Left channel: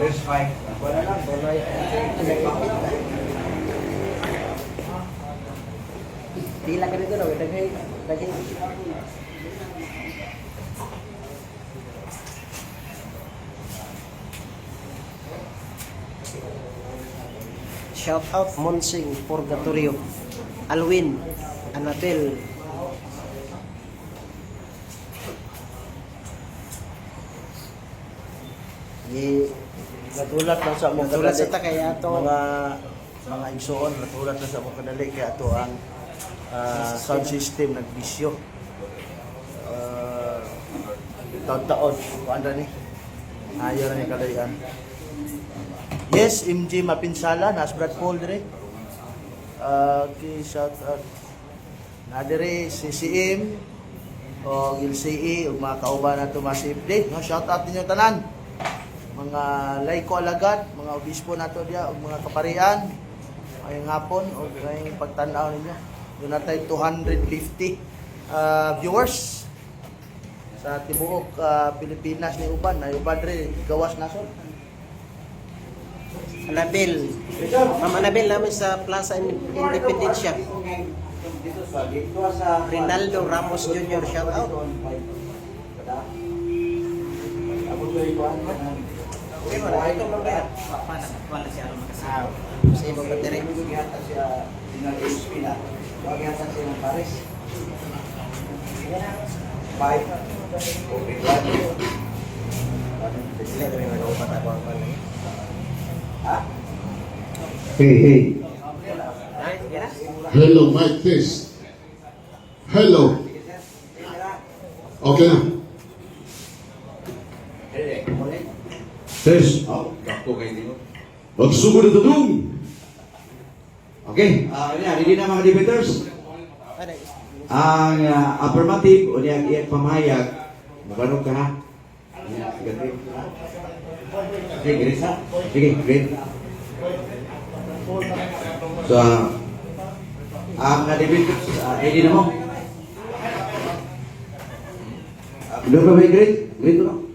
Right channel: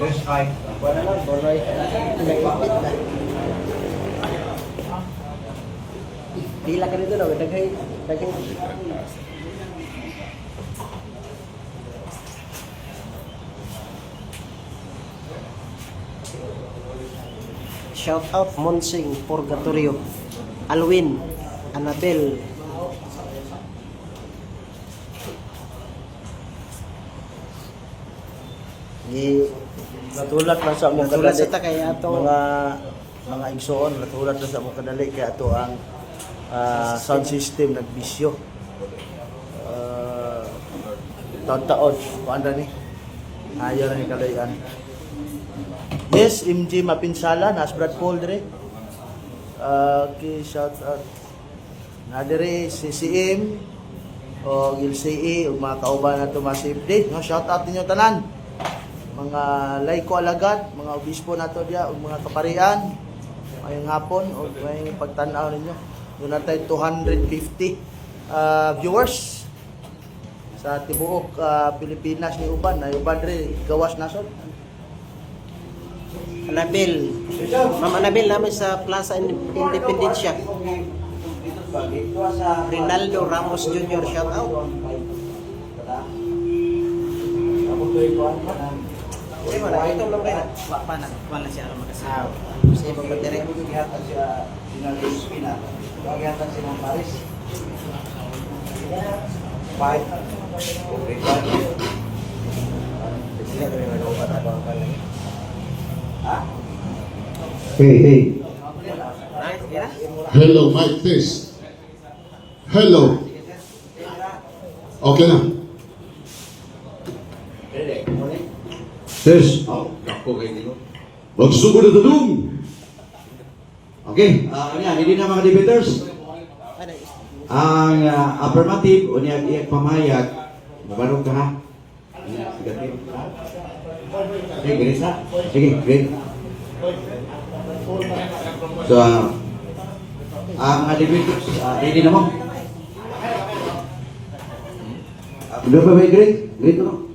Verse 5. Wala lang, bolay. Tila ka dito daw, daghay. Shout out Monsing Purgatorio, Alwin, Annabel. Natulak lang sa mga Natulad sa kaya ato mga igsoon, natulak lang sa mga kadali kaya ito ang sound system nagbisyo. Taon-taon, paano ni? Ayaw na ni kadayan. Yes, MJ Mapinsala, nas Brad Paul dire. Okay, shout out. Nadire CCM o LCE o mga kauban na tumasip day. No, shout out ninyo tanan. Mga layko alagad, mga obispo nato dia ug mga kaparian. Ngayong hapon o ngayong pagtanaw ninyo. Doon na tayo 250 viewers sa tibuok Pilipinas ni uban na uban rin gawas nasod. Annabel. Ma'am Annabel namin sa Plaza Independencia. Rinaldo Ramos Jr. shout out. Eh, wala ito lang ba? Wala siya sa ibang battery. Bagiatan si Mang Paris. 5. Okay, 1. Sila kami mag-upat ako ang pala. Ha? Hey. Hello, mic test. Hello. Okay na. Test. Magsugod na tulong. Okay. Hindi na mga debaters. Ang affirmative o niya pamahayag, nabarong ka na. Sige, green sa. Sige, green. So, ang debaters, hindi na mo. Doon pa may green? Green to no?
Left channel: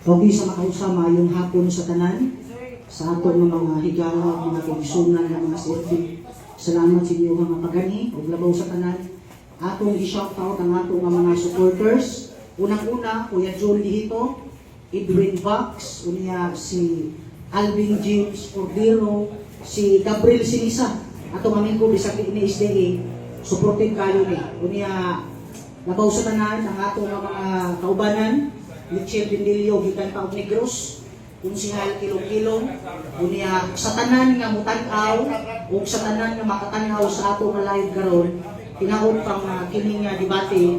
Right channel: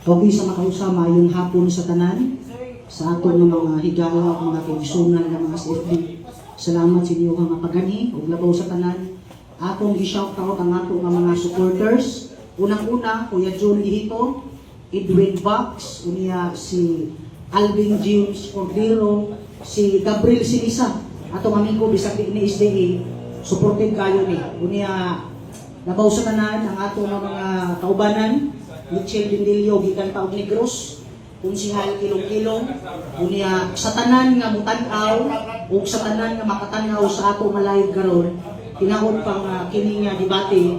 Pogi sa makausama yung hapon sa tanan, sa ato ng mga higala, mga kaigsunan ng mga CFD. Salamat sa inyo mga pagani, ug labaw sa tanan. Atong i-shout out ang ato ng mga supporters. Unang-una, Kuya John Lihito, Edwin Vax, unya si Alvin James Cordero, si Gabriel Sinisa, atong amigo bisag ni SDA, supporting kayo ni. Unya, labaw sa tanan ang ato ng mga kaubanan, Michelle Bindilio, gikan taog Negros, kung singal kilong-kilong, unya sa tanan nga mutanaw, o sa tanan nga makatanaw sa ato nga live karon, tinawag pang kini nga debate,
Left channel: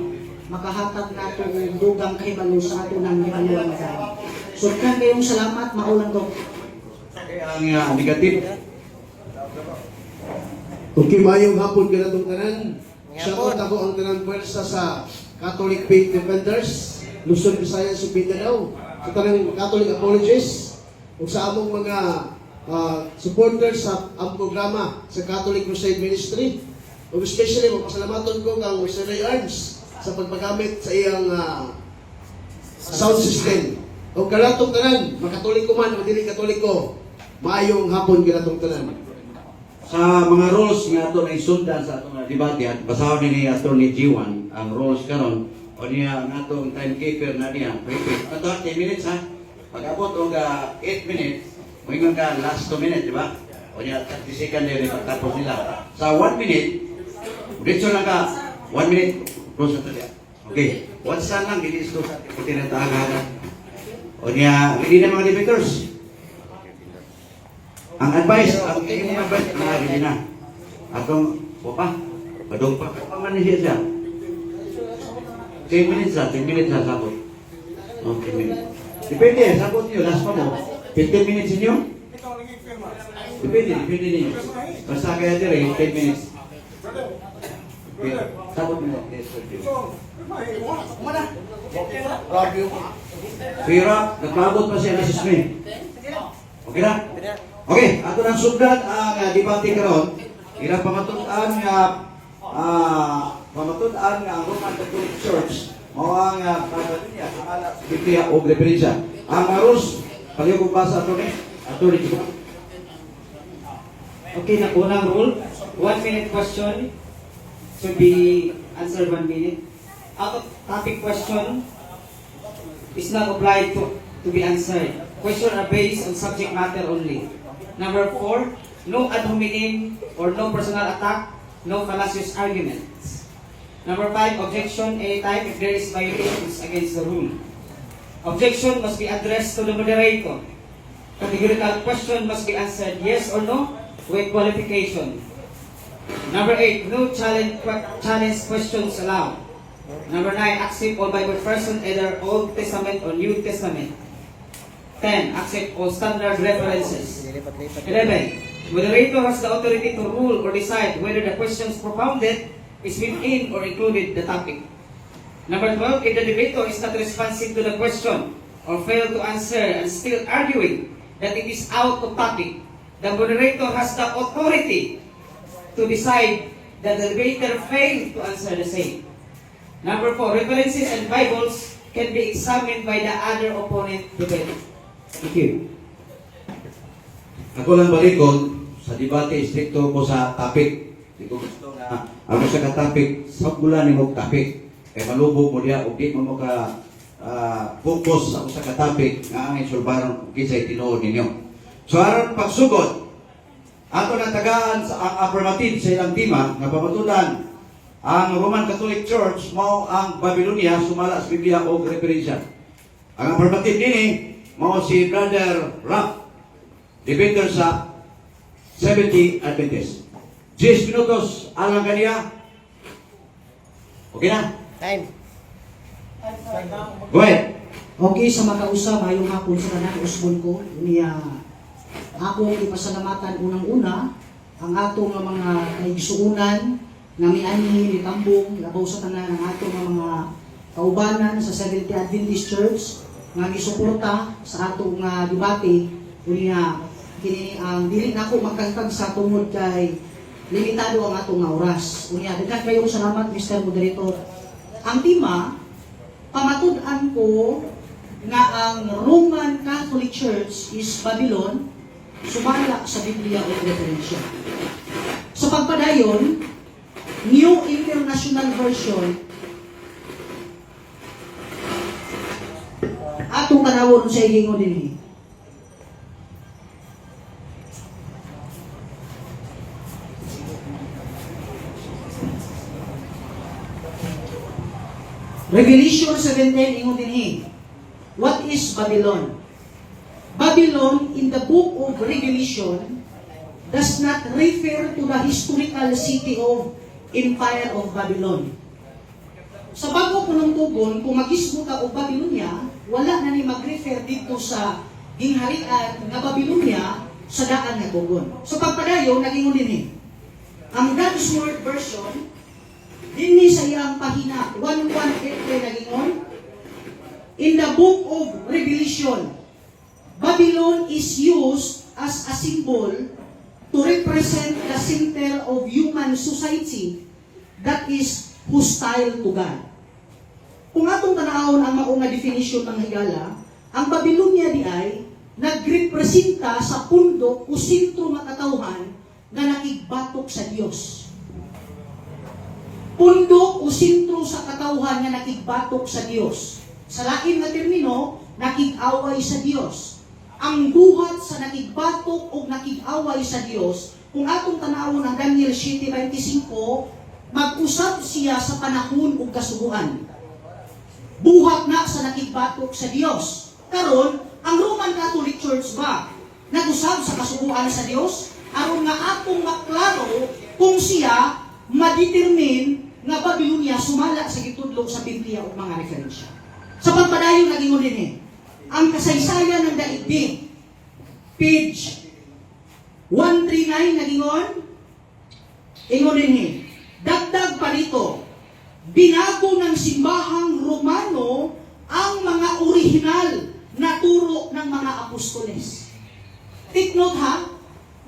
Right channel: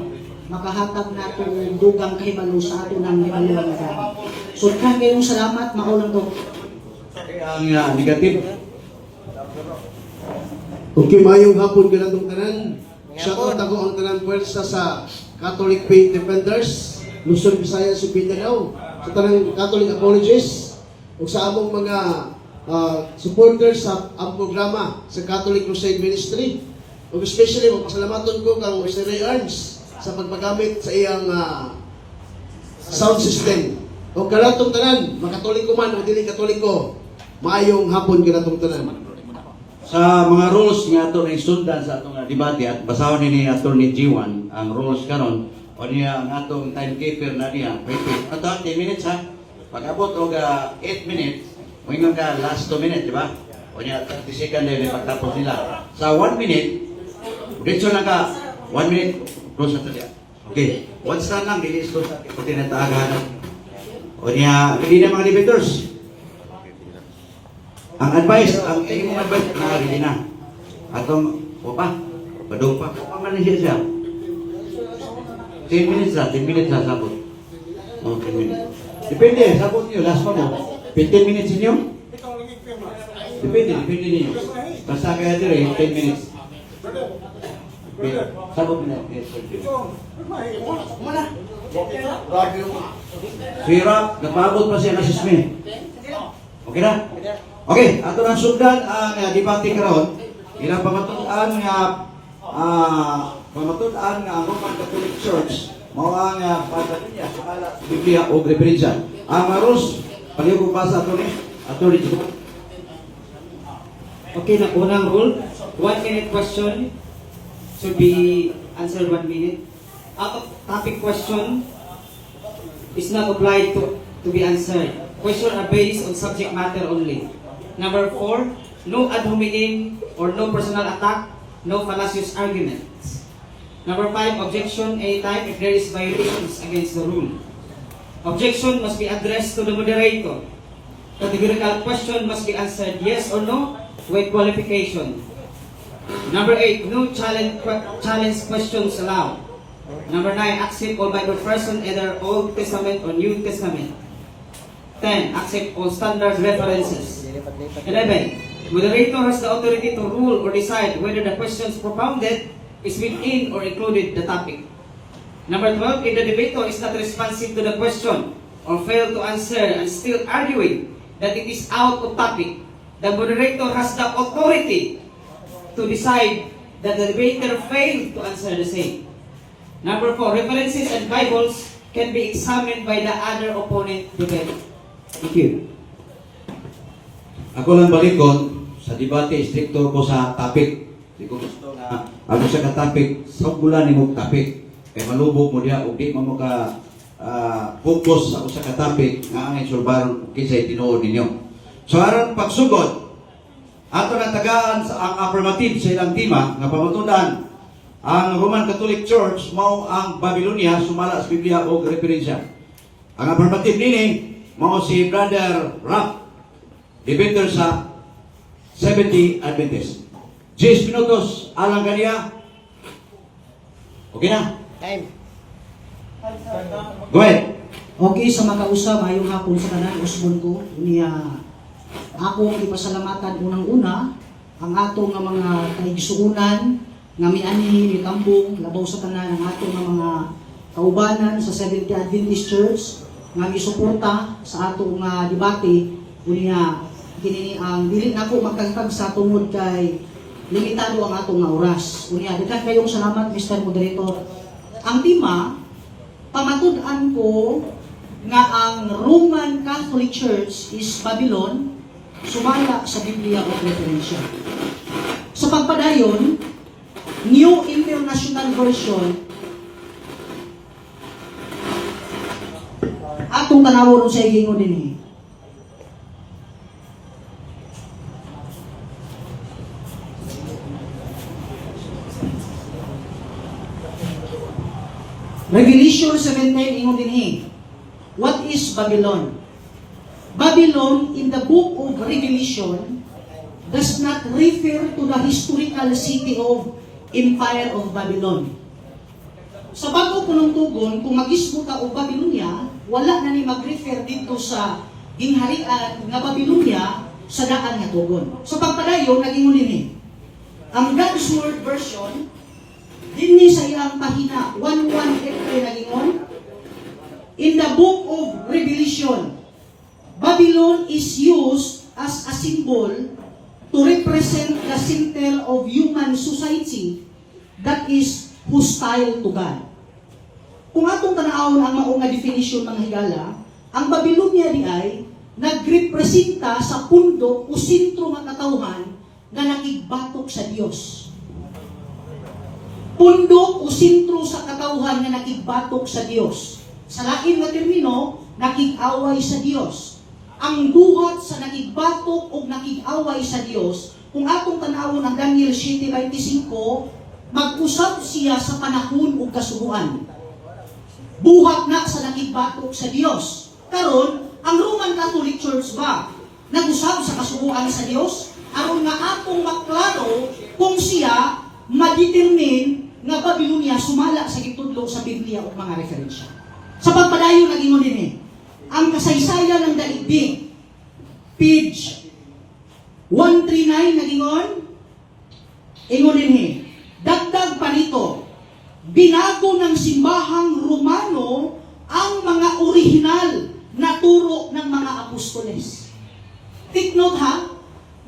makahatag nato ng dugang kahibalo sa ato ng hibaluang nga. So, kayong salamat, maulang do. Ang negative. Okay, mayong hapon ka na itong tanan. Shout out ako ang tanan pwersa sa Catholic Faith Defenders, Luzon, Visayas, ug Mindanao, sa tanang Catholic Apologists, ug sa among mga supporters sa ang programa sa Catholic Crusade Ministry. Ug especially, magpasalamaton ko kang Ray Arms sa pagpagamit sa iyang sound system. O karatong tanan, makatoliko man o dili katoliko, maayong hapon karatong tanan. Sa mga rules nga ato na isundan sa atong debate at basahon ni Attorney G1 ang rules karon o niya ang atong timekeeper na niya. Wait. Ato 10 minutes ha. Pag-abot og 8 minutes, moingon ka last 2 minutes, di ba? O niya 30 second din pagtapos nila. Sa 1 minute, diretso na ka 1 minute close na tayo. Okay. Once na lang dili close sa tinataagan. O niya, hindi na mga debaters. Ang advice, ang iyong advice, hindi na. Atong, badong pa. Paman na siya. 10 minutes lang, 10 minutes lang sabot. Oh, 10 minutes. Depende, sabot niyo, last pa mo. 15 minutes niyo? Depende niyo. Basta kaya dire, 10 minutes. Sabot niyo. Sira, nagpabot pa siya na sismi. Okay na? Okay, ato nang sugdan ang debate karon. Ilang pamatuan nga ang Roman Catholic Church Mao ang Babylonia sumala sa Biblia o referensya. Ang rules palihog basa ato ni Jiwan. Okay, na unang rule, 1 minute question should be answered 1 minute. Out of topic question is not applied to be answered. Questions are based on subject matter only. Number 4, no ad hominem or no personal attack, no fallacious arguments. Number 5, objection anytime if there is violations against the rule. Objection must be addressed to the moderator. Categorical question must be answered yes or no with qualification. Number 8, no challenge questions allowed. Number 9, accept all Bible versions, either Old Testament or New Testament. 10, accept all standard references. 11, moderator has the authority to rule or decide whether the questions propounded is within or included the topic. Number 12, if the debater is not responsive to the question or fail to answer and still arguing that it is out of topic, the moderator has the authority to decide that the debater failed to answer the same. Number 4, references and Bibles can be examined by the other opponent debater. Thank you. Ako lang balikod sa debate, stricto ko sa topic. Di ko gusto na ako sa ka-topic, sa bulan ni mo topic. Kaya malubog mo diya, o di mo ka focus ako sa ka-topic nga ang insulbaron kisay tinuod ninyo. So aron pagsugod, ato na tagaan sa ang affirmative sa ilang tema nga pamatudan ang Roman Catholic Church mao ang Babylonia sumala sa Biblia o referensya. Ang affirmative nini mao si Brother Rock, debater sa 70 Adventist. 10 minutos alang kaniya. Okay na? Time. Go ahead. Okay, sa makausap, ayong hapon sa kanan, Osmond ko, ako ang ipasalamatan unang-una, ang ato nga mga kaigsuunan, nga miani, mitambong, labaw sa tanan, ang ato nga mga kaubanan sa Seventh Adventist Church, nga gisuporta sa ato nga debate, unya, kini ang dili na ako magkagkag sa tungod kay limitado ang atong nga oras. Unya, dito kayo salamat, Mr. Moderator. Ang tema, pamatud-an ko nga ang Roman Catholic Church is Babylon, sumala sa Biblia o referensya. Sa pagpadayon, New International Version, atong tanawon sa igingon dinhi. Revelation 17 ingon dinhi. What is Babylon? Babylon in the book of Revelation does not refer to the historical city of Empire of Babylon. Sa bago panungtugon, kung magismo ka og Babylonia, wala na ni mag-refer dito sa gingharian nga Babylonia sa daan nga tugon. So pagpadayon, nag-ingon dinhi. Ang God's Word version, dinhi sa iyang pahina 118 nag-ingon, in the book of Revelation, Babylon is used as a symbol to represent the center of human society that is hostile to God. Kung atong tanawon ang maong nga definition mga higala, ang Babylonia di ay nagrepresenta sa pundok o sentro nga katawhan nga nakigbatok sa Dios. Pundok o sentro sa katawhan nga nakigbatok sa Dios. Sa lain nga termino, nakig-away sa Dios. Ang buhat sa nakigbatok o nakig-away sa Dios, kung atong tanawon ang Daniel 7:25, mag-usab siya sa panahon ug kasubuan. Buhat na sa nakigbatok sa Dios. Karon, ang Roman Catholic Church ba nag-usab sa kasubuan sa Dios? Aron nga atong maklaro kung siya ma-determine nga Babylonia sumala sa gitudlo sa Biblia o mga referensya. Sa pagpadayon nag-ingon din ang kasaysayan ng daigdig, page 139 nag-ingon, ingon din dagdag pa rito, binago ng simbahang Romano ang mga orihinal na turo ng mga apostoles. Take note ha,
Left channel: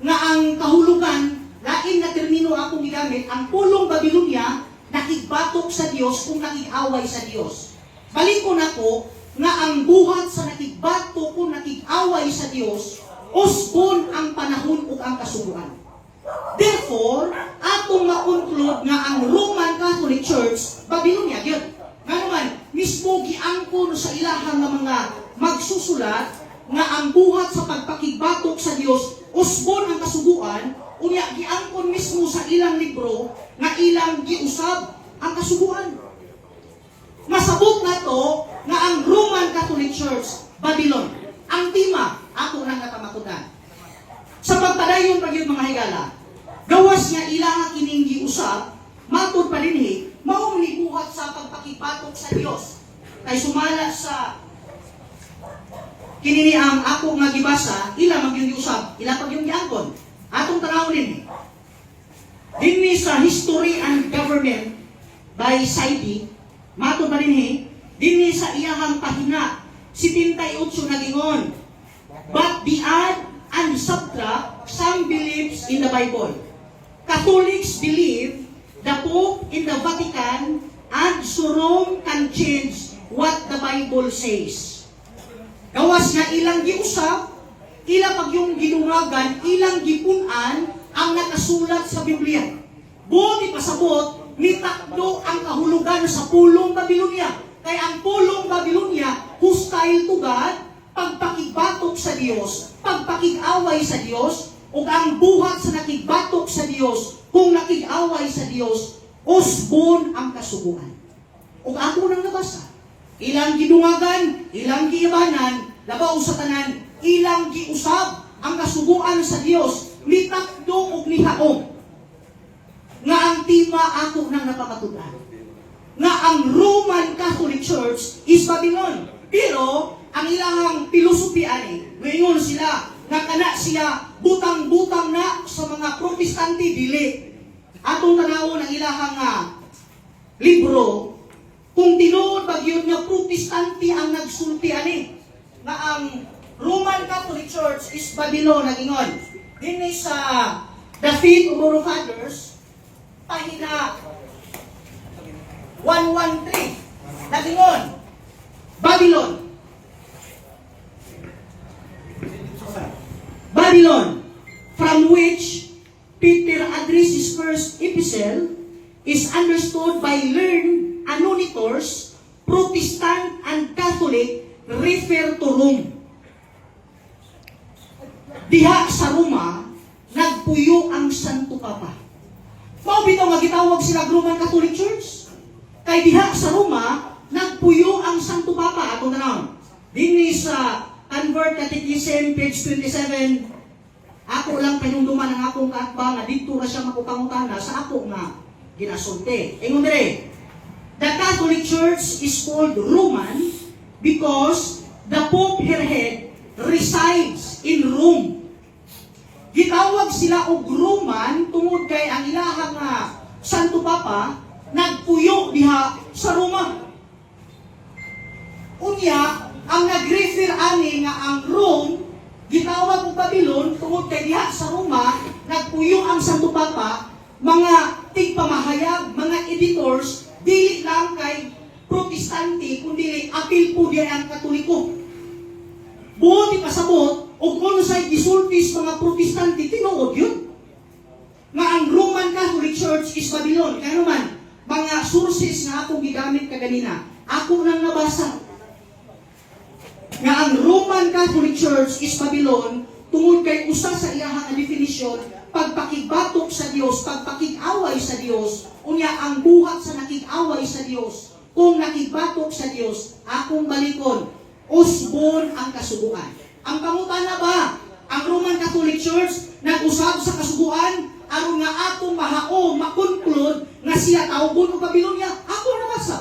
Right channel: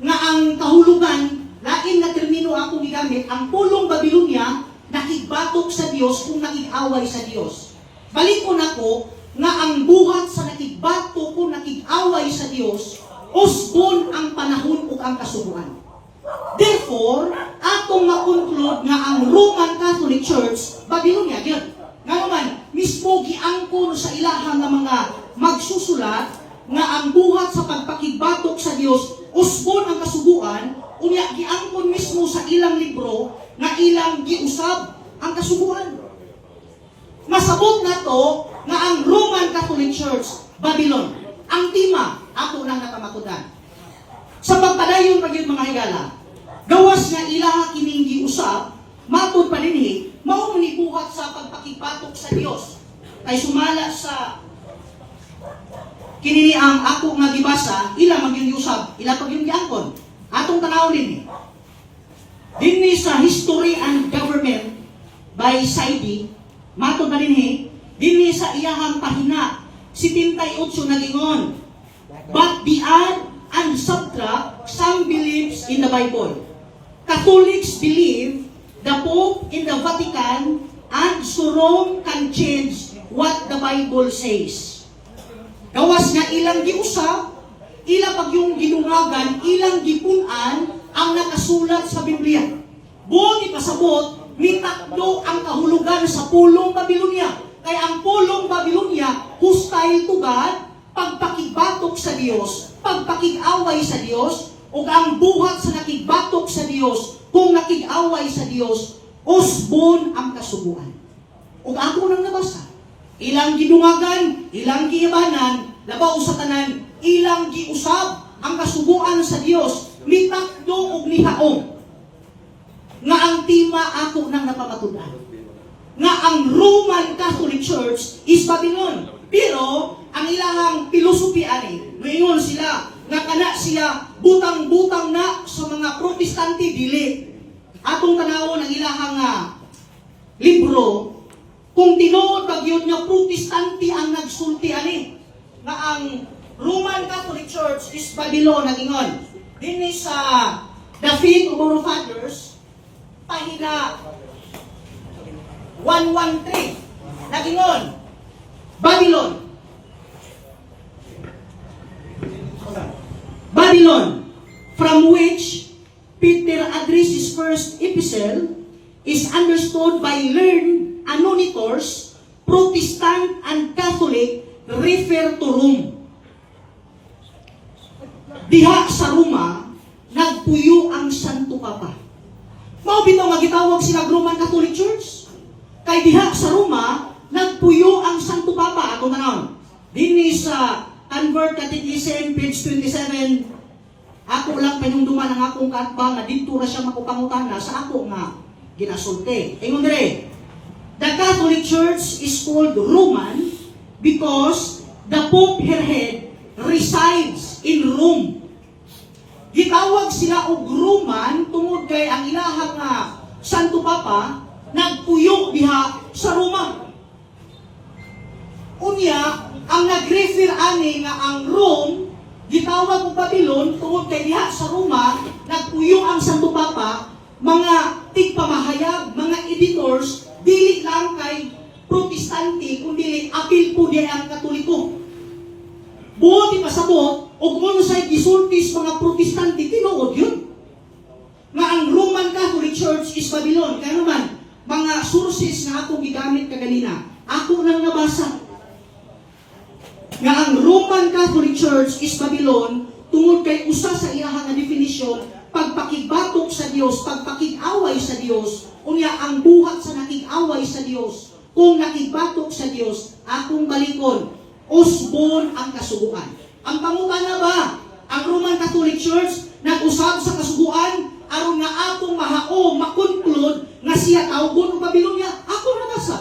nga ang kahulugan, lain na termino akong gigamit, ang pulong Babylonia nakigbatok sa Dios kung nakig-away sa Dios. Balikon ako nga ang buhat sa nakigbato kung nakig-away sa Dios, usbon ang panahon ug ang kasuguan. Therefore, atong ma-conclude nga ang Roman Catholic Church, Babylonia gyud. Nga naman, mismo giangkon sa ilahang nga mga magsusulat nga ang buhat sa pagpakigbatok sa Dios, usbon ang kasuguan, unya giangkon mismo sa ilang libro nga ilang giusab ang kasuguan. Masabot na to nga ang Roman Catholic Church, Babylon, ang tema, ako nang napamakutan. Sa pagpadayon pa yun mga higala, gawas nga ilaha kining giusab, matod pa rin mao ni buhat sa pagpakipatok sa Dios. Kay sumala sa kinini ang ako nga gibasa, ila magyung giusab, ila pag yung giangkon. Atong tanawin dinhi sa History and Government by Saidi, matod pa rin dinhi sa iyahang pahina 78 na gingon. But the add and subtract, some believes in the Bible. Catholics believe the Pope in the Vatican and so Rome can change what the Bible says. Gawas nga ilang giusab, ilang pagyong ginungagan, ilang gipunan ang nakasulat sa Biblia. Buong ipasabot, mitakdo ang kahulugan sa pulong Babylonia. Kaya ang pulong Babylonia, hostile to God, pagpakigbatok sa Dios, pagpakig-away sa Dios, o ang buhat sa nakigbatok sa Dios, kung nakig-away sa Dios, usbon ang kasubuan. O ako nang nabasa, ilang gidungagan, ilang giibanan, labaw sa tanan, ilang giusab ang kasubuan sa Dios, mitakdo o nihaong. Nga ang tima ako nang napamatunan. Nga ang Roman Catholic Church is Babylon. Pero, ang ilang filosofi ani, ngayon sila, nga kana siya butang-butang na sa mga Protestante dili. Atong tanawon ang ilahang libro, kung tinuod ba gyud nga Protestante ang nagsulti ani, nga ang Roman Catholic Church is Babylon nagingon. Dinhi sa The Faith of Our Fathers, pahina 113, nagingon, Babylon. Babylon, from which Peter addressed his first epistle, is understood by learned anonitors, Protestant and Catholic, refer to Rome. Diha sa Roma, nagpuyo ang Santo Papa. Mao bitaw nga gitawag sila Roman Catholic Church. Kay diha sa Roma, nagpuyo ang Santo Papa. Ako na naon. Dinhi sa Convert Catechism, page 27, ako lang panunduman ang akong katba nga dito na siya makupangutana sa ako nga ginasulti. Ingon dire, the Catholic Church is called Roman because the Pope her head resides in Rome. Gitawag sila og Roman tungod kay ang ilahang Santo Papa nagpuyo diha sa Roma. Unya, ang nag-refer ani nga ang Rome, gitawag og Babylon tungod kay diha sa Roma, nagpuyo ang Santo Papa, mga tigpamahayag, mga editors, dili lang kay Protestante, kundi apil po diya ang Katoliko. Buot ipasabot, o kung sa'y gisultis mga Protestante, tinuod yun. Nga ang Roman Catholic Church is Babylon. Kaya naman, mga sources na akong gigamit kaganina, ako nang nabasa nga ang Roman Catholic Church is Babylon tungod kay usa sa iyahang definisyon, pagpakigbatok sa Dios, pagpakig-away sa Dios, unya ang buhat sa nakig-away sa Dios, kung nakigbatok sa Dios, akong balikon, usbon ang kasubuan. Ang pangutana ba, ang Roman Catholic Church nag-usab sa kasubuan aron nga atong mahaom, makonklud nga siya tawgon og Babylonia? Ako nabasa.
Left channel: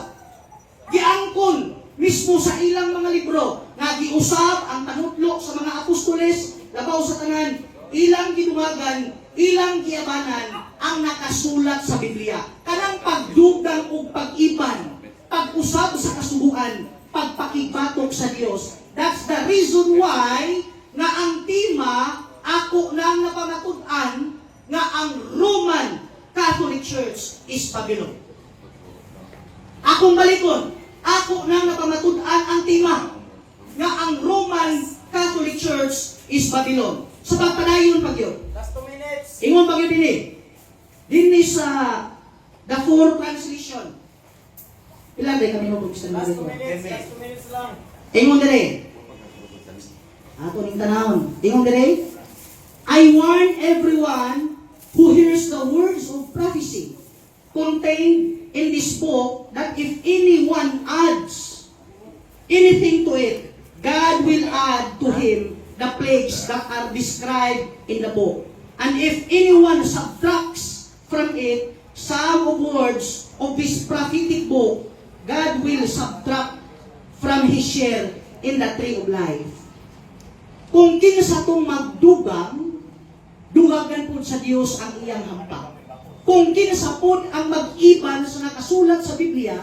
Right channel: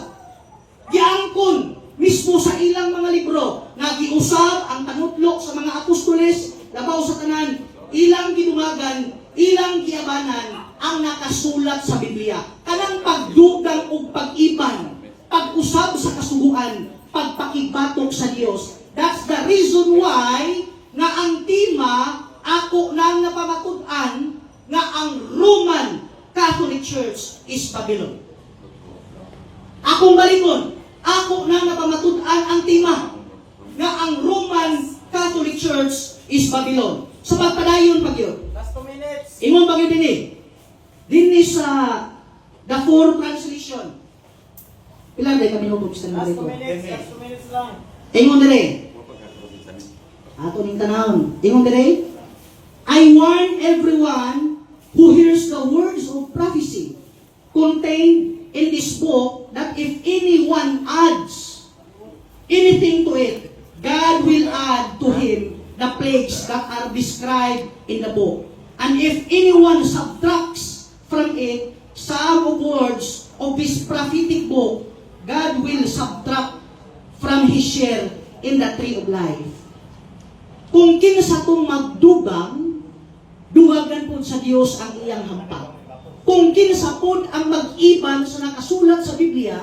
Giangkon mismo sa ilang mga libro nga giusab ang tanutlok sa mga apostoles, labaw sa tanan, ilang gidumagan, ilang giabanan ang nakasulat sa Biblia. Kanang pagdugang ug pag-iban, pag-usab sa kasubuan, pagpakigbatok sa Dios. That's the reason why nga ang tema ako nang napamatud-an nga ang Roman Catholic Church is Babylon. Akong balikon, ako na napamatud-an ang tema na ang Roman Catholic Church is Babylon. Sa pagpadayon pag yun. Last 2 minutes. Ingon pag yun din sa the four translation. Ilan ba kami nung gusto na dito? Last 2 minutes lang. Ingon dire. Ato ning tanawon. Ingon dire. I warn everyone who hears the words of prophecy contained in this book that if anyone adds anything to it, God will add to him the plagues that are described in the book. And if anyone subtracts from it some of words of this prophetic book, God will subtract from his share in the tree of life. Kung kinsa tong magdugang, dugagan po sa Dios ang iyang hampa. Kung kinsa po ang mag-iban sa nakasulat sa Biblia,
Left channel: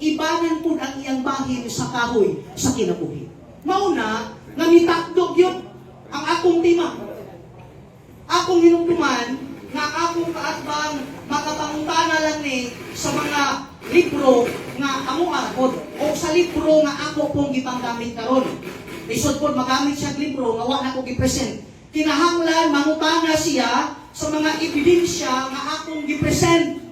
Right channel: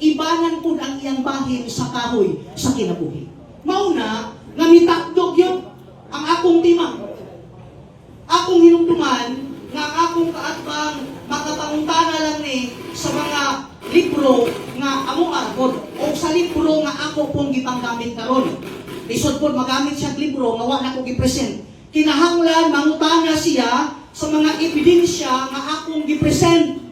ibanan po ang iyang bahin sa kahoy sa kinabuhi. Mauna, namitakdog yun ang akong timang. Akong hinungtuman na akong kaatbang makapangutana lang ni sa mga libro nga amo agod o sa libro nga ako pong gipanggamit karon. Lisod po magamit siya libro nga wala ko gipresent. Kinahanglan mangutana siya sa mga ebidensya nga akong gipresent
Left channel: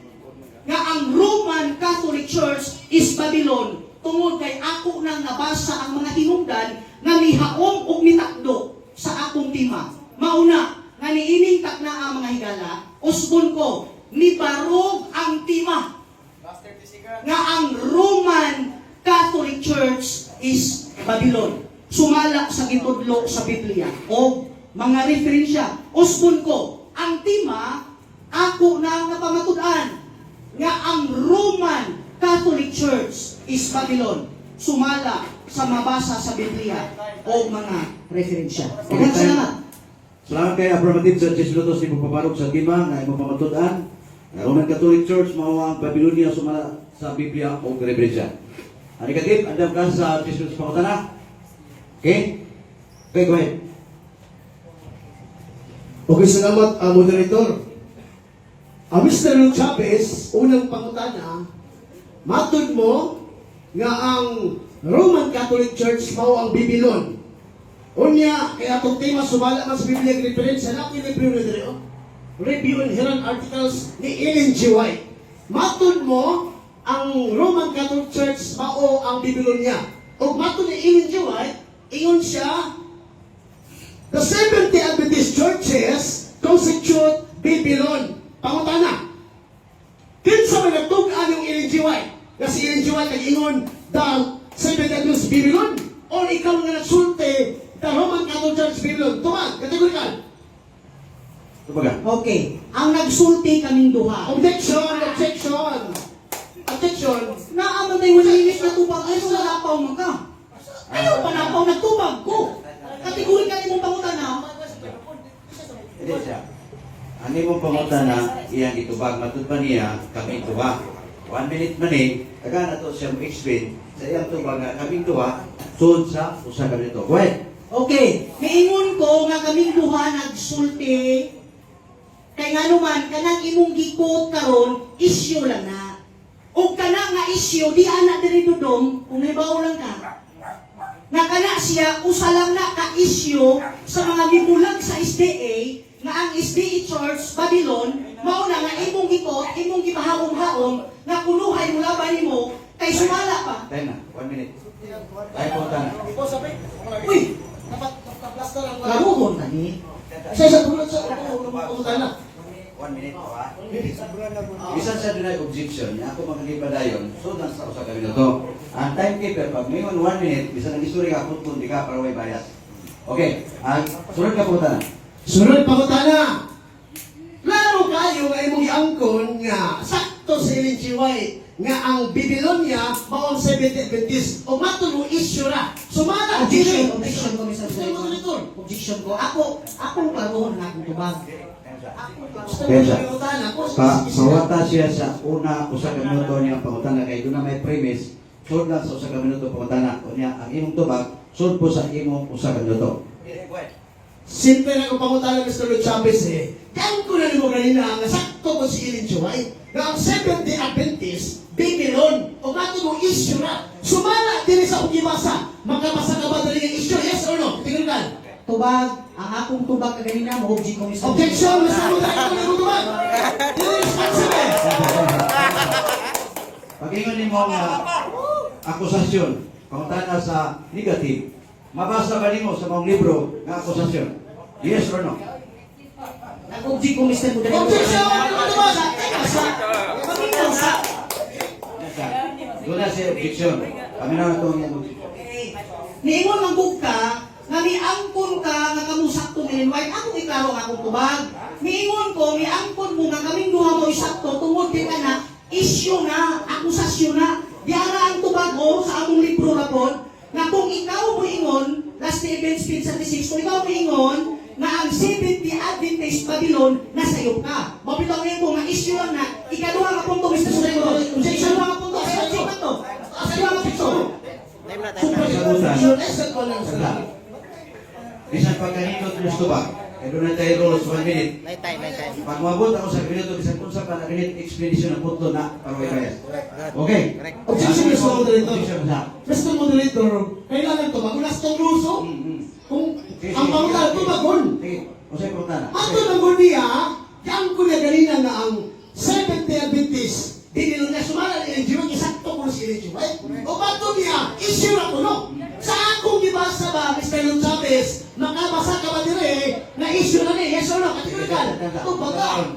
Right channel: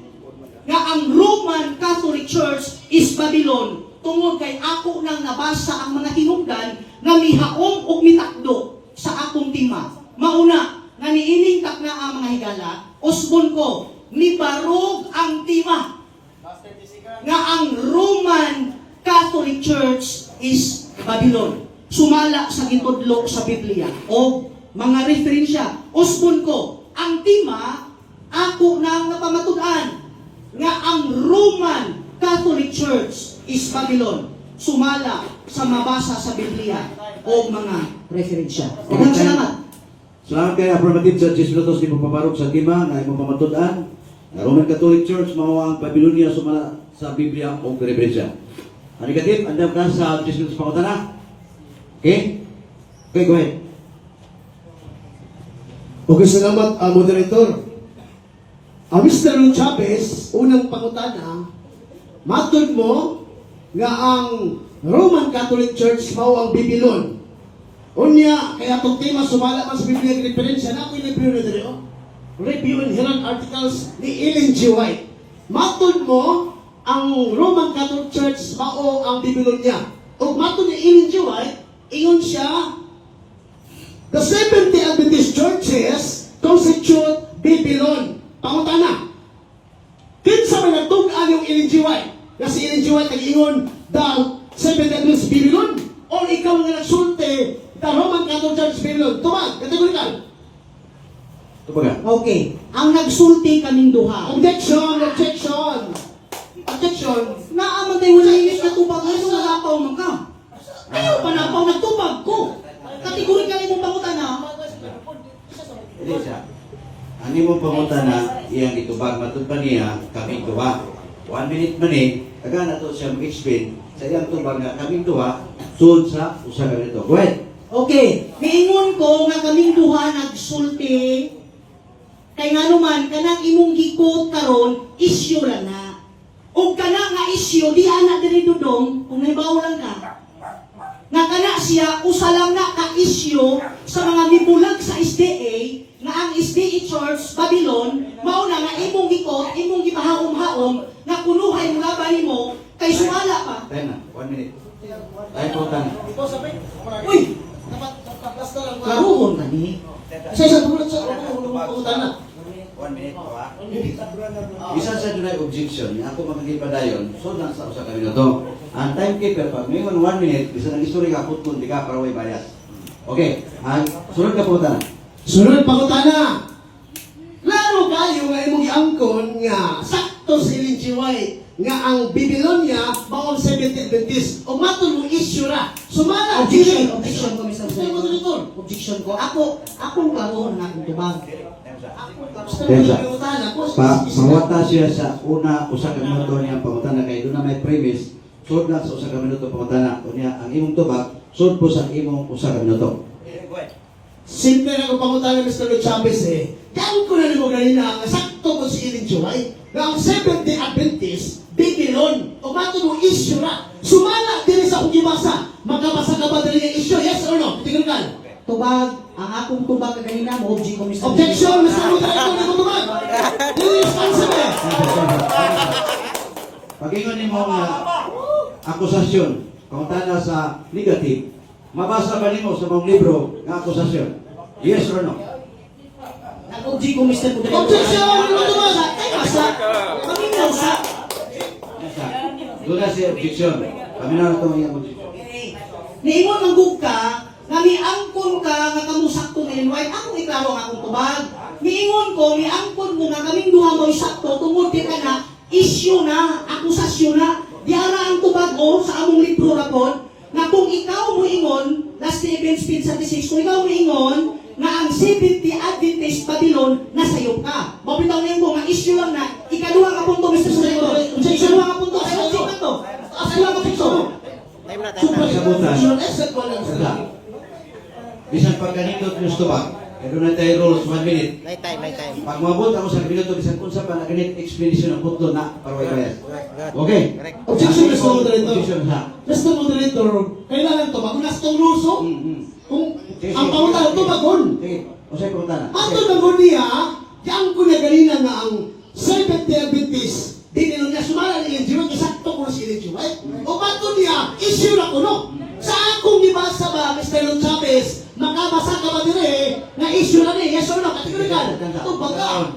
nga ang Roman Catholic Church is Babylon tungod kay ako nang nabasa ang mga hinungdan nga mihaong ug mitakdo sa akong tima. Mauna, nga niining na ang mga higala, usbon ko, nibarog ang tima nga ang Roman Catholic Church is Babylon. Sumala sa gitudlo sa Biblia o mga referensya. Usbon ko, ang tima, ako na napamatud-an nga ang Roman Catholic Church is Babylon. Sumala sa mabasa sa Biblia o mga referensya. Daghang salamat. Salamat kay Affirmative sa 10 minutos ni Papabarog sa Tima na imong pamatudan. Roman Catholic Church mao ang Babylonia sumala sa Biblia o referensya. Ani katip, andam ka sa 10 minutos pangutana. Okay? Okay, go ahead. Okay, salamat, moderator. Mr. Chavez, unang pangutana, matod mo nga ang Roman Catholic Church mao ang Babylon. Unya, kaya itong tema sumala man sa Biblia ng referensya na ako yung libro na dito. Review and Herald Articles ni Ellen G. White. Matod mo, ang Roman Catholic Church mao ang Babylonia. O matod ni Ellen G. White, ingon siya, the 70 Adventist churches constitute Babylon. Pangutana. Kinsa man nagtug-an yung Ellen G. White? Kasi Ellen G. White nag-ingon the 70 Adventist Babylon. O ikaw nga nagsulti the Roman Catholic Church Babylon. Tumag, kategorikan. Tumaga. Okay. Ang nagsulti kaming duha. Objection, objection. Attention. Naaman tayo wala inis na tubag. Ano na lapaw mo ka? Ano pa napaw na tubag ko? Kategori ka imong pangutan ha? Dili siya. Ang imong pangutana iyang itubag matud pa niya kami duha. 1 minute man taga na to siya explain sa iyang tubag nga kami duha sulod sa usa ka nito. Go ahead. Okay. Miingon ko nga kaming duha nagsulti kay nga naman kanang imong gikot karon isyu lang na. O kana nga isyu di ana diri dudong kung may bawlan ka. Nga kana siya usa lang na ka isyu sa mga gibulag sa SDA nga ang SDA Church Babylon mao na nga imong gikot imong gipahawom-hawom nga kunuhay mga bani mo kay sumala pa. Time na, 1 minute. Ay pangutana. Uy, karuhon na ni. Sa bulat sa pangutana. 1 minute po ha. Isa sa dunay objection niya ako magigipadayon so na sa usa ka minuto. Ang timekeeper pag mayon 1 minute bisa nang istorya ka putpun di ka para way bias. Okay, ang sunod ka punta na. Sunod pangutana. Laro kayo nga imong iangkon nga sakto sa Ellen G. White nga ang Babylonia maong 70 Adventist o matod mo issue ra. Sumala Objection ko, Mr. Sino mo dito? Objection ko. Akong bago na akong tubag. Pensa. Mawata siya sa una usa ka minuto niya pangutana kay doon na may premise sud na sa usa ka minuto pangutana kunya ang imong tubag sud po sa imong usa ka minuto. Simple na kung pangutana Mr. Chavez Kaya ko na rin mo ganina nga sakto mo si Ellen G. White nga ang 70 Adventist Babylon o matod mo issue ra. Sumala din sa akong gibasa. Makabasa ka ba dali ang issue? Yes or no? Tingnan ka. Tubag, ang akong tubag kaganina mo object ko Mr. Objection! Mr. Moderator, nagtutubag! Irresponsible! Pag-ingon ni mo nga akusasyon, pangutana sa negative, mabasa ba nimo sa mga libro nga akusasyon? Yes or no? Nag-object ko Mr. Moderator. Objection! Nagtutubag! Asa, kaminaw sa. Doon na si objection. Kami na ito ang objection. Niingon manggug ka, nga niangkon ka nga kamusakto na invite, akong iklaro nga akong tubag. Niingon ko, niangkon mo nga kaming duha mo isakto, tungod di ka na, issue na, akusasyon na. Diara ang tubag o sa among libro na po, na kung ikaw mo ingon, last Stephen Speed 36, kung ikaw mo ingon, na ang 70 Adventist Babylon, nasayop ka. Mapitaw niyo ko, nga issue lang na, ikaduha ka punto, Mr. Sureto. Ikaduha ka punto, sa object na to. Ikaduha ka punto. Sada. Bisan pag ganito gusto ba? Kaya doon na tayo rules 1 minute. Pag mabot ako sa minuto, bisan kung sa pa na ganit explanation ng punto na parway kayas. Okay? Objection, Mr. Moderator. Objection sa. Mr. Moderator, kailangan ito. Magulas itong luso. Kung ang pangutan ito, magun. Sige. O sa'yo pangutana. Ato magun niya, yang ko na ganina na ang 70 Adventist, dinilo na sumala ni Enjiwa, isakto ko na si Enjiwa. O bato niya, issue na ko, no? Sa akong gibasa ba, Mr. Leon Chavez, makabasa ka ba dire, na issue na ni, yes or no? Kategorical. Ito baga.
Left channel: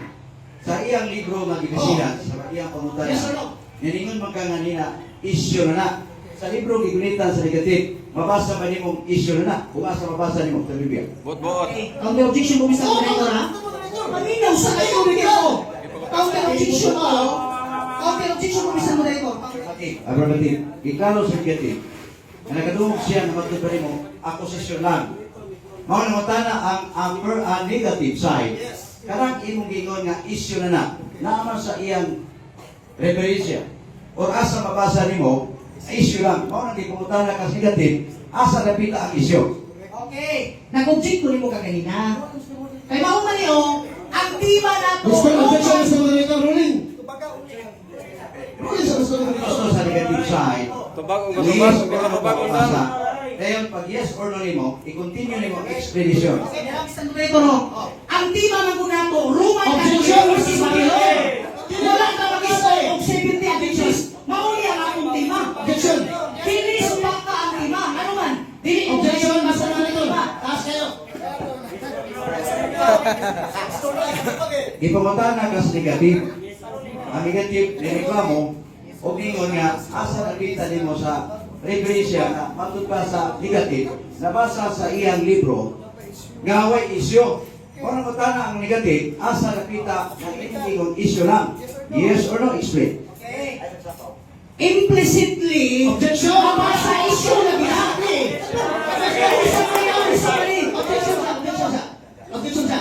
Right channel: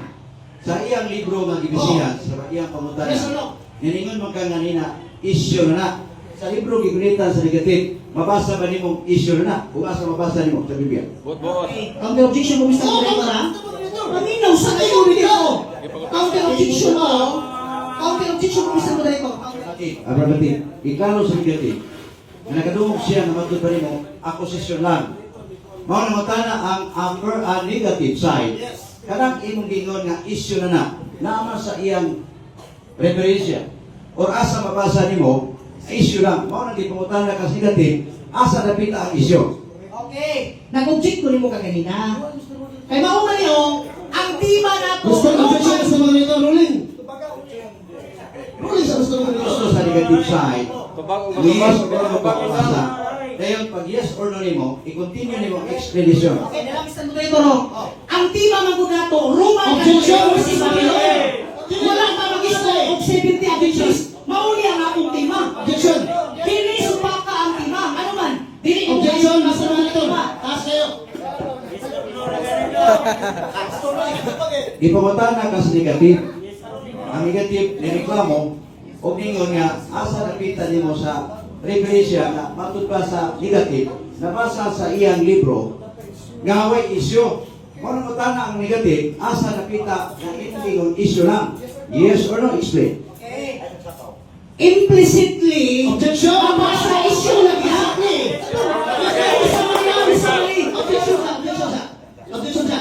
Sa iyang libro nga gibisihan, sa iyang pangutana. Yes or no? Yaningon man ka nga nina, issue na na. Sa libro gigulitan sa negative, mabasa ba nimong issue na na? Kung asa mabasa nimo sa Biblia. Ang may objection mo, Mr. Moderator, ha? Maminaw sa kayo rin ako. Ang may objection mo, ang may objection mo, Mr. Moderator. Abrabatit, iklaro sa negative. Na nakadungog siya na matuto nimo, akusasyon lang. Mao na matana ang negative side. Kanang imong gingon nga issue na na, naman sa iyang referensya. Or asa mabasa nimo, issue lang. Mao na di pangutana ka sa negative, asa napita ang issue. Okay. Nag-object ko rin mo kaganina. Kaya mauna niyo, ang diba na to, Gusto mo, objection, Mr. Moderator, ruling. Ruling sa Mr. Moderator. Gusto sa negative side, yes or no pagpapasa. Dahil pag yes or no nimo, i-continue nimo ang explanation. Okay, nalang Mr. Moderator, ang diba man ko na to, Roman Objection, Catholic Mr. Babylon. Wala ka mag-iso of 70 Adventist. Mauli ang akong tima. Objection. Dili supaka ang tima. Ano man? Dili Objection, Mr. ang Moderator. tima. Taas kayo. Ipamutana ka sa negative. Ang negative na reklamo, o ningon nga, asa nakita nimo sa referensya na matod pa sa negative, nabasa sa iyang libro, nga way issue. Kung utana ang negative, asa nakita na inyong issue lang. Yes or no? Explain. Implicitly, Objection. mabasa issue na gihapli. Sorry. Objection sa. Objection sa.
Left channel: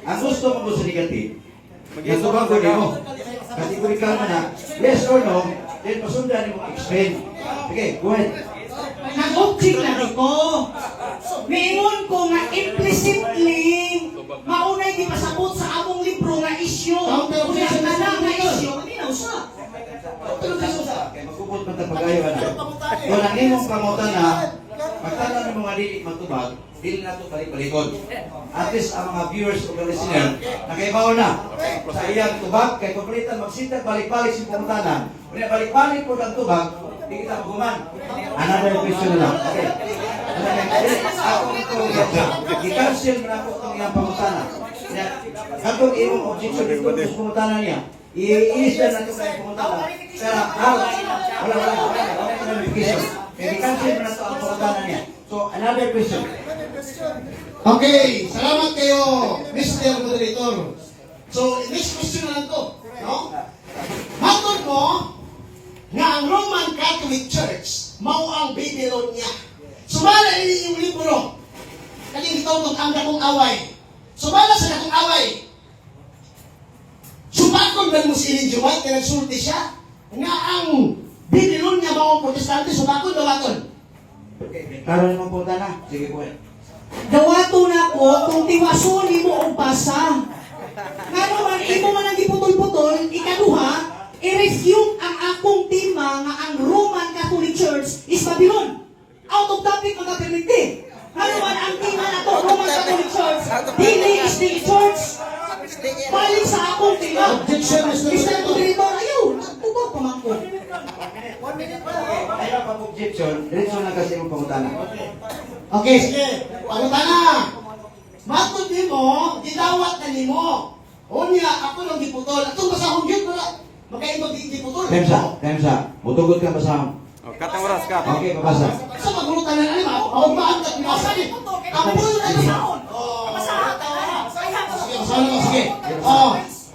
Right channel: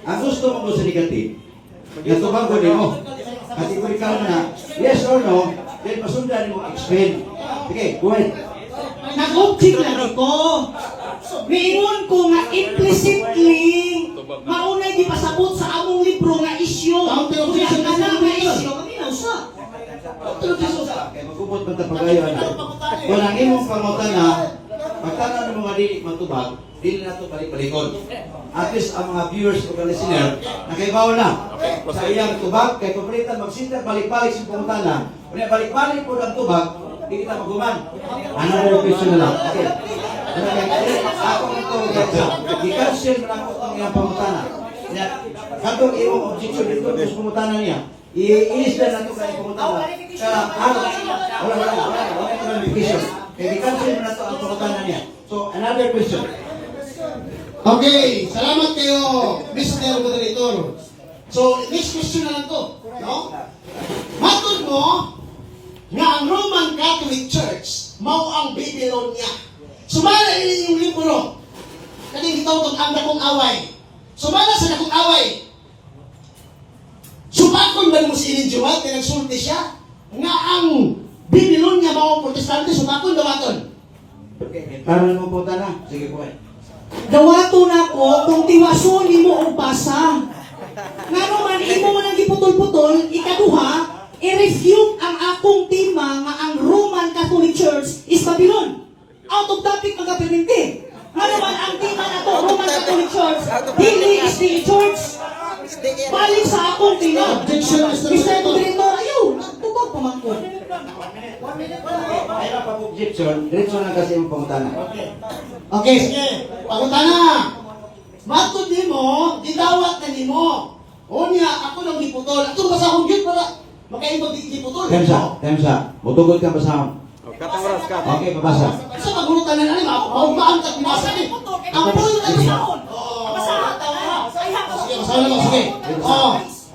Ang gusto mo sa negative, yung tubang ko din mo, kategorikal na na, yes or no, then pasundan mo explain. Okay, go ahead. Nag-object na ko. Mingon ko nga implicitly, maunay di pasabot sa among libro nga issue. Kaya anak na issue, kaminaw sa. Kaya magkupot man tapagayo na. Kung ang imong pangutan na, pagtanan ng mga dili matubag, dili na ito balik-balikon. At least ang mga viewers o listener, nakaibaw na sa iyang tubag, kay kumpalitan magsintag balik-balik sa pangutana. Kung balik-balik po ang tubag, di kita maguman. Another question na lang. Okay. Ako itong i-cancel mo na po itong iyang pangutana. Kapag imong objection dito sa pangutana niya, i-inis na ito kaya pangutana. Kaya, wala clarification. Kaya i-cancel mo na ito ang pangutana niya. So, another question. Okay, salamat kayo, Mr. Moderator. So, next question na lang to. No? Matod mo nga ang Roman Catholic Church mao ang Babylonia. Sumala ini yung libro. Kani ikaw ang dakong away. Sumala sa dakong away. Sumakon ba mo si Ellen G. White kaya nagsulti siya? Nga ang Babylonia mao ang protestante, sumakon ba maton? Karon mo punta na. Sige po. Dawato na ko kung tiwason ni mo o basa. Nga naman, imo man ang giputol-putol, ikaduha, i-refute ang akong tema nga ang Roman Catholic Church is Babylon. Out of topic mga perminti. Ano man ang tema na to, Roman Catholic Church, dili is the church. Balik sa akong tema. Objection, Mr. Mr. Moderator, ayaw, nagtubag pa man ko. Ayaw pa objection, diretso na kasi yung pangutana. Okay, sige. Pangutana. Matod nimo, gidawat na nimo. Unya, ako lang giputol. Ito ba sa akong git para makaibag giputol? Temsa, mutugot ka ba sa Katang oras ka. Okay, babasa. Sa pagulutan na nila, maugmaan ka kumasa ni. Ang pulo na sa akon. Sige.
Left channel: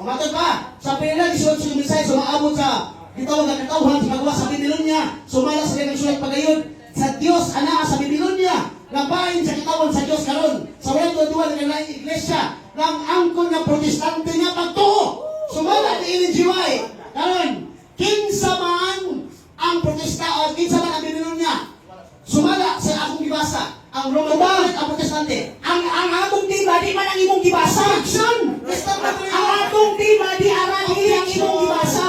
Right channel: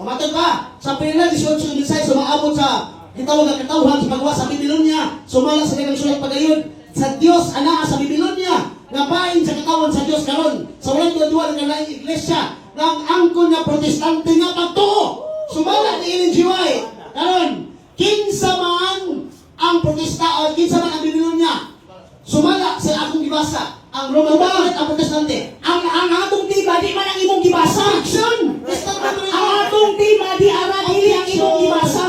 Matod ba? Sa pila 18 sumaabot sa gitawag ang katawhan sa kagawa sa Babylonia. Sumala sa ilang sulat pagayod sa Dios ana sa Babylonia. Napain sa katawan sa Dios karon. Sa walang tuwa ng laing iglesia ng angkon nga protestante nga pagtuo. Sumala ni Ellen G. White. Karon, kinsa man ang protesta o kinsa man ang Babylonia. Sumala sa akong gibasa. Ang Roman Catholic ang protestante. Ang atong tiba di man ang imong gibasa. Action! Ang atong tiba di dili ang imong gibasa.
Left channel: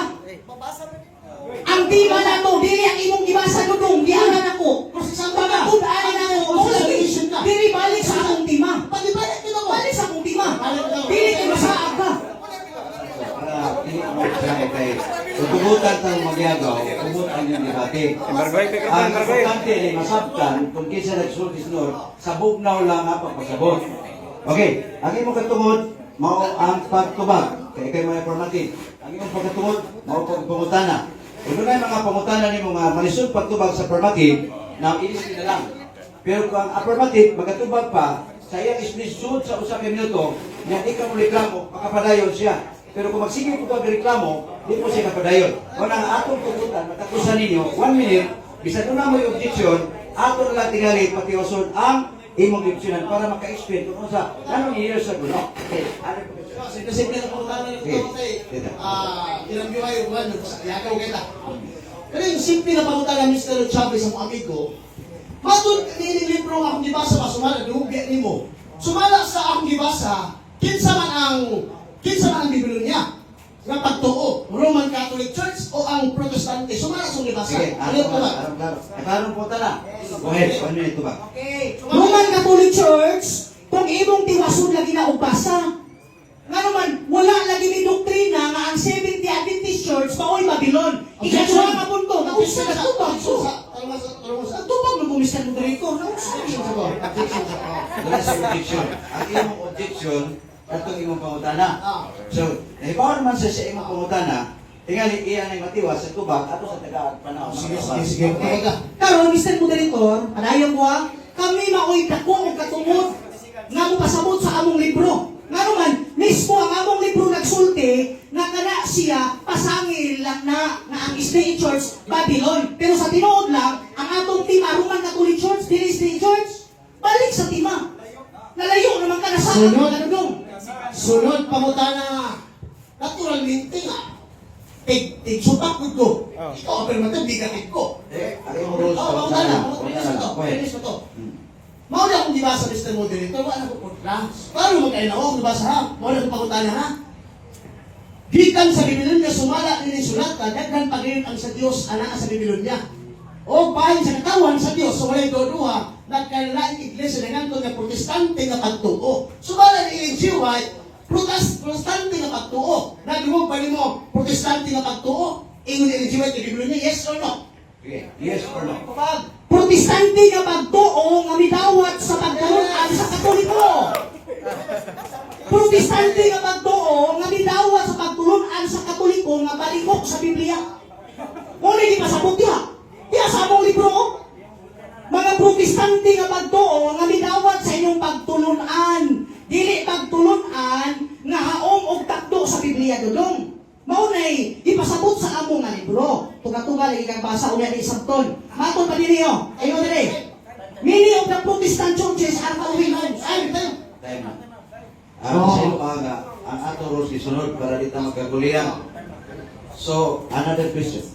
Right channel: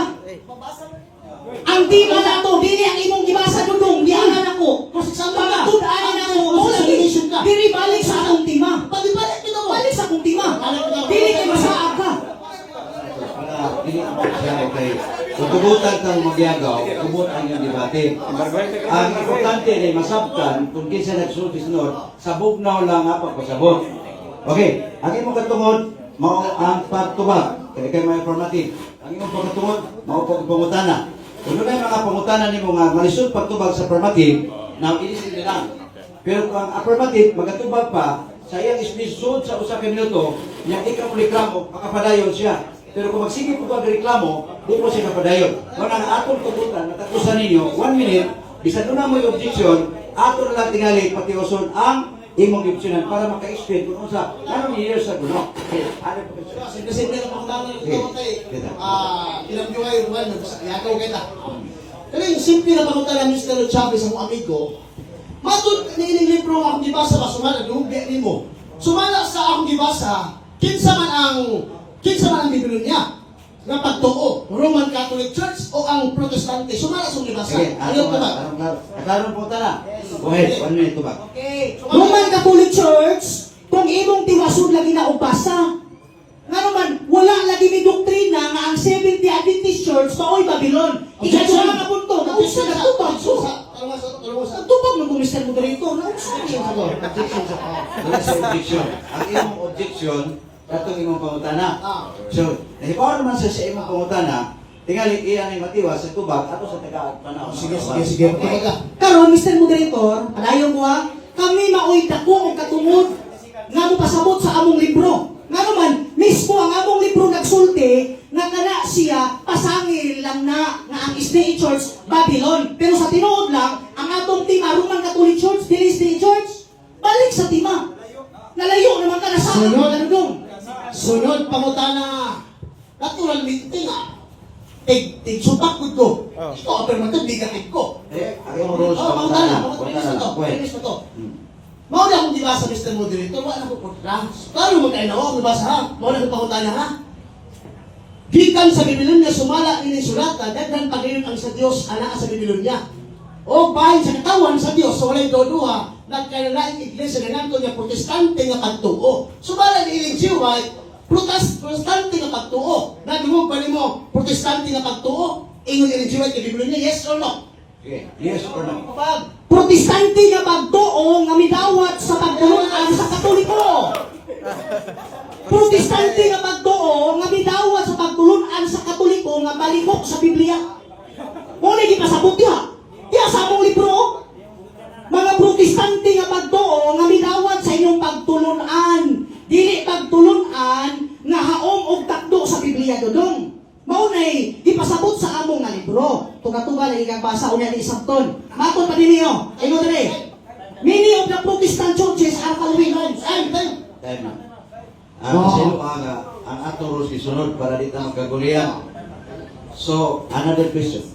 Ang tiba na to, dili ang imong gibasa dudong, di aran ako. Mga tud-aran ako, dili balik sa akong tima. Balik sa akong tima. Dili ka masaag ka. Para hindi mo kay utugutan tang magyagaw, utugutan yung debate. Ang importante ay masabtan kung kinsa nagsulti sunod, sabog na lang nga pagpasabot. Okay, ang imong katungod mao ang pagtubag. Kay may informative. Ang imong pagtungod mao pagpangutana. Kung na mga pangutana nimo nga malisod pagtubag sa affirmative, na ilisin na lang. Pero kung ang affirmative magatubag pa, sa iyang islisod sa usa ka minuto, nga ikaw mo reklamo, makapadayon siya. Pero kung magsige po reklamo, di mo siya kapadayon. Kung ang atong tugutan, natakusan ninyo, 1 minute, bisa doon na mo yung objection, ato lang tingali pati usod ang imong objeksyonan para maka-explain kung sa anong years sa guno. Okay, ano po kasi? Simple na pangutana yung ito kay ilang yung ay ruman, yakaw kita. Pero yung simple na pangutana ng Mr. Chavez ang amigo, matod niling libro akong gibasa ba, sumala, gumugya ni mo. Sumala sa akong gibasa, kinsa man ang Babylonia nga pagtuo, Roman Catholic Church o ang Protestante, sumala sa gibasa. Sige, Ano ito ba? Karon po tala. Go ahead, 1 minute ba? Okay. Roman Catholic Church, kung imong tiwasod lagi na ubasa. Nga naman, wala lagi ni doktrina nga ang 70 Adventist Church mao'y Babylon. Ikaw na nga punto, nausa na tubag so. Ang tubag ng Mr. Moderator, nausa na Wala sa objection. Ang imong objection, katong imong pangutana. So, nahibaw naman sa imong pangutana, tingali iyan ay matiwas sa tubag ato sa taga-panahon. Sige. Karon, Mr. Moderator, padayon ko kami mao'y dako og katungod nga mo pasabot sa among libro. Nga naman, mismo ang among libro nagsulti na kana siya pasangil lang na ang State Church Babylon. Pero sa tinuod lang, ang atong tima Roman Catholic Church, dili State Church, balik sa tima. Nalayo naman ka na sa Sunod pangutana. Naturalmente nga. Tig-supak ko. Ito, alternative, bigatid ko. Ang imong rules Pangutana. pangutana. Go ahead. Mauna akong dibasa, Mr. Moderator, wala ko program. Paano mo kayo na ako, dibasa ha? Mauna akong pangutana ha? Gikan sa Babylonia, sumala ni sulata, daghan pagayon ang sa Dios, anak sa Babylonia. O bahin sa katawan sa Dios, so walay doduha, nagkanilaing iglesia na nanto nga protestante nga pagtuo. Sumala ni Ellen G. White, protestante nga pagtuo. Nagumog ba mo, protestante nga pagtuo? Ingon Ellen G. White, kay Babylonia, yes or no? Okay, yes or no? protestante nga pagtuo nga midawat sa pagtulungan sa Katoliko. Protestante nga pagtuo nga midawat sa pagtulungan sa Katoliko nga balikok sa Biblia. Muna di pasabot diha. Diha sa among libro. Mga protestante nga pagtuo nga midawat sa inyong pagtulunan. Dili pagtulunan nga haom og takdo sa Biblia dodong. Maunay, ipasabot sa among nga libro. Tuga-tuga lagi kang basa ulit ni Sabton. Matod pa din niyo. Ayun dali. Many of the Protestant churches are following lines. Time na. Sino ang atong rules isunod para di tayo magkagulian. So, another question.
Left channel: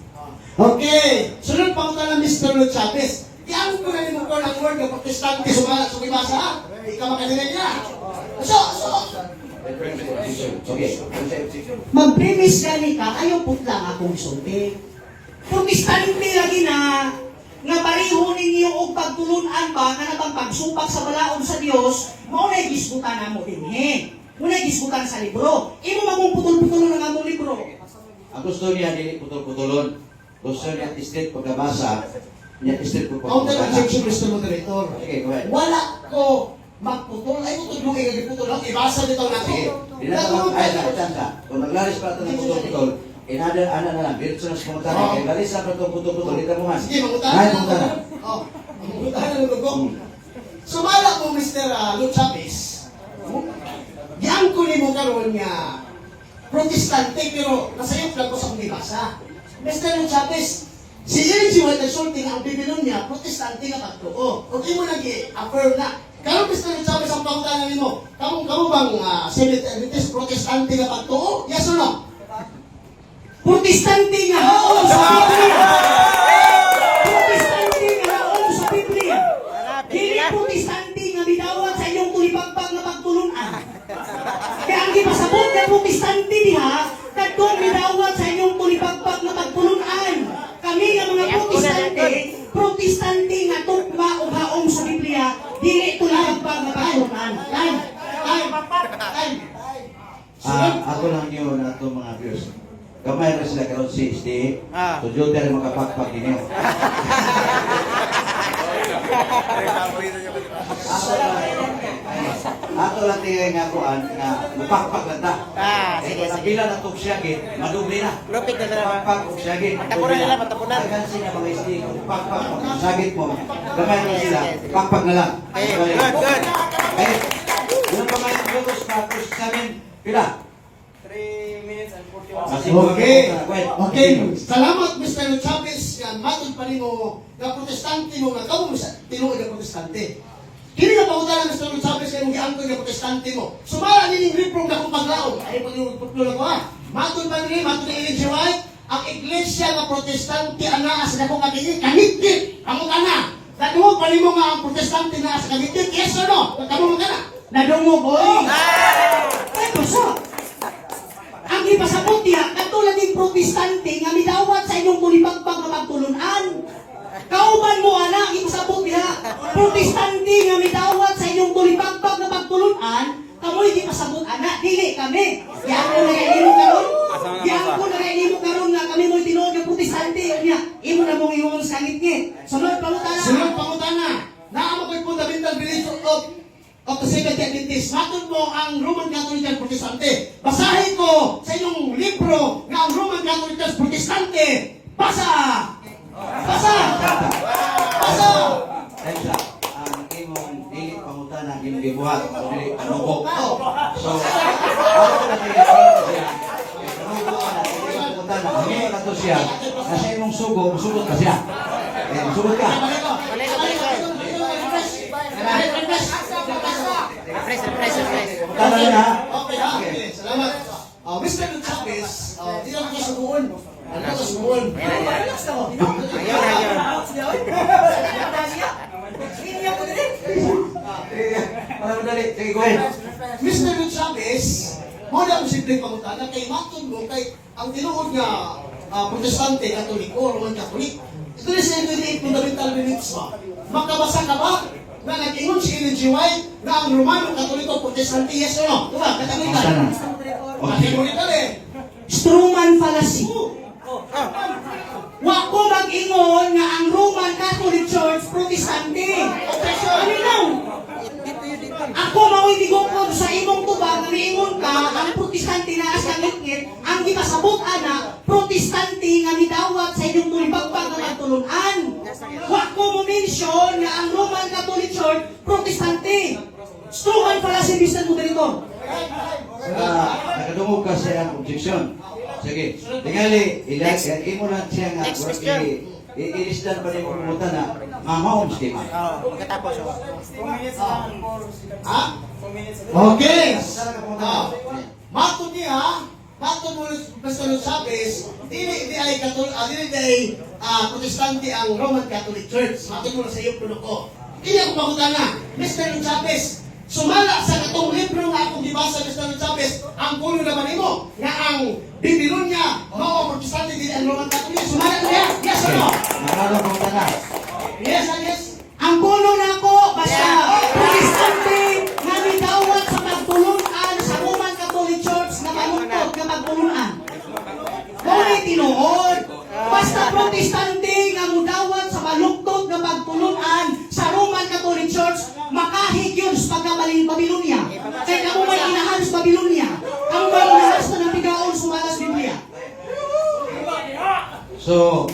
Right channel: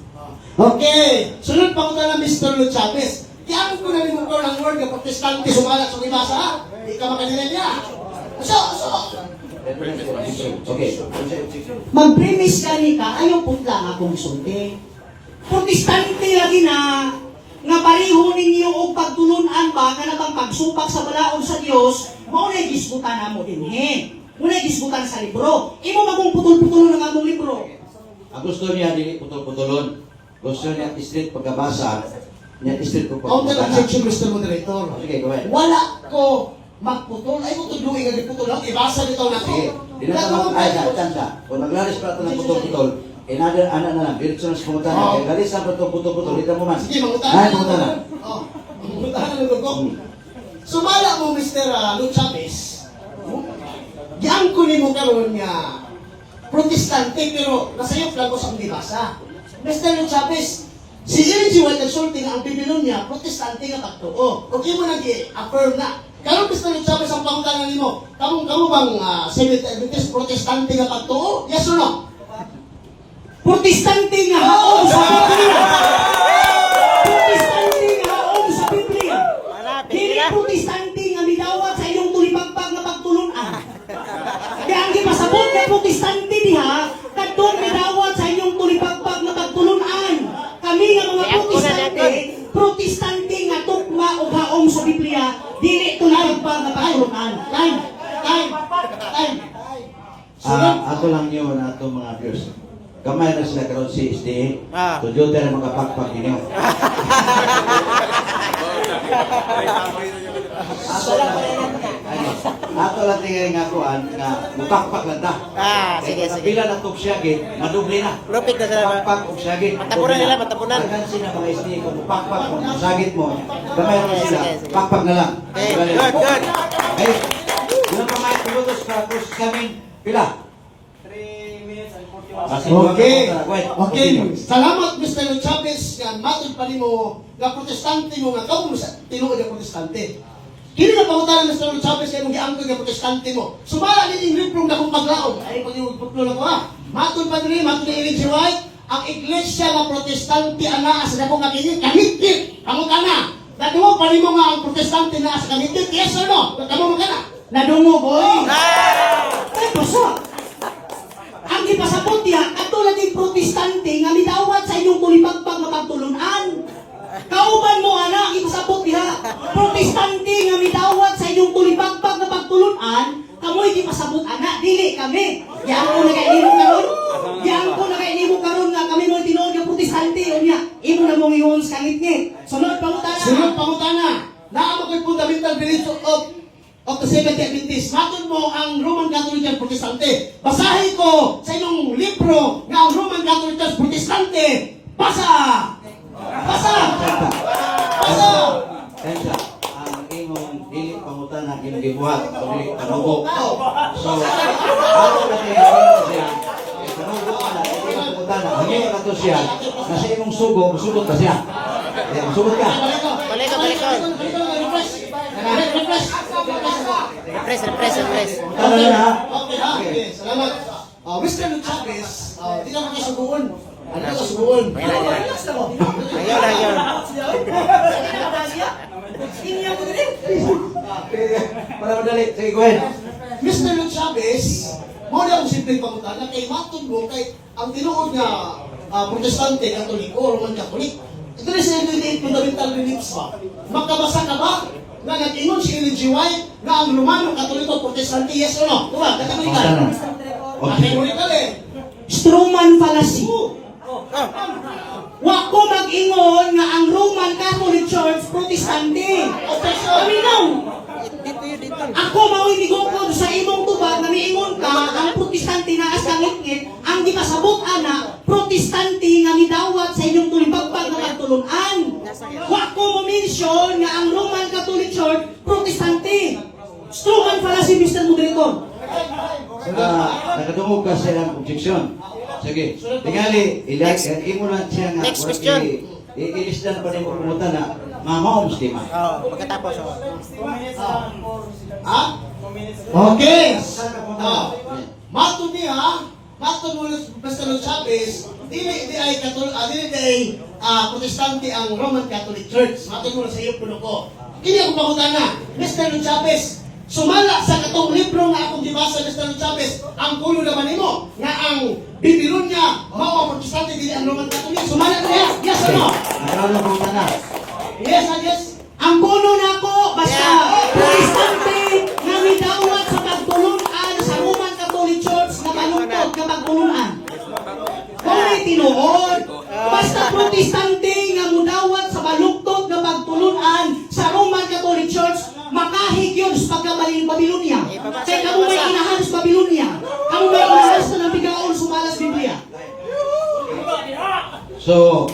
Okay, sunod pa ko na ng Mr. Chavez. Kaya ko na yung ng word ng protestante sumala sa ibasa ha? Ikaw makanilay niya. So, Okay. Mag-preface gani ka, ayaw putla akong sulti. Protestante lagi na nga pareho ninyo og pagtulunan ba nga nabang pagsupak sa balaod sa Dios, mao na gisgutan namo dinhi. Muna gisgutan sa libro. Imo magong putol-putol ng among libro. Ang gusto niya dili putol-putulon. Gusto niya islit pagkabasa. Niya islit Counter pagkabasa. objection, Mr. Moderator. Sige, go ahead. Wala ko magputol. Ay, kung tudlungin nga giputol lang, ibasa nito na ko. Sige. Di na ito ay tanda. Kung naglaris pa ito ng putol-putol, another ano na lang, dito sa pumunta na. Kaya galis ang putol-putol, dito mo man. Sige, mamunta Ay, na. pumunta na. Oh, mamunta na ng ko. Sumala mo, Mr. Lord Chavez. Yan ko ni mo karon nga protestante pero nasayop lang ko sa basa. Mr. Lord Chavez, si G. White Consulting ang bibilon niya, protestante nga pagtuo. O di mo nag-affirm na. Karon Mr. Lord Chavez ang pangutanan nimo. Kamo bang Seventh Adventist protestante nga pagtuo? Yes or no? Protestante nga haon sa Biblia. Protestante nga haon sa Biblia. Dili protestante nga midawat sa inyong tulipagpag na pagtulunan. Kaya ang gipasabot nga protestante diha, kadtong midawat sa inyong tulipagpag na pagtulunan. Kami nga mga protestante nga tukwa o haon sa Biblia, dili tulipagpag na pagtulunan. Time. Ato lang yun na itong mga viewers. Kamay na sila karoon si SDA. Tudyo tayo makapakpak ninyo. Ato lang tingin nga ko nga mupakpak lang ta. Sige, sige. Bila na itong siyagit, madubli na. Lupit na sila. Pakpak o siyagit. Matapunan nila, matapunan. Agan sila mga SDA kung pakpak o sagit mo. Kamay na sila. Pakpak na lang. Okay, good. Ay, yun pa may minutos para kung sabihin, pila? Okay. Salamat Mr. Chavez nga matod pa nimo nga protestante mo nga kamo sa tinuod nga protestante. Kini nga pangutanan Mr. Chavez kay nung giangkoy nga protestante mo. Sumala nining libro nga kung paglaom. Ay paglulo ko ha. Matod pa ni Ellen G. White ang iglesia nga protestante ana sa dako nga kini kahigit amo kana. Nadungo pa nimo nga ang protestante na sa kahigit. Yes or no? Kamo mo kana. Nadungo boy. Ay puso. Ang ipasabot niya, katulad ng protestante nga midawat sa inyong tulipagpag na pagtulunan. Kauban mo anak, ipasabot niya, protestante nga midawat sa inyong tulipagpag na pagtulunan, kamoy ipasabot anak, dili kami. Yan ko na kainimo karon. Yan ko na kainimo karon nga kami mo tinuod ng protestante niya. Imo na mong iyon sa ngit-ngit. Sunod pangutana. Sunod pangutana. Naa mo ko'y fundamental beliefs of the Seventh Adventist. Matod mo ang Roman Catholic at Protestante. Basahin ko sa inyong libro na ang Roman Catholic at Protestante. Basa! Basa! Basa! Kaya ang imong dili pamutan ang imong gibuhat o dili panubo. So, ako na tingin siya. Panubo ka na, dili pamutan na. Hindi ka to siya. Nasa imong sugo, sugot ka siya. Sugot ka. Refresh. Tama na. Okay, salamat. Mr. Chavez, di lang ako sa buwan. Ano sa buwan? Para madali. Sige, go ahead. Mr. Chavez, mo na ang simpleng pangutana kay matod mo kay ang tinuod nga protestante, katoliko, Roman Catholic. Ito na siya yung fundamental beliefs ba? Makabasa ka ba na nag-ingon si Ellen G. White na ang Romano, Katoliko, Protestante, yes or no? Diba? Katagalikan. Katagalikan eh. Stroman fallacy. Wa ko mag-ingon nga ang Roman Catholic Church Protestante. Paminaw. Ako mao'y migukod sa imong tubag na miingon ka ang protestante na asa ngit ang gipasabot ana protestante nga midawat sa inyong tulipagpag nga pagtulunan. Wa ko mo mention nga ang Roman Catholic Church Protestante. Stroman fallacy, Mr. Moderator. Nakadungog ka sa iyang objection. Sige. Tingali, imo lang siya nga. Next question. I-ilisdan pa rin mo pumunta na mamahom si Tima. Pagkatapos. Ha? Okay. Mato niya, mato mo Mr. Chavez, dili ay protestante ang Roman Catholic Church. Mato mo na sa iyo puno ko. Kini ang pangutana, Mr. Chavez, Sumala sa katong libro nga akong gibasa ni Mr. Chavez, ang pulo naman nimo nga ang Babylonia mao ang protestante dili ang Roman Catholic. Sumala na yan. Yes or no? Nakalo kung tana. Yes or yes? Ang puno nako basta protestante nga midawat sa pagtulunan sa Roman Catholic Church na malungkot nga pagtulunan. Kung tinuod, basta protestante nga mudawat sa malungkot nga pagtulunan sa Roman Catholic Church, makahigyon sa pagkamaling Babylonia. Kaya kamo may inahanas Babylonia, kamo may inahanas na nabigaon sumalas Biblia. So,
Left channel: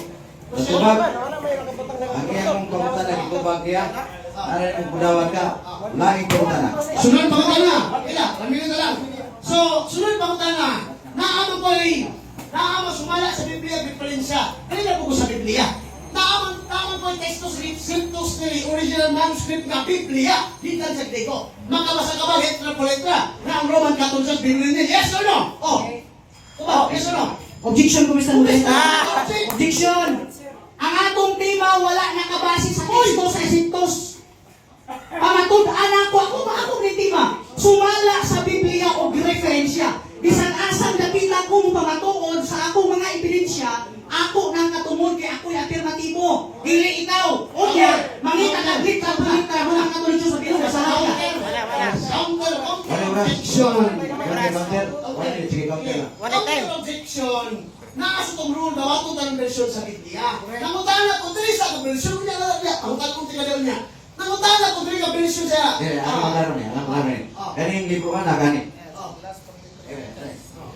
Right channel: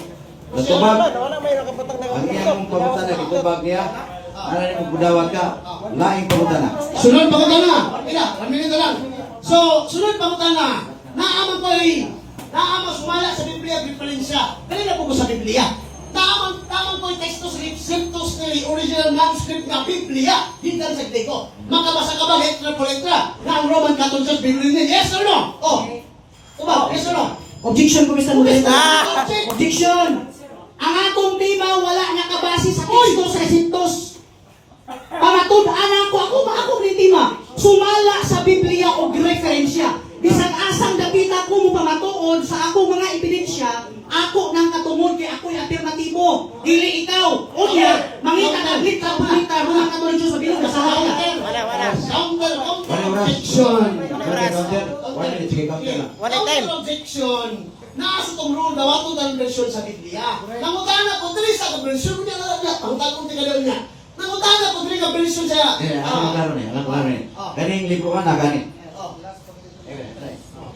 natubag, Wala may nakapatang na. ang iyang pagkutana, itubag niya, ano yung budawat ka, laing pagkutana. Sunod pangutana. Ila, laminin na lang. So, sunod pangutana. Naaman ko naaman sumala sa Biblia, Biblia. Dali na po ko sa Biblia. Naaman ko yung textos reciptos ni original manuscript ng Biblia. Di lang sa ko. Makabasa ka ba letra po letra na ang Roman Catholic Church Biblia? Yes or no? Oh. Diba? Yes or no? Objection ko Mr. Modesto. Ah! Objection. Ang atong tema wala nakabase sa Kristo sa Esintos. Pamatud-an ako ni tema. Sumala sa Biblia o referensya. Bisan asang dapita ko mo pamatuod sa ako mga ebidensya, ako nang katungod kay ako'y alternatibo. Dili ikaw. Unya, mangita ka grita mga Katoliko sa Biblia sa haya. Counter Objection. objection. Wala Counter objection. Naasa itong rule, dawato tayong version sa Biblia. Namutana ko, dili sa version niya na niya. Namutana ko tinalaw niya. Namutana ko, dili ka version siya. Alam ko laro niya. Ganing libuhan na gani. Oh.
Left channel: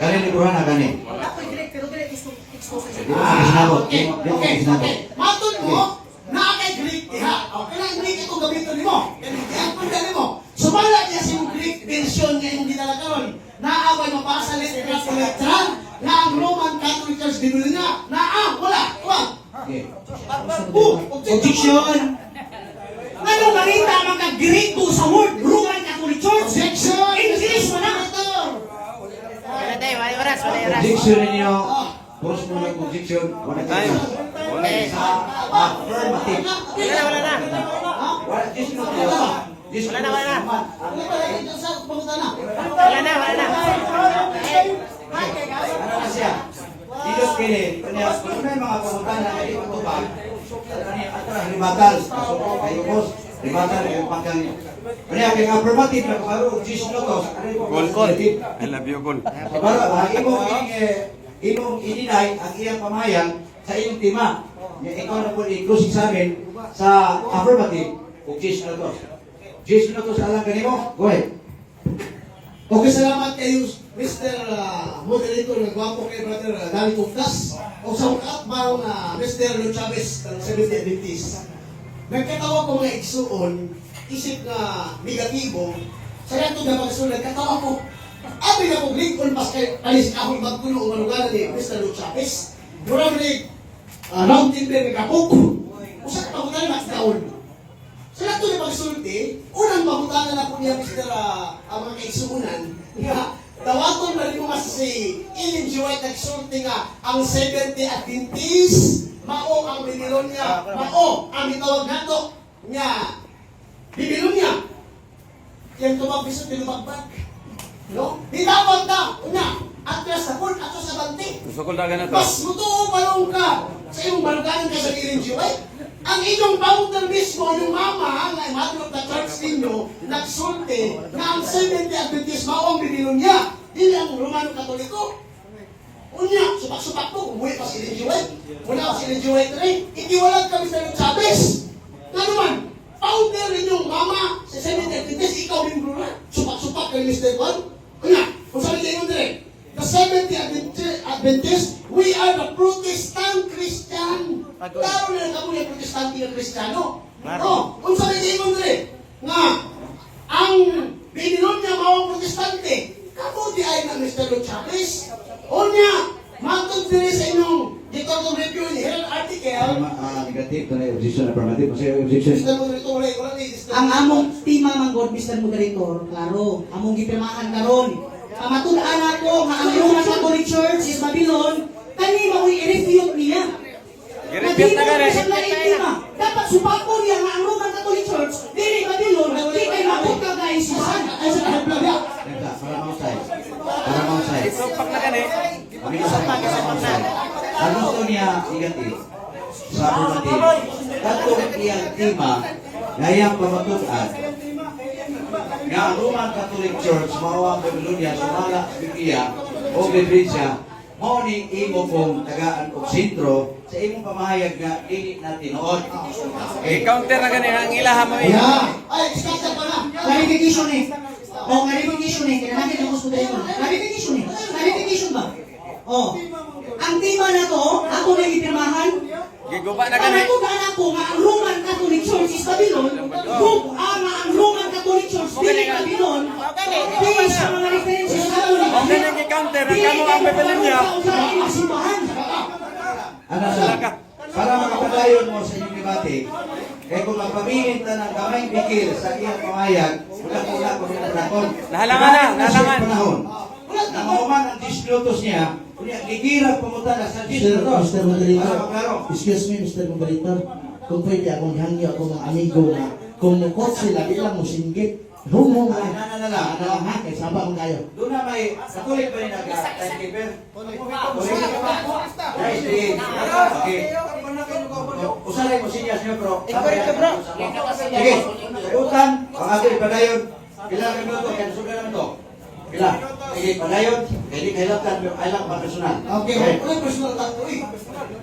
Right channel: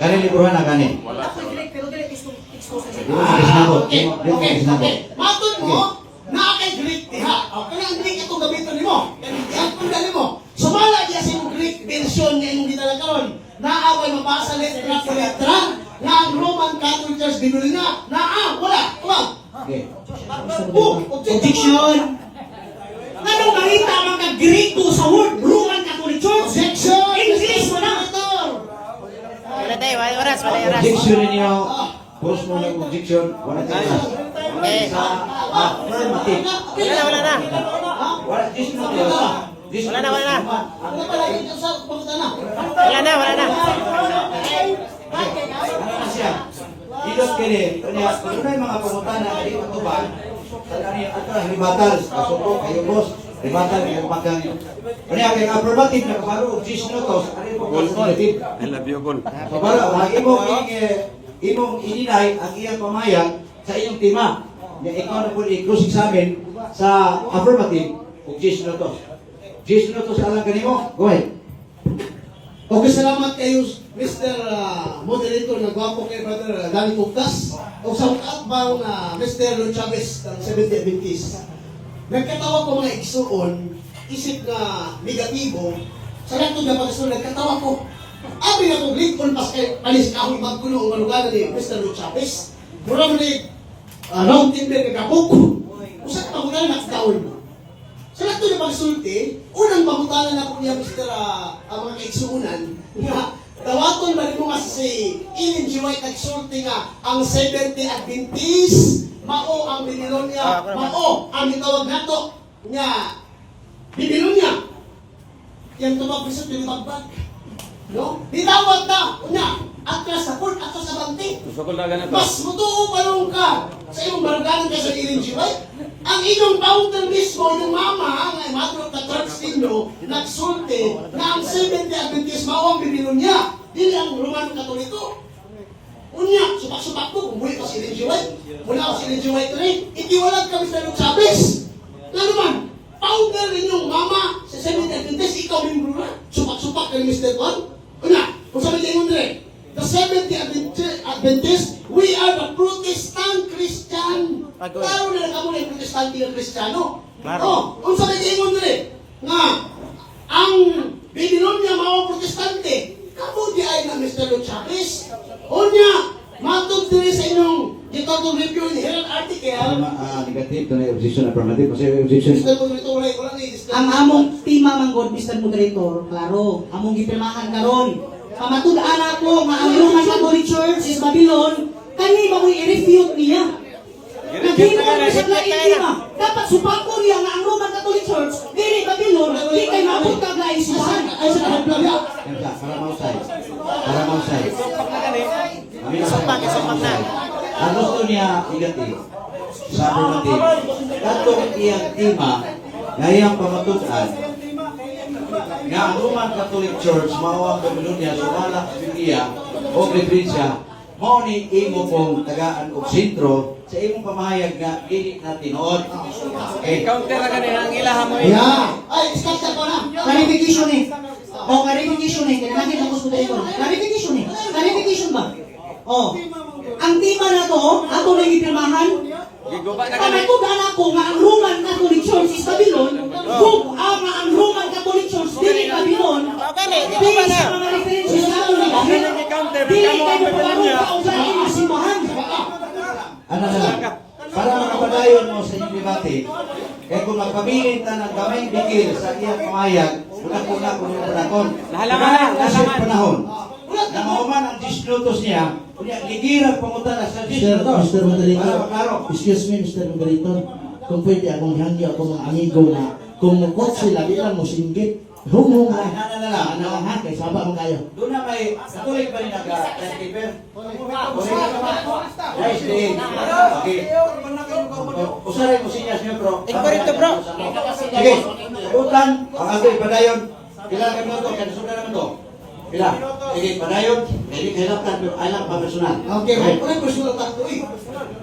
Ganing libuhan na gani. Ako'y direct pero direct expose sa Di ba sinabot? Okay, Di ba okay, sinabot? okay. Matod mo, nakakay Greek diha. Okay na, hindi ito gamitin ni mo. Ganyan po dali mo. Sumala niya sa Greek version na yung ginalakaon. Naaway mabasa letra sa letra na ang Roman Catholic Church Biblia na wala. Okay. Objection. Ano marita ang mga Greko sa word Roman Catholic Church? Objection! English mo na. Wala tayo, wala oras, wala oras. Objection ninyo. Post mo lang objection. Wala tayo. Eh, Affirmative. wala na. Wala, just not yun. Just Wala na, wala na. Wala Wala na, wala na. Ano siya? Dito kini, kanya, kung may mga pumunta na dito to ba? Limatal, kasukong, kayo boss, limatal, kayo pagkan nyo. Kanya, kaya affirmative na kumaro, gis no to, negative. I love you, Gol. Kumaro, ang imong ininay, ang iyang pamayang sa iyong tima. Nga ikaw na po i-closing sa amin sa affirmative, o gis no to. Gis no to sa alang kanimo, go ahead. Okay, salamat kayo, Mr. Moderator, na gwapo kay Brother Danny Tucas. O sa outbound na Mr. Lord Chavez, ng 70 Adventist. Nagkatawa ko mga igsuon, isip na negatibo, sa lahat na pagsuon, nagkatawa ko, abi na kong Lincoln pas kay palis ako magkuno o malugaran ni Mr. Lord Chavez. Murang ni Mountain Bear kagapok. Usak pa ko na nakataon. Sa lahat na pagsulti, unang pagkutanan na po niya Mr. Ang mga kaigsuunan, dawaton ba rin mo mas si Ellen G. White nagsulti nga ang 70 Adventist, mao ang Babylonia, mao ang itawag nato niya Babylonia. Yan tumapiso tinabagbag. No? Ditawag na, una, atras sa pun, atras sa banting. Mas mutuo palong ka sa iyong barganin ka sa Ellen G. White. Ang inyong founder mismo, yung mama, ang mother of the church ninyo, nagsulti na ang 70 Adventist mao ang Babylonia. Dili ang Roman Katoliko. Unya, supak-supak mo, umuwi pa si Ellen G. White. Muna ako si Ellen G. White rin. Itiwalag kami sa Lord Chavez. Na naman, founder ninyong mama sa 70 Adventist, ikaw rin bro na. Supak-supak kay Mr. Juan. Unya, kung sabi kayo rin, the 70 Adventist, we are the Protestant Christian. Klaro na lang kamo yung Protestante ng Kristiyano. Kung sabi kayo rin, nga, ang Babylonia mga Protestante, kamo di ay na Mr. Lord Chavez. Unya, matod din sa inyong itong review ni Herald article, Negative, ito na objection, affirmative, kasi objection. Mr. Moderator, wala ni Ang among tima manggod Mr. Moderator, klaro, among gipirmahan karon. Pamatud-an ako nga ang Roman Catholic Church is Babylon, kani ba mo i-refute niya? Nagina na sa laing tima. Dapat supako niya nga ang Roman Catholic Church, dili Babylon, di kay mabutag na isisan. Ay, sa kahit lang yan. Teka, parang mausay. Parang mausay. Kami na sa ang gusto niya, igati, sabi natin, kanto ng iyang tima, ngayang pamatutan, nga ang Roman Catholic Church, mawang Babylonia, sumala sa Biblia, o Biblia, mao ni imo kong tagaan o sentro sa imong pamahayag nga dili na tinuod. Okay. Counter na ganun, ang ilahan mo Ayan. Ay, starter pa na. Clarification eh. O, clarification eh. Kaya natin ang gusto dito. Clarification eh. Clarification ba? O, ang tema na to, ako na ipirmahan. Giguba na Ang ganun. natugan ako nga ang Roman Catholic Church is Babylon, kung ang Roman Catholic Church dili Babylon, based sa mga references sa Catholic, Ganun ni counter, dili ang kayo mga Babylonia. pagkaroon sa inyong simbahan. Ano na? Para makapadayon mo sa inyong debate, kaya kung magpabilin ta ng kamay bigil sa iyong pamahayag, wala ko na kung nakon. Nahalangan na, nahalangan. Panahon. Na mauman ang 10 minutos niya, kunya ligira pumunta na sa 10 minutos. Mr. Moderator, Klaro. excuse me, Mr. Moderator, kung pwede akong hangi ako ng amigo nga, kung mukot sila bilang musinggit, humong Ay, nga, nanala, ano ang hangke, saba mo kayo. doon na may katuloy pa rin nag-timekeeper. Guys, okay. Usaray mo siya, Sr. Bro. Incorrecto, bro. Sige, utan, pag-agri, padayon. Ilang minuto, kaya susunod naman to. Pila? Sige, padayon. Jadi kailangan alam pa personal. Okay, may personal tato eh.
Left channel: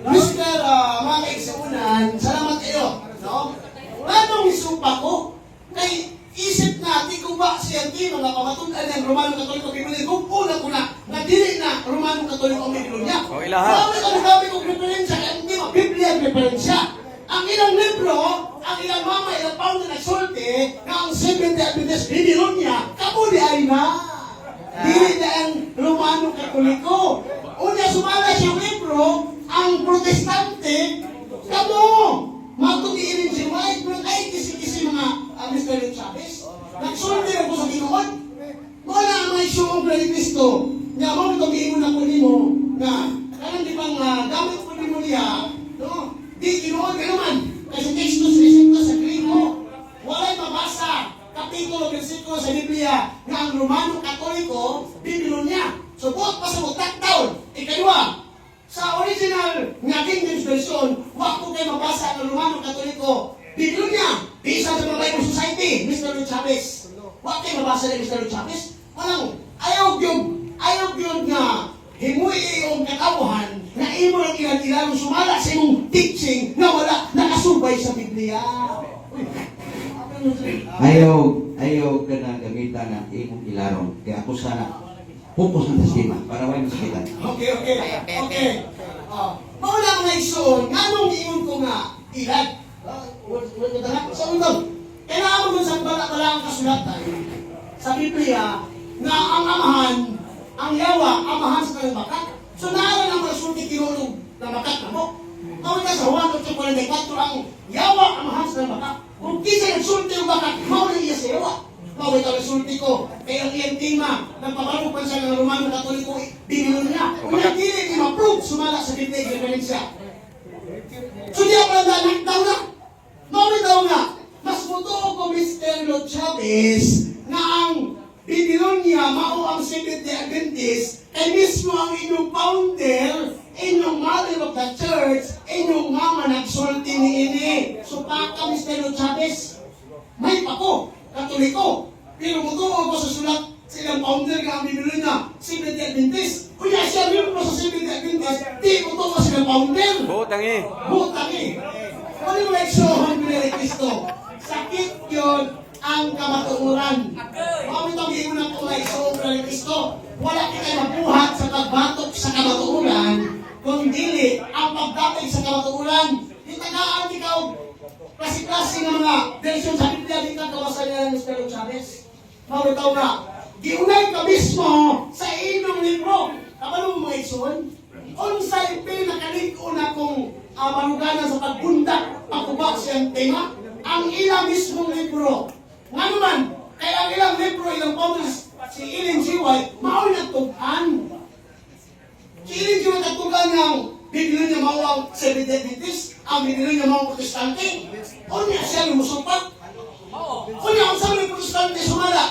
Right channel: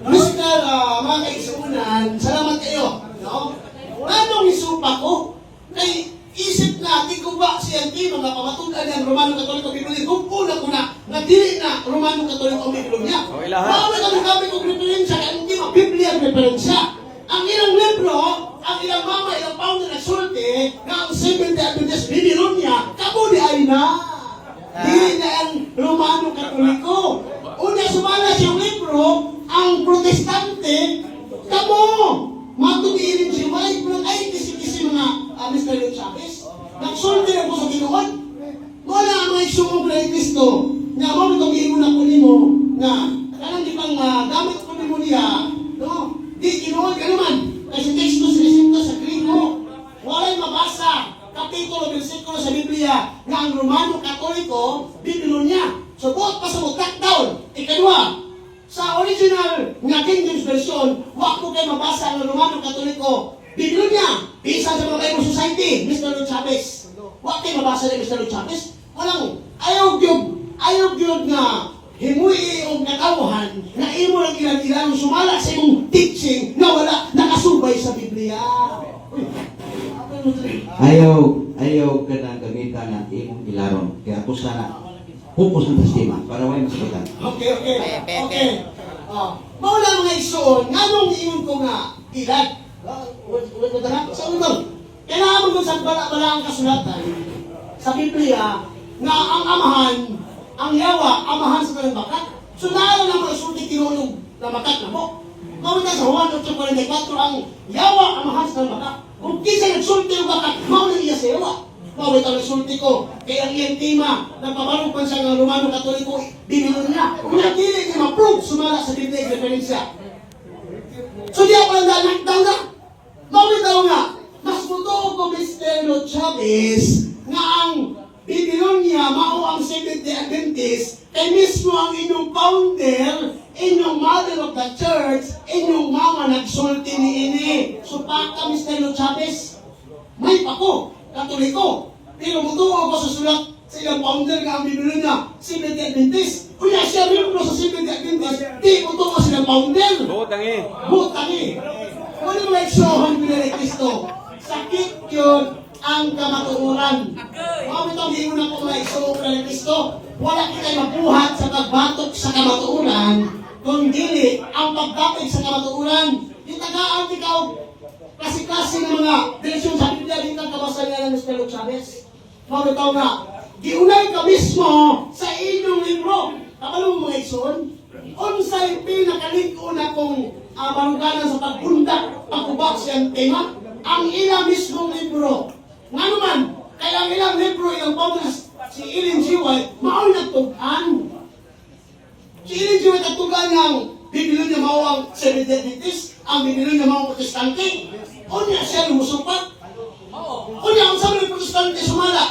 Mr. Mga kaisunan, salamat kayo. No? Anong isupa ko? Kay isip natin kung ba si Antino na pamatunan ng Romano Katoliko Biblia, kung una ko na dili na Romano Katoliko Biblia. O, ilaha. Marami kami kami kong referensya, kaya ang Antino, Biblia ang referensya. Ang ilang libro, ang ilang mama, ilang founder na sulti, na ang Seventh-day Adventist Babylonia, kabuli ay na. Dili na ang Romano Katoliko. Una sumala sa libro, ang protestante, kamo, magtutiin si Mike, ay kisi-kisi mga Mr. Chavez. Nagsulti ako sa Ginoon. Wala ang mga isyong Kristo na mo itong na po mo na karang di bang gamit po mo niya, no? Di Ginoon ka naman. Kasi text sa Griego. Wala'y mabasa kapitulo, versikulo sa Biblia na ang Romano Katoliko, Babylonia. So, buot pa sa taon. Ikadua, sa original nga King James Version, wag ko kayo mabasa ng Romano Katoliko, Babylonia. Bisa sa mga Bible Society, Mr. Chavez. Wag kayo mabasa ng Mr. Chavez. Walang, ayaw gyud nga himuy ang katawhan na imo lang ilang sumala sa imong teaching na wala nakasubay sa Biblia. Ayaw ka na gamitan ng imong ilaron. Kaya ako sana pupos ng sistema para may masakitan. Okay. Maula mga ison, nganong iyon ko nga ilan? Sa unang, kailangan mo sa bala ang kasulatan sa Biblia na ang amahan, ang yawa, amahan sa kanyang bakat. So naala lang mga sulti tinulog na bakat na mo. Maula sa Juan 8:44 ang yawa, amahan sa kanyang bakat. Kung kisa nagsulti yung bakat, maula niya sa yawa. Maula ka nagsulti ko. Kaya ang iyang tema, nagpapalupan siya ng Romano Katoliko, bibilo na. Kung hindi niya ma-prove, sumala sa Biblia yung referensya. So di ako lang daw na. Mauli daw na. Mas totoo ko, Mr. Chavez, na ang Babylonia, mao ang Seventh-day Adventist, kay mismo ang inyong founder, inyong mother of the church, inyong mama nagsulti ni ini. So baka, Mr. Chavez, may pako, Katoliko. Pero mutuo ko sa sulat sa ilang founder nga ang Babylonia, Seventh-day Adventist. Kuya siya rin ko sa Seventh-day Adventist, di mutuo sa ilang founder. Butangi. Butangi. Ano mo na-exohan ko na Kristo? Sakit yun ang kamatuuran. Mao itong hindi mo na po na-exohan ko na Kristo. Wala kita magbuhat sa pagbatok sa kamatuuran, kung dili ang pagdating sa kamatuuran. Yung tagaan ikaw, klase-klase ng mga version sa Biblia, dito ang kawasan ng Mr. Chavez. Mao itaw na, giunay ka mismo sa inyong libro. Kapalo mo mga exohan? Unsay pinakaliko na kung maruganan sa pagbundak, pagkubak siyang tema, ang ilang mismong libro. Nga naman, kaya ang ilang libro, ilang paundas, si Ellen G. White, maul nagtugan. Si Ellen G. White nagtugan niyang Babylonia mao ang Seventh-day Adventist, ang Babylonia mao ang Protestante. O niya siya yung musupat. O niya, ang sabi ng Protestante sumala,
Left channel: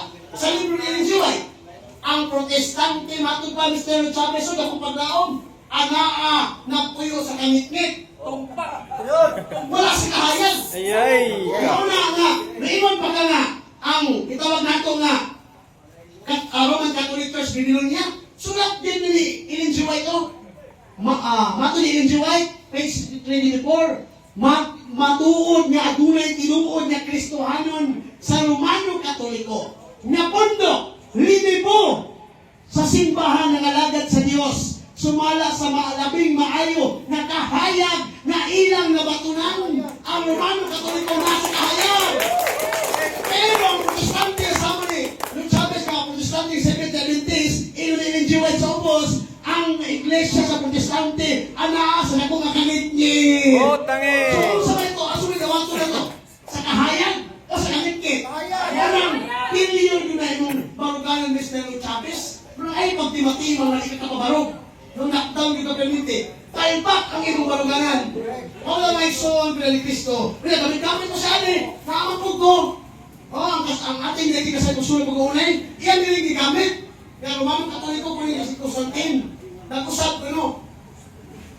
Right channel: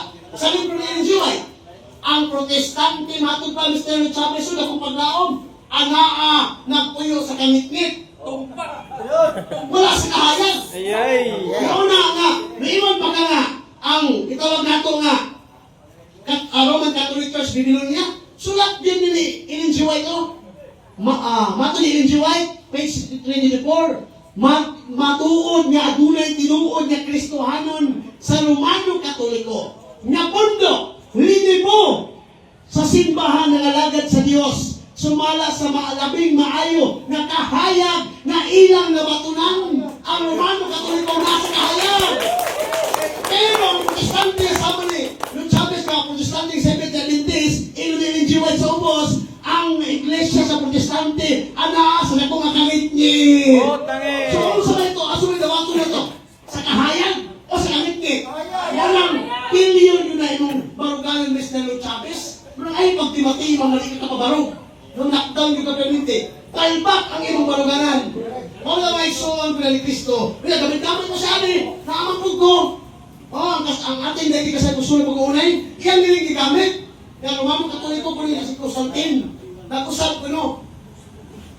Wala si kahayag. Ayay. Una nga, mayroon pa ka nga, ang itawag nato nga, Roman Catholic Church Babylonia, sulat din ni Ellen G. White, mato ni Ellen G. White, page 24, matuod nga adunay tinuod nga Kristohanon sa Romano Katoliko, nga pondo, linibo, sa simbahan ng alagad sa Diyos, sumala sa maalabing maayo na kahayag na ilang nabatunan ang Romano Katoliko nasa kahayag. Pero ang Protestante sa muli, nung Chavez ka, Protestante, Seventh Adventist, Ellen G. White sa ubos, ang iglesia sa Protestante, anaas na kung akanit niya. Oh, tangi. So, kung sa ito, asunod na wato na ito, sa kahayag o sa kanit niya. Walang billion yun na yung barugalan ni Mr. Chavez. Wala ay pagtimati, mga malikit na kabarog. Nung lockdown dito permite, taibak ang ibang baruganan. Wala may so ang pinalikisto. Gamit mo sa atin, naamang ko. Ang ating dahil kasal ko sunod pag-uunay, iyan din gigamit. Kaya Romano Katoliko po rin si Constantine. Nag-usap ko, no?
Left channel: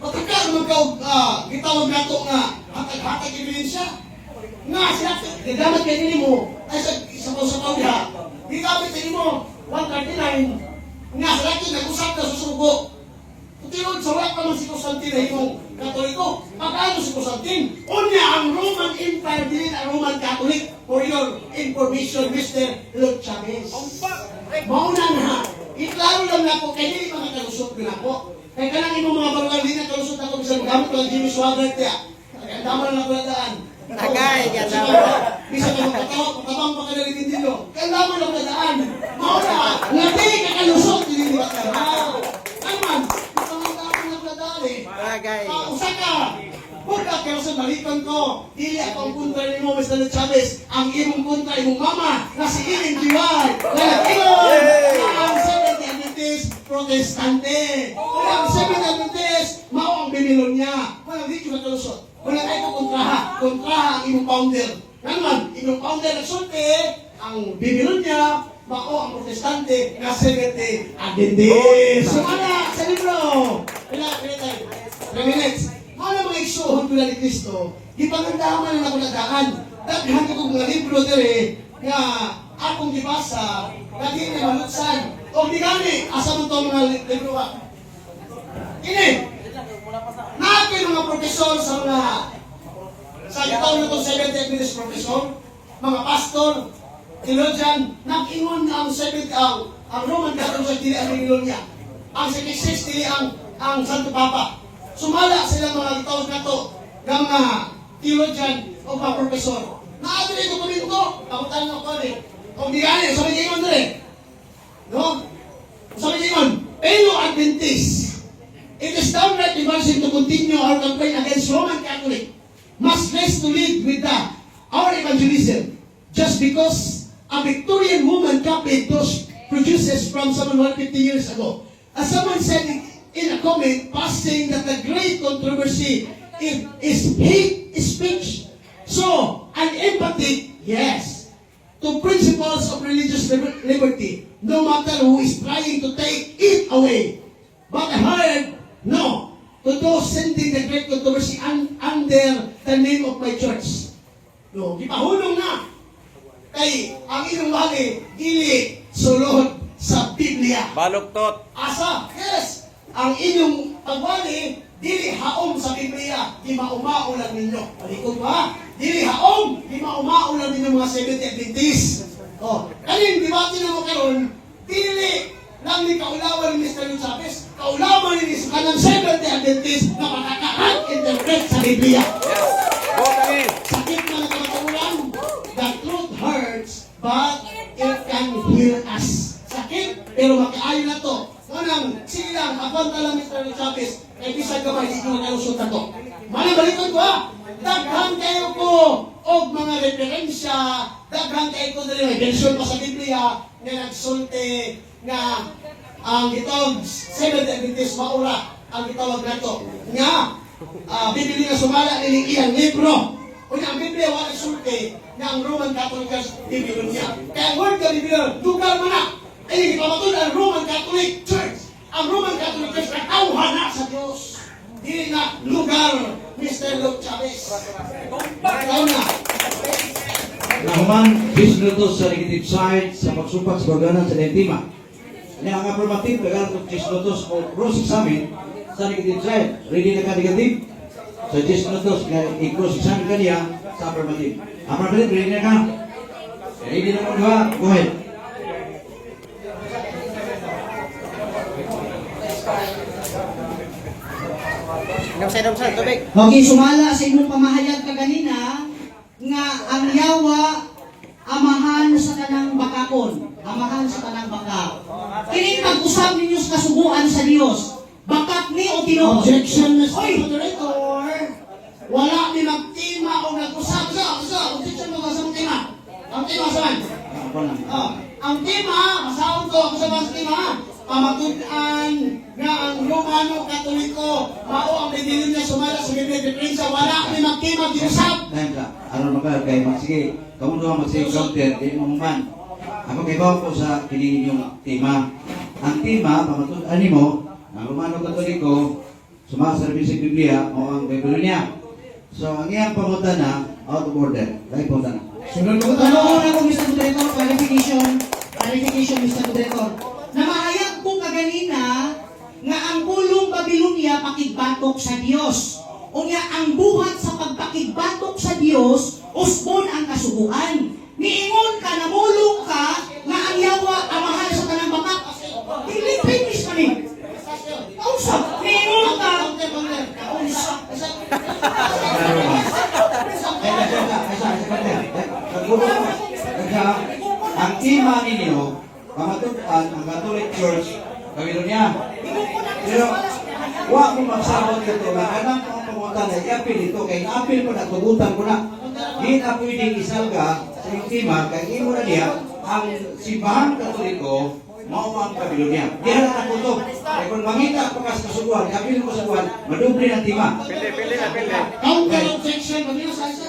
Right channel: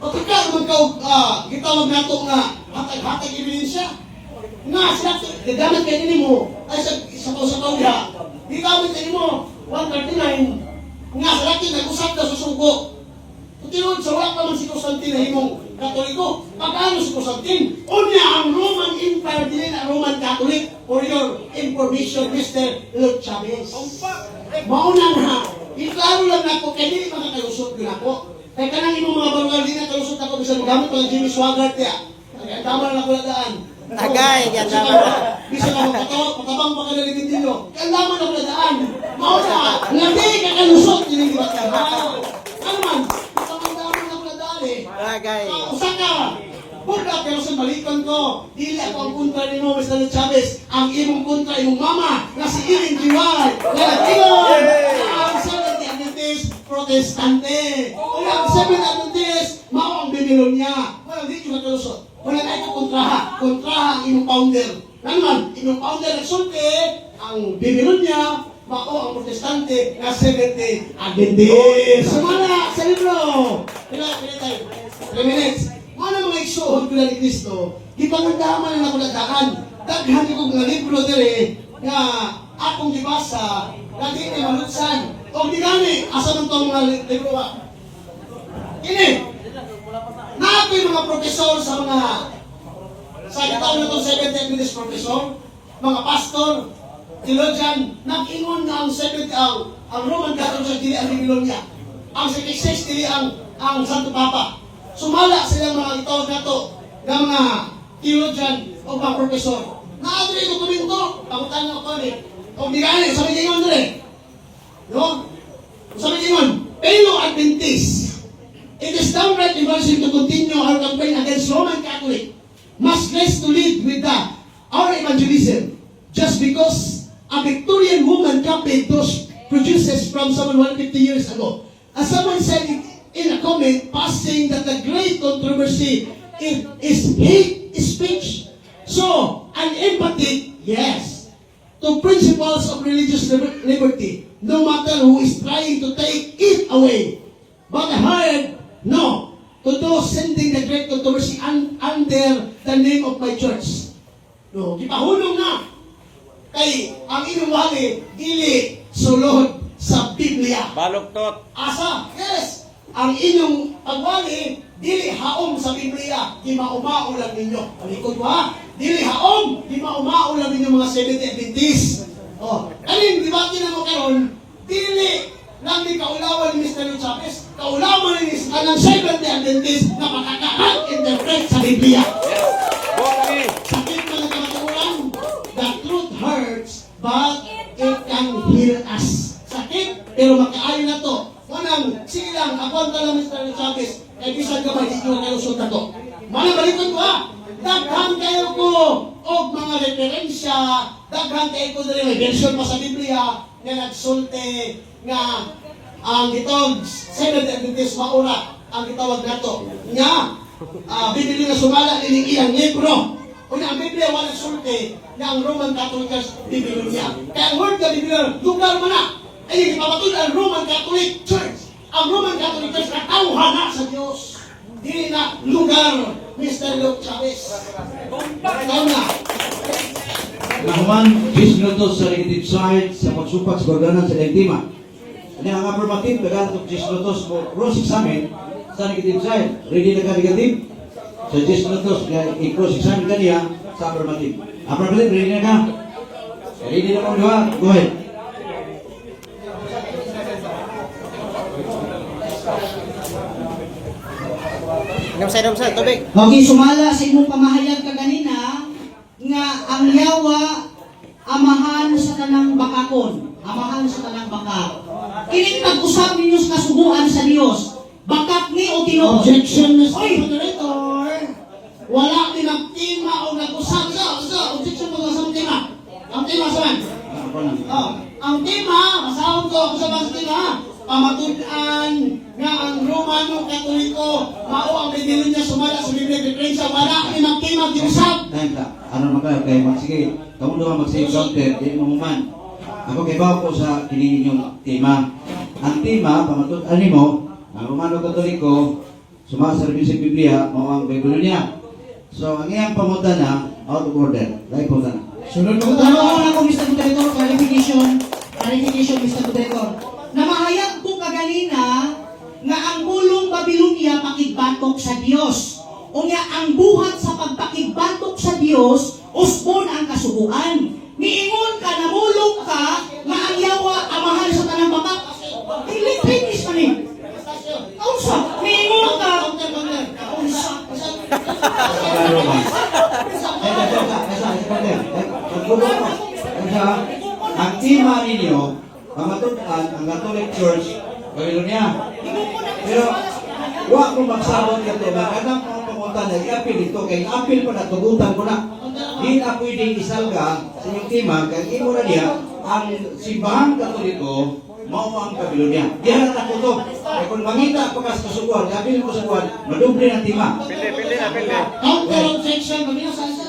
O tika, gitawag na ito nga, hatag-hatag ebidensya. Nga, siya, gagamit kayo nini mo, ay sa pausa-pausa, gigamit kayo mo, 139, nga, sa lakin, nag-usap na susugo. Tutinod, sa wala naman si Constantine na yung Katoliko. Pagkano si Constantine? Unya, ang Roman Empire din ang Roman Catholic. For your information, Mr. Luke Chavez. Mauna na, iklaro lang na po, kaya hindi makakalusot ko na po. Kaya kanangin mo mga barugal din na kalusot ako, bisa gamit lang Jimmy Swaggart ya. Kaya dama na lang daan. Tagay, Bisa ka magkatabang pa ka na rin dito. Kaya dama na lang daan. Mauna, hindi ka kalusot, hindi ka kalusot. Naman, ito ang dami na pala eh. Tagay. Usa ka! Punta pero sa balikan ko, dili ako ang punta ni mo, Mr. Chavez. Ang imong punta, imong mama, na si Ellen G. White, na nag-ingon, ang Seventh Adventist Protestante. Ang Seventh Adventist, mao ang Babylonia. Walang dito na kalusot. Walang ay ko kontraha ang imong founder. Naman, imong founder nagsulti, ang Babylonia, mao ang Protestante, na Seventh Adventist. Sumala sa libro. Pila tayo? 3 minutes. Ano mga isuhod ko na ni Cristo, ipangandaman na nakuladaan. Daghan ko nga libro dere nga akong gibasa, lagi na malutsan. O di gani, asa nung itong mga libro ba? Ini, natin mga profesor sa mga sa itong itong 70 Adventist profesor, mga pastor, theologian, nag-ingon na ang Roman Catholic sa dili ang Babylonia. Ang 66 dili ang Santo Papa. Sumala silang mga itawag na to ng mga theologian o mga profesor. Naato yung dokumento, takutan na ko rin. O bigay, sabi niyo yun rin. No? Sabi niyo yun, fellow Adventist, it is downright embarrassing to continue our campaign against Roman Catholic. Must rest to lead with our evangelism. Just because a Victorian woman copied those produces from someone 150 years ago. As someone said in a comment, saying that the great controversy is hate speech. So, an empathy, yes, to principles of religious liberty, no matter who is trying to take it away. But I heard, no, to those sending the great controversy under the name of my church. No, gipahunong na. Kay, ang inyong wali, dili sulod sa Biblia. Baluktot. Asa? Yes! Ang inyong pagwali, dili haom sa Biblia, di maumaulan ninyo. Palikod mo ha? Dili haom, di maumaulan ninyo mga Seventh Adventist. Kaling dibati na mo karon, dili lang di kaulawan ni Mr. Chavez, kaulawan ni kanang Seventh Adventist na makaka-interpret sa Biblia. Sakit mga kamatagulan, the truth hurts, but it can heal us. Sakit, pero makaayon na to. Manang, sige lang, ako ka lang Mr. Chavez, ay bisag ka ba, hindi ko na kalusot na to. Malibalikan ko ha, daghan kayo ko, o mga referensya, daghan kayo ko dali, may version pa sa Biblia, na nagsulti, nga, ang itong Seventh Adventist maura, ang itawag na to. Nga, Biblia na sumala, niling iyang libro. O na, ang Biblia wala sulti, na ang Roman Catholic Biblia niya. Kaya ang word ka Biblia, dugal mo na, ay ipamatun ang Roman Catholic Church. Ang Roman Catholic Church na tauhan na sa Diyos. Dili na lugar, Mr. Luke Chavez. Ikaw na. Nahuman, 10 minutos sa negative side sa pagsupat sa pagdanan sa Lentima. Ini ang affirmative, kailangan ko 10 minutos po cross examine sa negative side. Ready na ka negative? So 10 minutos, i-cross examine ka niya sa affirmative. Affirmative, ready na ka? Ready na ka, diba? Go ahead. Domsay, tubig. Okay, sumala sa imong pamahayag ka ganina nga ang yawa amahan sa tanang bakakon, amahan sa tanang baka. Kini pag-usap ninyo sa kasubuan sa Dios. Bakak ni o Ginoo. Objection, Mr. Oy! Moderator. Wala ni nagtima o nag-usap. Objection ko sa tema. Ang tema saan? Oh, ang tema, masahod ko ako sa mga tema. Pamatunan nga ang Romano Katoliko mao ang pinili niya sumala sa Biblia de Prensa. Wala ni magtima ginusap. Ano maka kay magsige, kamu naman magsige counter, di mo man. Ako kay bawo ko sa kini ninyong tema. Ang tema pamatunan nimo ang Romano Katoliko sumaservisyo sa Biblia mao ang Biblia niya. So ang iyang pamutana out of order. Dai pamutana. Sunod mo Ano ako, Mr. Director, clarification, Mr. Director. Namahayag ko kaganina nga ang pulong Babilonia pakigbatok sa Dios. Unya ang buhat sa pagpakigbatok sa Dios, usbon ang kasubuan. Niingon ka, namulong ka, nga ang yawa amahan sa tanang bakak. Finish na ni. Kausa, niingon ka. Kausa. Ang tema ninyo, pamatutan ang Catholic Church, Babylonia. Pero, huwag mo magsawag ka ito. Kanang mga pamunta na i-appeal ito, kaya i-appeal ko na, tugutan ko na. Hindi na pwedeng isalga sa inyong tema, kaya imo na niya, ang simbahang Katoliko, mao ang Babylonia. Di na nakutok. Kaya kung mangita pa ka sa kasubuan, i-appeal mo sa buwan, maduble ng tema. Pili na. counter objection. Ganyan sa isa.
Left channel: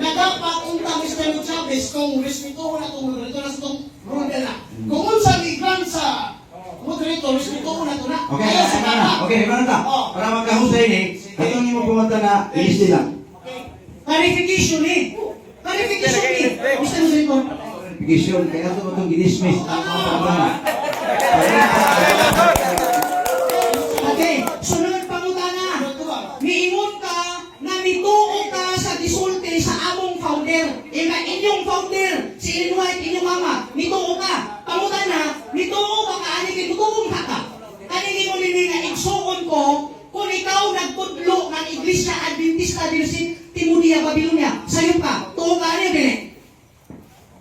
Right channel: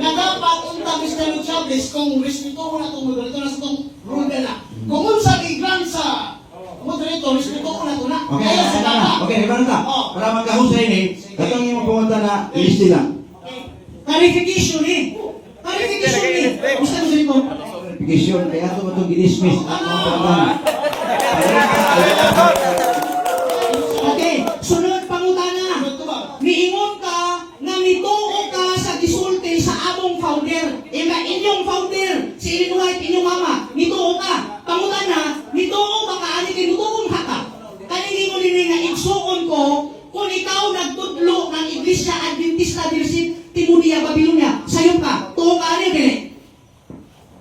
Nagapakunta Mr. Luke Chavez kung respeto ko na itong moderator na sa itong rule na. Kung unsa i-grant sa moderator, respeto ko na ito na. Okay, Kaya sa bata. okay, gimana ta? Para magkahusay ni, itong imo pumunta na list lang. Clarification eh. Clarification eh. Mr. Director. Verification, kaya ito mo itong ginismiss. Ang mga pagkakana. Okay, sunod pangutana. Miingon ka nga nituo ka sa gisulti sa among founder. Inyong founder, si Illinois, inyong mama. Nituo ka. Pangutana, nituo ka kaani kay nituong haka. Kanini mo nini nga igsuon ko kung ikaw nagtudlo ng Iglesia Adventista Dirsit Timudia Babilonia. Sayo ka. Tuo ka ani dili.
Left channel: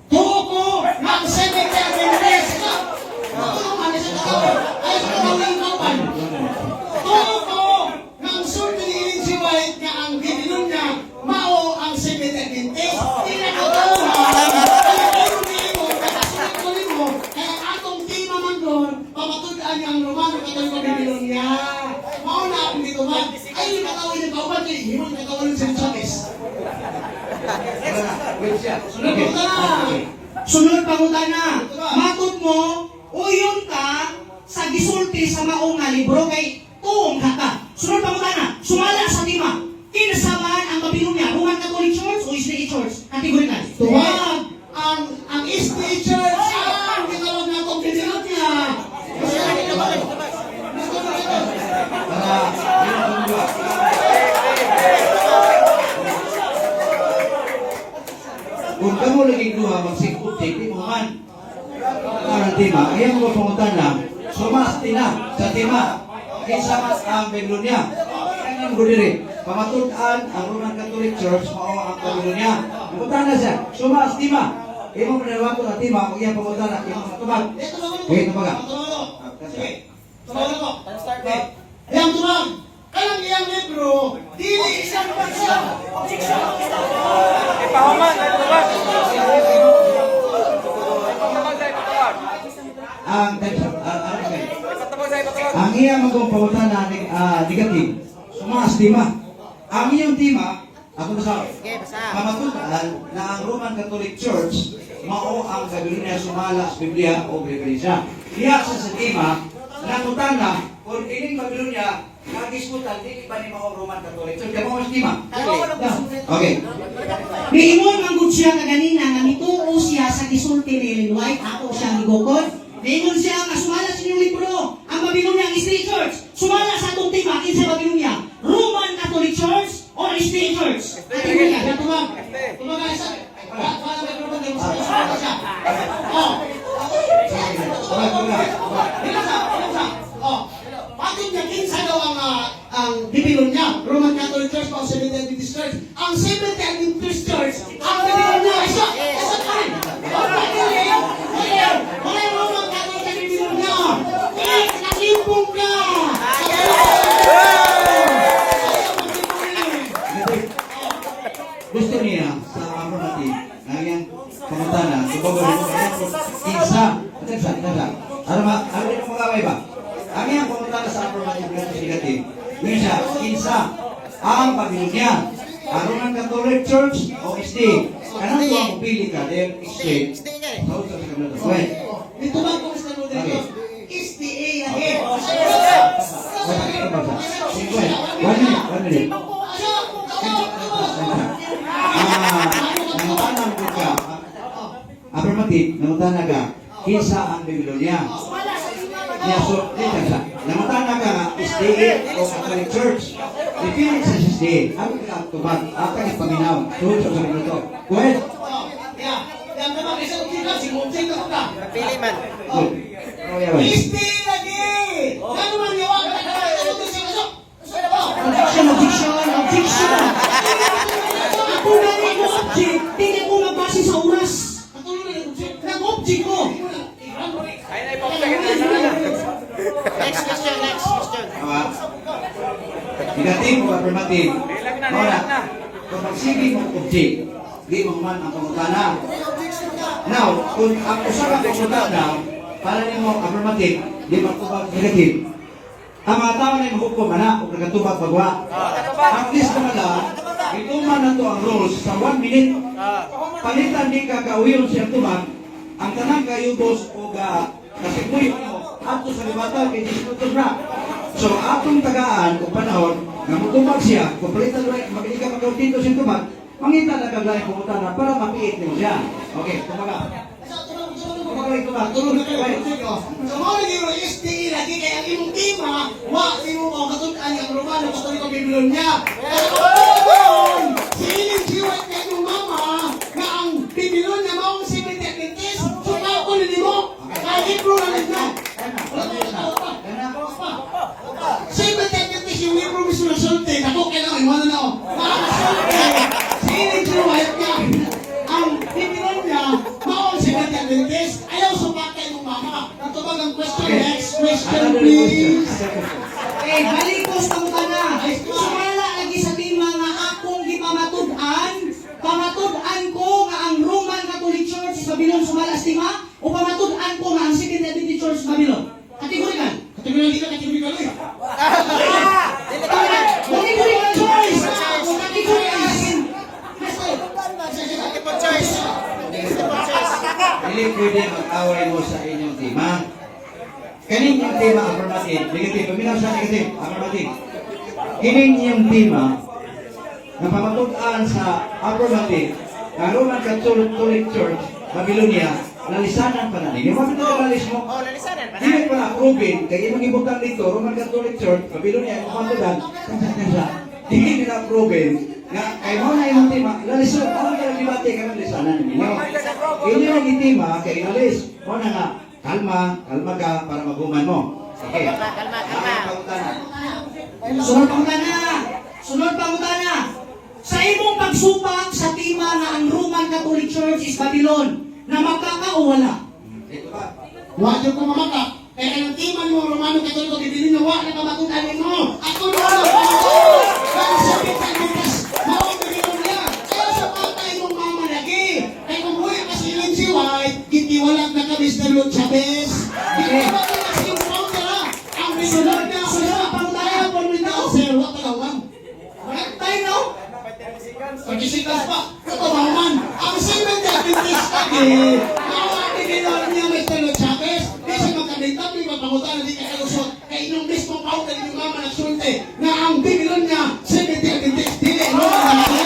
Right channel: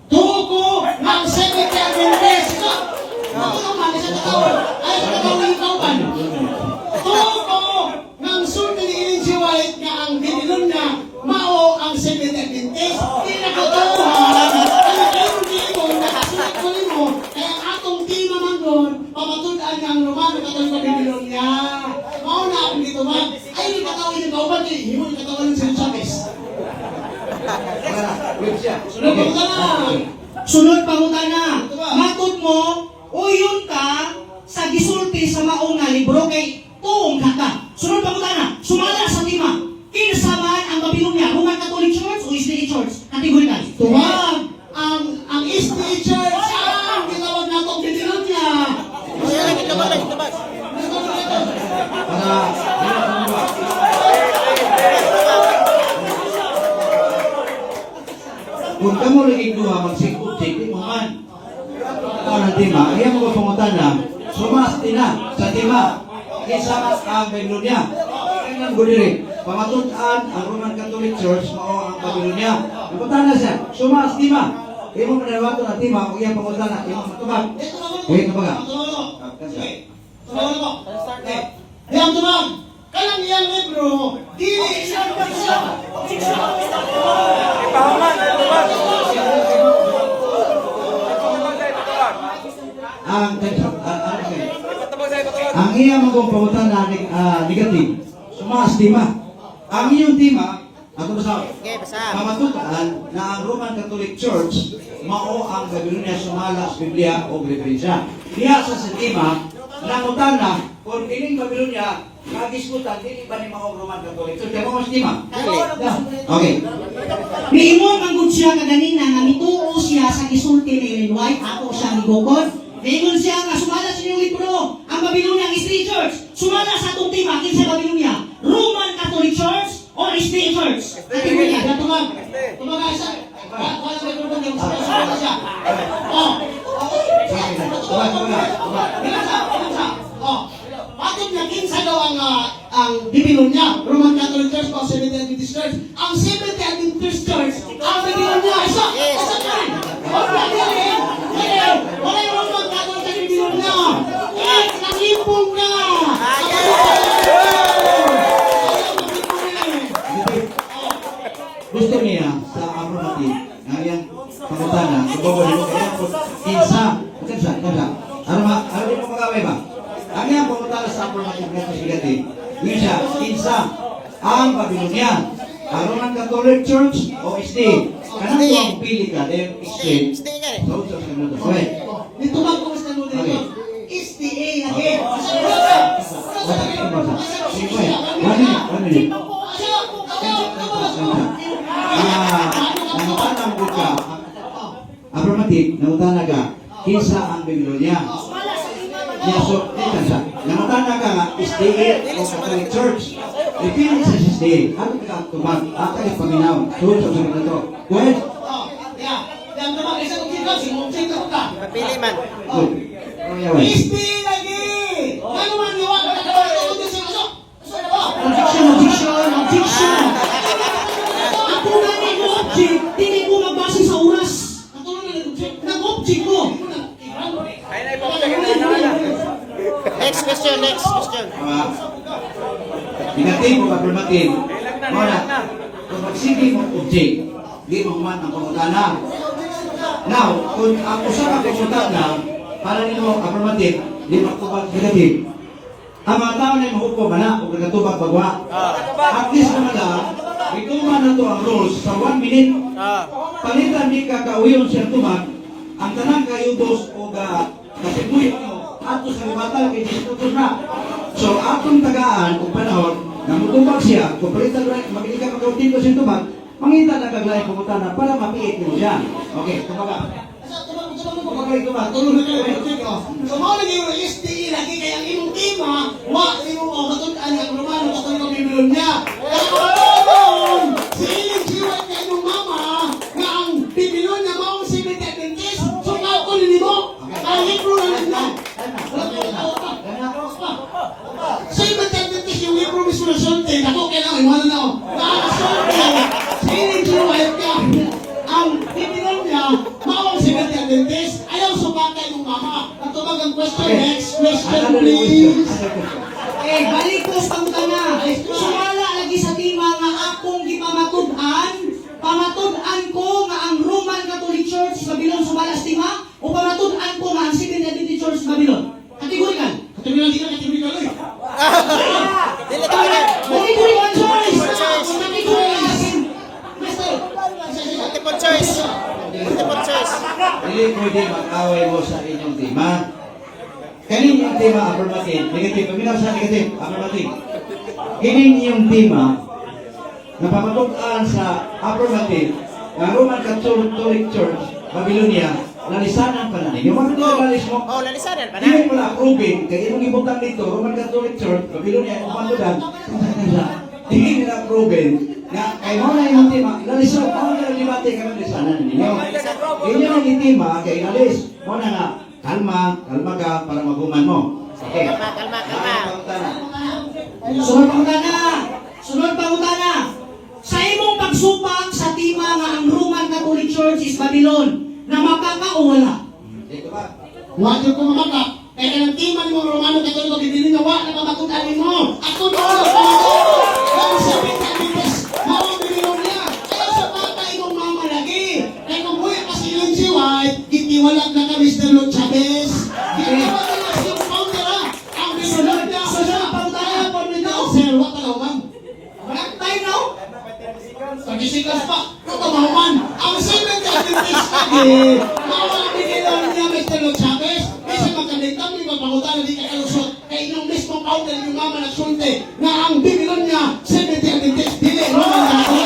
Tuo ko, mag-seven kaya Adventist. Tuo ka, nasa katawin. Ayaw sa katawin ikaw ba? Tuo ko, nang sulti ni Ellen G. White nga ang binilon niya, mao ang Seventh Adventist. Di na katuhan. Kaya meron din mo, nakasulat ko rin mo, kaya ang atong tema man doon, pamatunan niya ang Romano Katoliko binilon niya. Mao na ang dito man. Ayun katawin ng kauban niya, yun katawin ng St. Chavez. Sunod mo ka! Sunod pangutana. Matod mo, uyon ka sa gisulti sa maong nga libro kay tuong haka. Sunod pangutana. Sumala sa lima. Kinsa man ang Babilonia? Roman Catholic Church o SDA Church? Kategorikal. Tuwag ang SDA Church ang gitawag na itong binilot niya. Kung kamu lagi dua magsikot, di mo man. Ang tema, ayan mo pumunta na, sumasti na sa tema. Kaysa ang Babylonia. Kailan ko diri, pamatunan ang Roman Catholic Church, mao ang Babylonia. Pumunta na siya, sumasti na. Imo manawag ko na tema, kung iyan pumunta na, imo matubag. Okay, tumaga. Yang tunang, kalang iyang libro, dili isang bansa. Ipahuman, ipatubag. Ipatubag. Ang iyang mga pumunta na negative, sumastima. Ang iyong tema, ako masabi, Okay, basa. pamatukan na ang Roman Catholic Church, mao ang Babylonia sumala sa Biblia o Biblia. diha sa sistema, nangutan na, kung ining Babylonia, nagiskutan, dili ba ni mga Roman Catholic? So, kaya mo sistema? Okay. Niingon ang good siya kaganina nga mituo siya sa gisulti ni Ellen White, ako siya gibukod. Niingon siya nga sumala sa inyong libro, ang Babylonia ang State Church. Sumala sa atong tema, kinsa Babylonia? Roman Catholic Church or State Church? Ate mo niya, natubag. Tubag ay sa, wala may tulong din, sumala siya. Oh. Bakit niya kinsa daw ang Babylonia? Roman Catholic Church o Seventh Day Adventist Church? Ang Seventh Day Adventist Church, ang Babylonia, isa ka rin. Wala yung Roman Catholic sa Babylonia. Nakipong ka! Gusto niya sa affirmative, ngayon, pangutana, kung babalik mo kaya po, isa, araw mo magaway ba? Ang iyang pangutana sa affirmative ng negative, yun siya, isa, ang Babylonia, ang Roman Catholic Church o SD. Anong ko ang pili ka? They're explain. Okay. Dito ba kung sa nunod Okay. ito? SDA lagi. One minute. Nangutanang ko ka, affirmative, nangutana ka, kinsa ang Babylonia? Yeah, so, nangutana ka nga, SDA o Catholic Church. Ipilit sa SDA, ang tumag, ang paminaw, suot sa sabi nito. Go ahead. Yang naman isa ko dito, si Monseng ko ka. Pili man. Good. SDA lagi. Ano man niwa ka na kawal ako din sa kaso? Objection! Ako gani ko object, tingin ko magbase sa oras. Nag-object ko. Ay, naipapagay na. Next question, next question. Pinatay mo affirmative. Ilag na. Kung magsige mo object, di mo man ang pangutana. Now, kung ang usapan pangutana, para nimo affirmative, di mo tubag negative. Ang mga tao na yung hukom na, kung nagkatubag bagwa. At least mo na lang, ituman na to ang rules sa 1 minute. Palitan di ka kauyon siya tumag, ang tanang kayo dos o kasipuyo mo, ato sa libatang kay Jesus na. So, atong tagaan o panahon, namutubag siya, kung palitan mo na, magiging ka mag-autito siya tumag, mangita na kaglayan pumunta na para mapiit mo siya. Okay, tumaga. Tulong na kayo. So, mga hindi mo SDA lagi kaya ang imong tema, hindi mo katutaan ang Romano gusto nyo Babylonia. Si Iling Jiwan kay mong mama na ang Babylonia mo ang Seventh Day Adventist. So, nakunin mo. Kahit mo lang na. Seventh Day Adventist yung libro mismo na sulti. Ako kailangan iwan na ako. Nakakasulti. Si Iling Jiwan ka ang Babylonia mo ang Seventh Day Adventist. Ayaw sumakay ng mama. Natubag ang question. Next question, please. Eh, balikos ang kana. Sumala lagi sa tima nga akong gipamatud-an. Pamatud-an ko nga ang Roman Catholic Church sa Babylon sumala sa tima o pamatud-an ko nga ang Seventh Day Adventist Church sa Babylon. Kategorikan. Kategori. Kategori one choice. Kategori. Multiple choice. Multiple choice. Hindi pwede mag-away mo sa inyong tema. Kaning yung tema, affirmative, negative. Paminaw sa negative, affirmative. Kaning yung tema, na pamatud-an sa affirmative, ang Roman Catholic Church, Babylonia, lalisanan pa na rin. Yung mga pinagalis mo, Oh, lalisanan pa na. hindi pa na-approve. Kaya yung ibutang dito, Roman Catholic Church, Babylonia, yung pamatud-an, hindi nila-approve na kay mo na yung tema, lalisanan, ano yung libate ka ng lisanan ninyo? Yun yung tema, kay inalis. Mo na nga, kalma ka para maguman mo. Okay. Kalma. Sunod pangutana. Sa imong pagsupang sa tima nga ang Roman Catholic Church is Babylon, na makaka o wala? Dito ba? Huwag yung kumamaka. Kaya ng timan mo, Romano Catholic, bibili na wak na pamatutan mo. Ako na ako, ang Seventh Day Adventist, mawag Babylonia. Kaya sa patay mong mama lagi. Kaya kung buhay pa si Ellen G. White, gitiwalag na kami sa Lord Chavez. Gitiwalag na si Founder, ang Babylonia. Sunod pangutana po nito. Sir, wak ka lang. Wala tayo no? 30 seconds pa. Katawaman. Ang Seventh Day Adventist lagi. Mawag Babylonia, Mr. Lord Chavez. Kasi magkabili nagsulti nga ang Babylonia 70 Adventist dili Roman Catholic.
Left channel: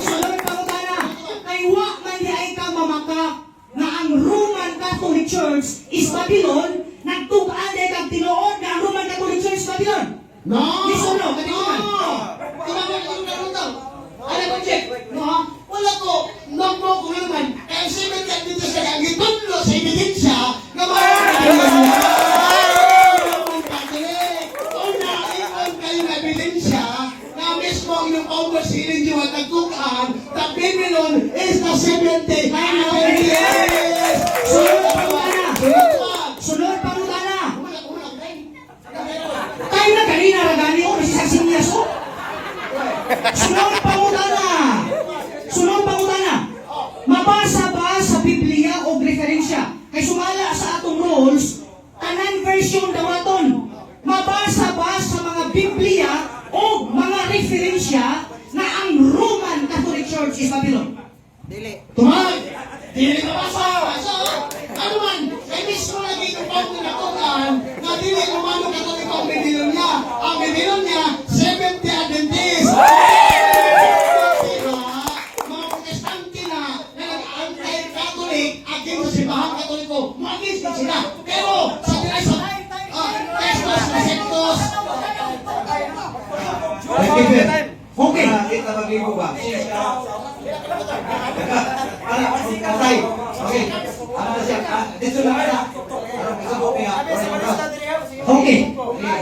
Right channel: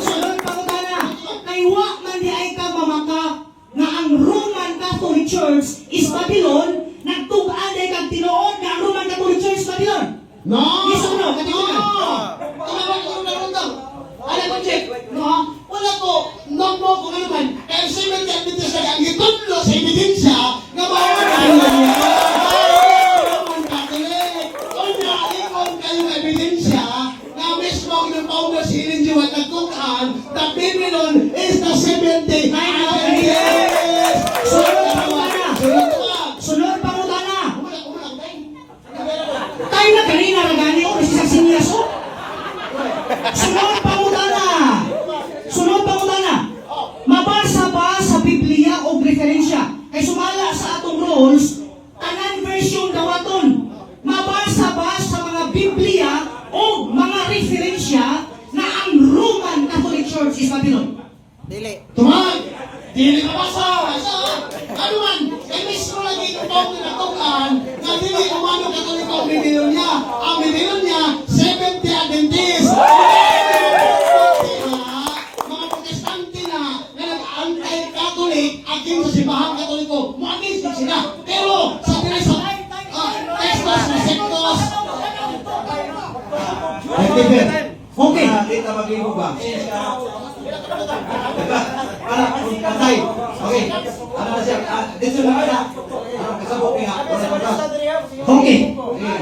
Sunod pa ko na. Kay wa man di ay ka mamaka na ang Roman Catholic Church is Babylon, nagtug-an ay kag tinuod nga ang Roman Catholic Church is Babylon. No! Isuno, katinunan. Tumawag yung nagultaw. Ano ko, Jeff? No? Wala ko. Nagmo ko naman. Kaya 70 Adventist kaya ang gitudlo sa ebidensya nga Roman Catholic. Kung naiwan kayo ng ebidensya na mismo ang inyong Paulo si Ellen G. White nagtukaan, the Babylon is the 70 Adventist. Sunod pa ko na. Tayo na kanina ragani o si Saksinias o. Sunod pa ko na. Sunod pa ko na. Mabasa ba sa Biblia o referensya? Kay sumala sa atong rules, tanan version daw aton. Mabasa ba sa mga Biblia o mga referensya na ang Roman Catholic Church is Babylon? Dili. Tumay! Dili ka basa! Ano man, kay mismo lagi yung Paulo na tukaan na dili umano kay kung ikaw ang Babylonia. Ang Babylonia, 70 Adventist. Mga protestante na nag-anti-Catholic at yung simbahang Katoliko, magiging din sila. Pero sa tinay sa Estos, Receptos, Okay. Kita bagi mo ba? Anak, patay. Okay. Ano na siya? Dito lang ka na. Ano kasabot niya? Okay.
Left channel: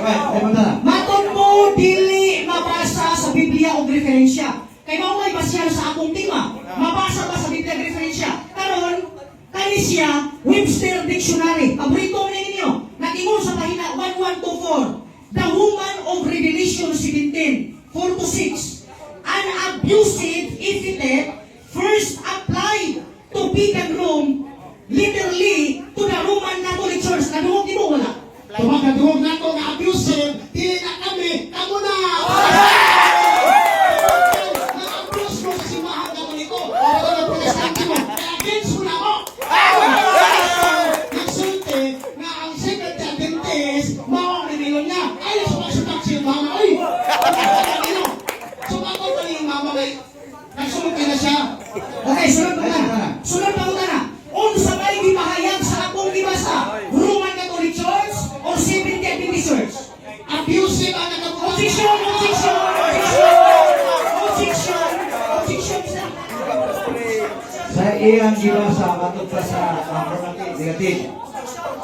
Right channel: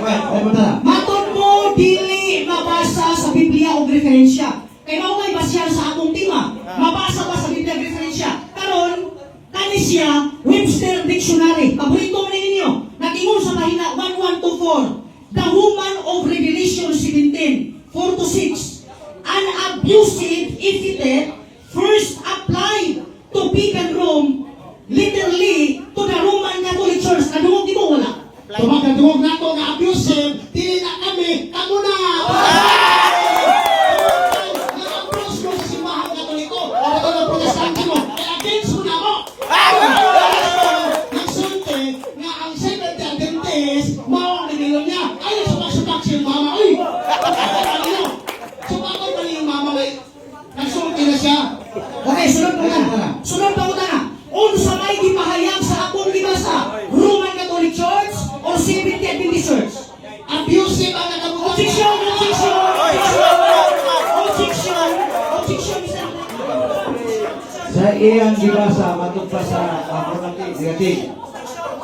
Well, na. Maton mo dili mabasa sa Biblia o referensya. Kay mao basya sa akong tema. Mabasa ba sa Biblia o referensya? Karon kani siya Webster Dictionary. Paborito ni ninyo. Nag-ingon sa pahina 1124. The Woman of Revelation 17, 4-6. An abusive epithet first applied to pagan Rome, literally to the Roman Catholic Church. Kadungog di mo wala? tumagadungog na ito nga abusive, dili na kami, kamo na! Nag-abuse mo sa simbahang Katoliko, o ito ng protestante mo, kaya against mo na ako! Nagsulti na ang 70 Adventist, mao ang nilong niya, ayaw sumagsubak siya yung mama, ay! Sumakot pa niya yung mama, ay! Nagsulti na siya! Okay, sunod pa na. Sunod pa na. Unsa may gipahayag sa akong gibasa? Roman Catholic Church o 70 Adventist Church? Abusive ang nagkabuhat! Objection! Sa iyang gibasa matod pa sa negative.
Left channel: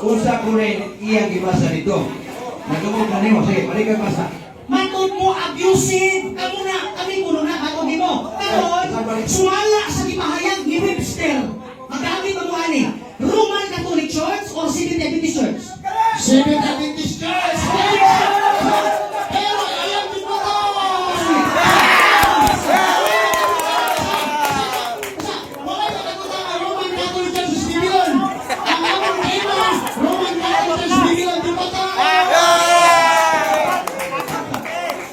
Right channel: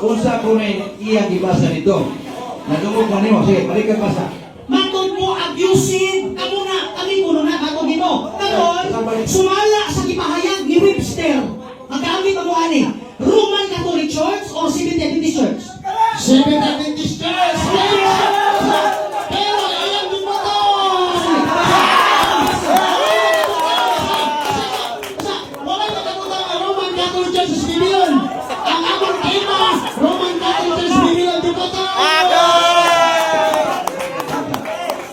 Unsa ko rin iyang gibasa nito? Nadungog na nimo. Sige, balik ka basa. Matod mo abusive, kamo na, kami kuno na, bago mo. Karon, sumala sa gipahayag ni Webster. Magkami pa mo ani, Roman Catholic Church o 70 Adventist Church? 70 Adventist Church! Pero alam mo mo to! Wala na katulad ang Roman Catholic Church sa Babylon! Ang among tema, Roman Catholic Church sa Babylon, di ba to?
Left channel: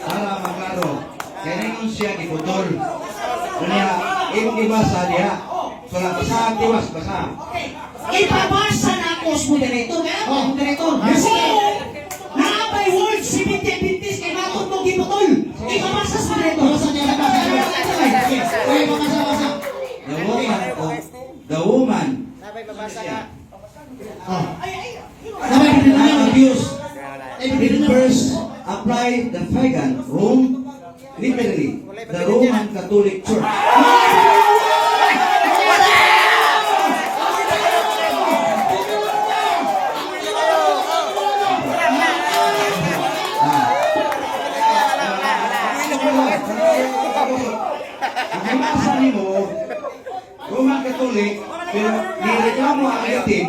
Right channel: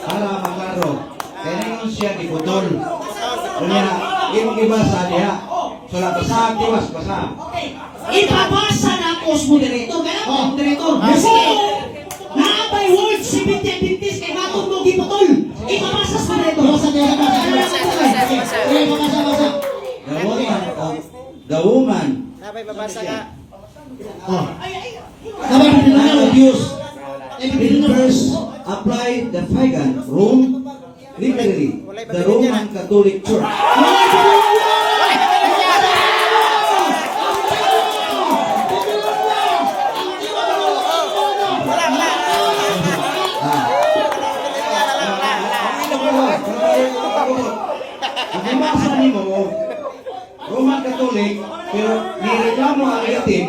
Para magaro. Kaya ngayon siya giputol. Kanya, iyong gibasa niya. So, basa, tiwas, basa. Ipabasa na ako sa moderator. Kaya ako, moderator. So, naapay word 70 Adventist kay matod mo giputol. Ipabasa sa moderator. Basa niya na basa. Okay, basa. The woman Sabay babasa ka. abuse refers apply the pagan Rome, literally the Roman Catholic Church. Ang basa nimo Roman Catholic pero nireklamo ang itim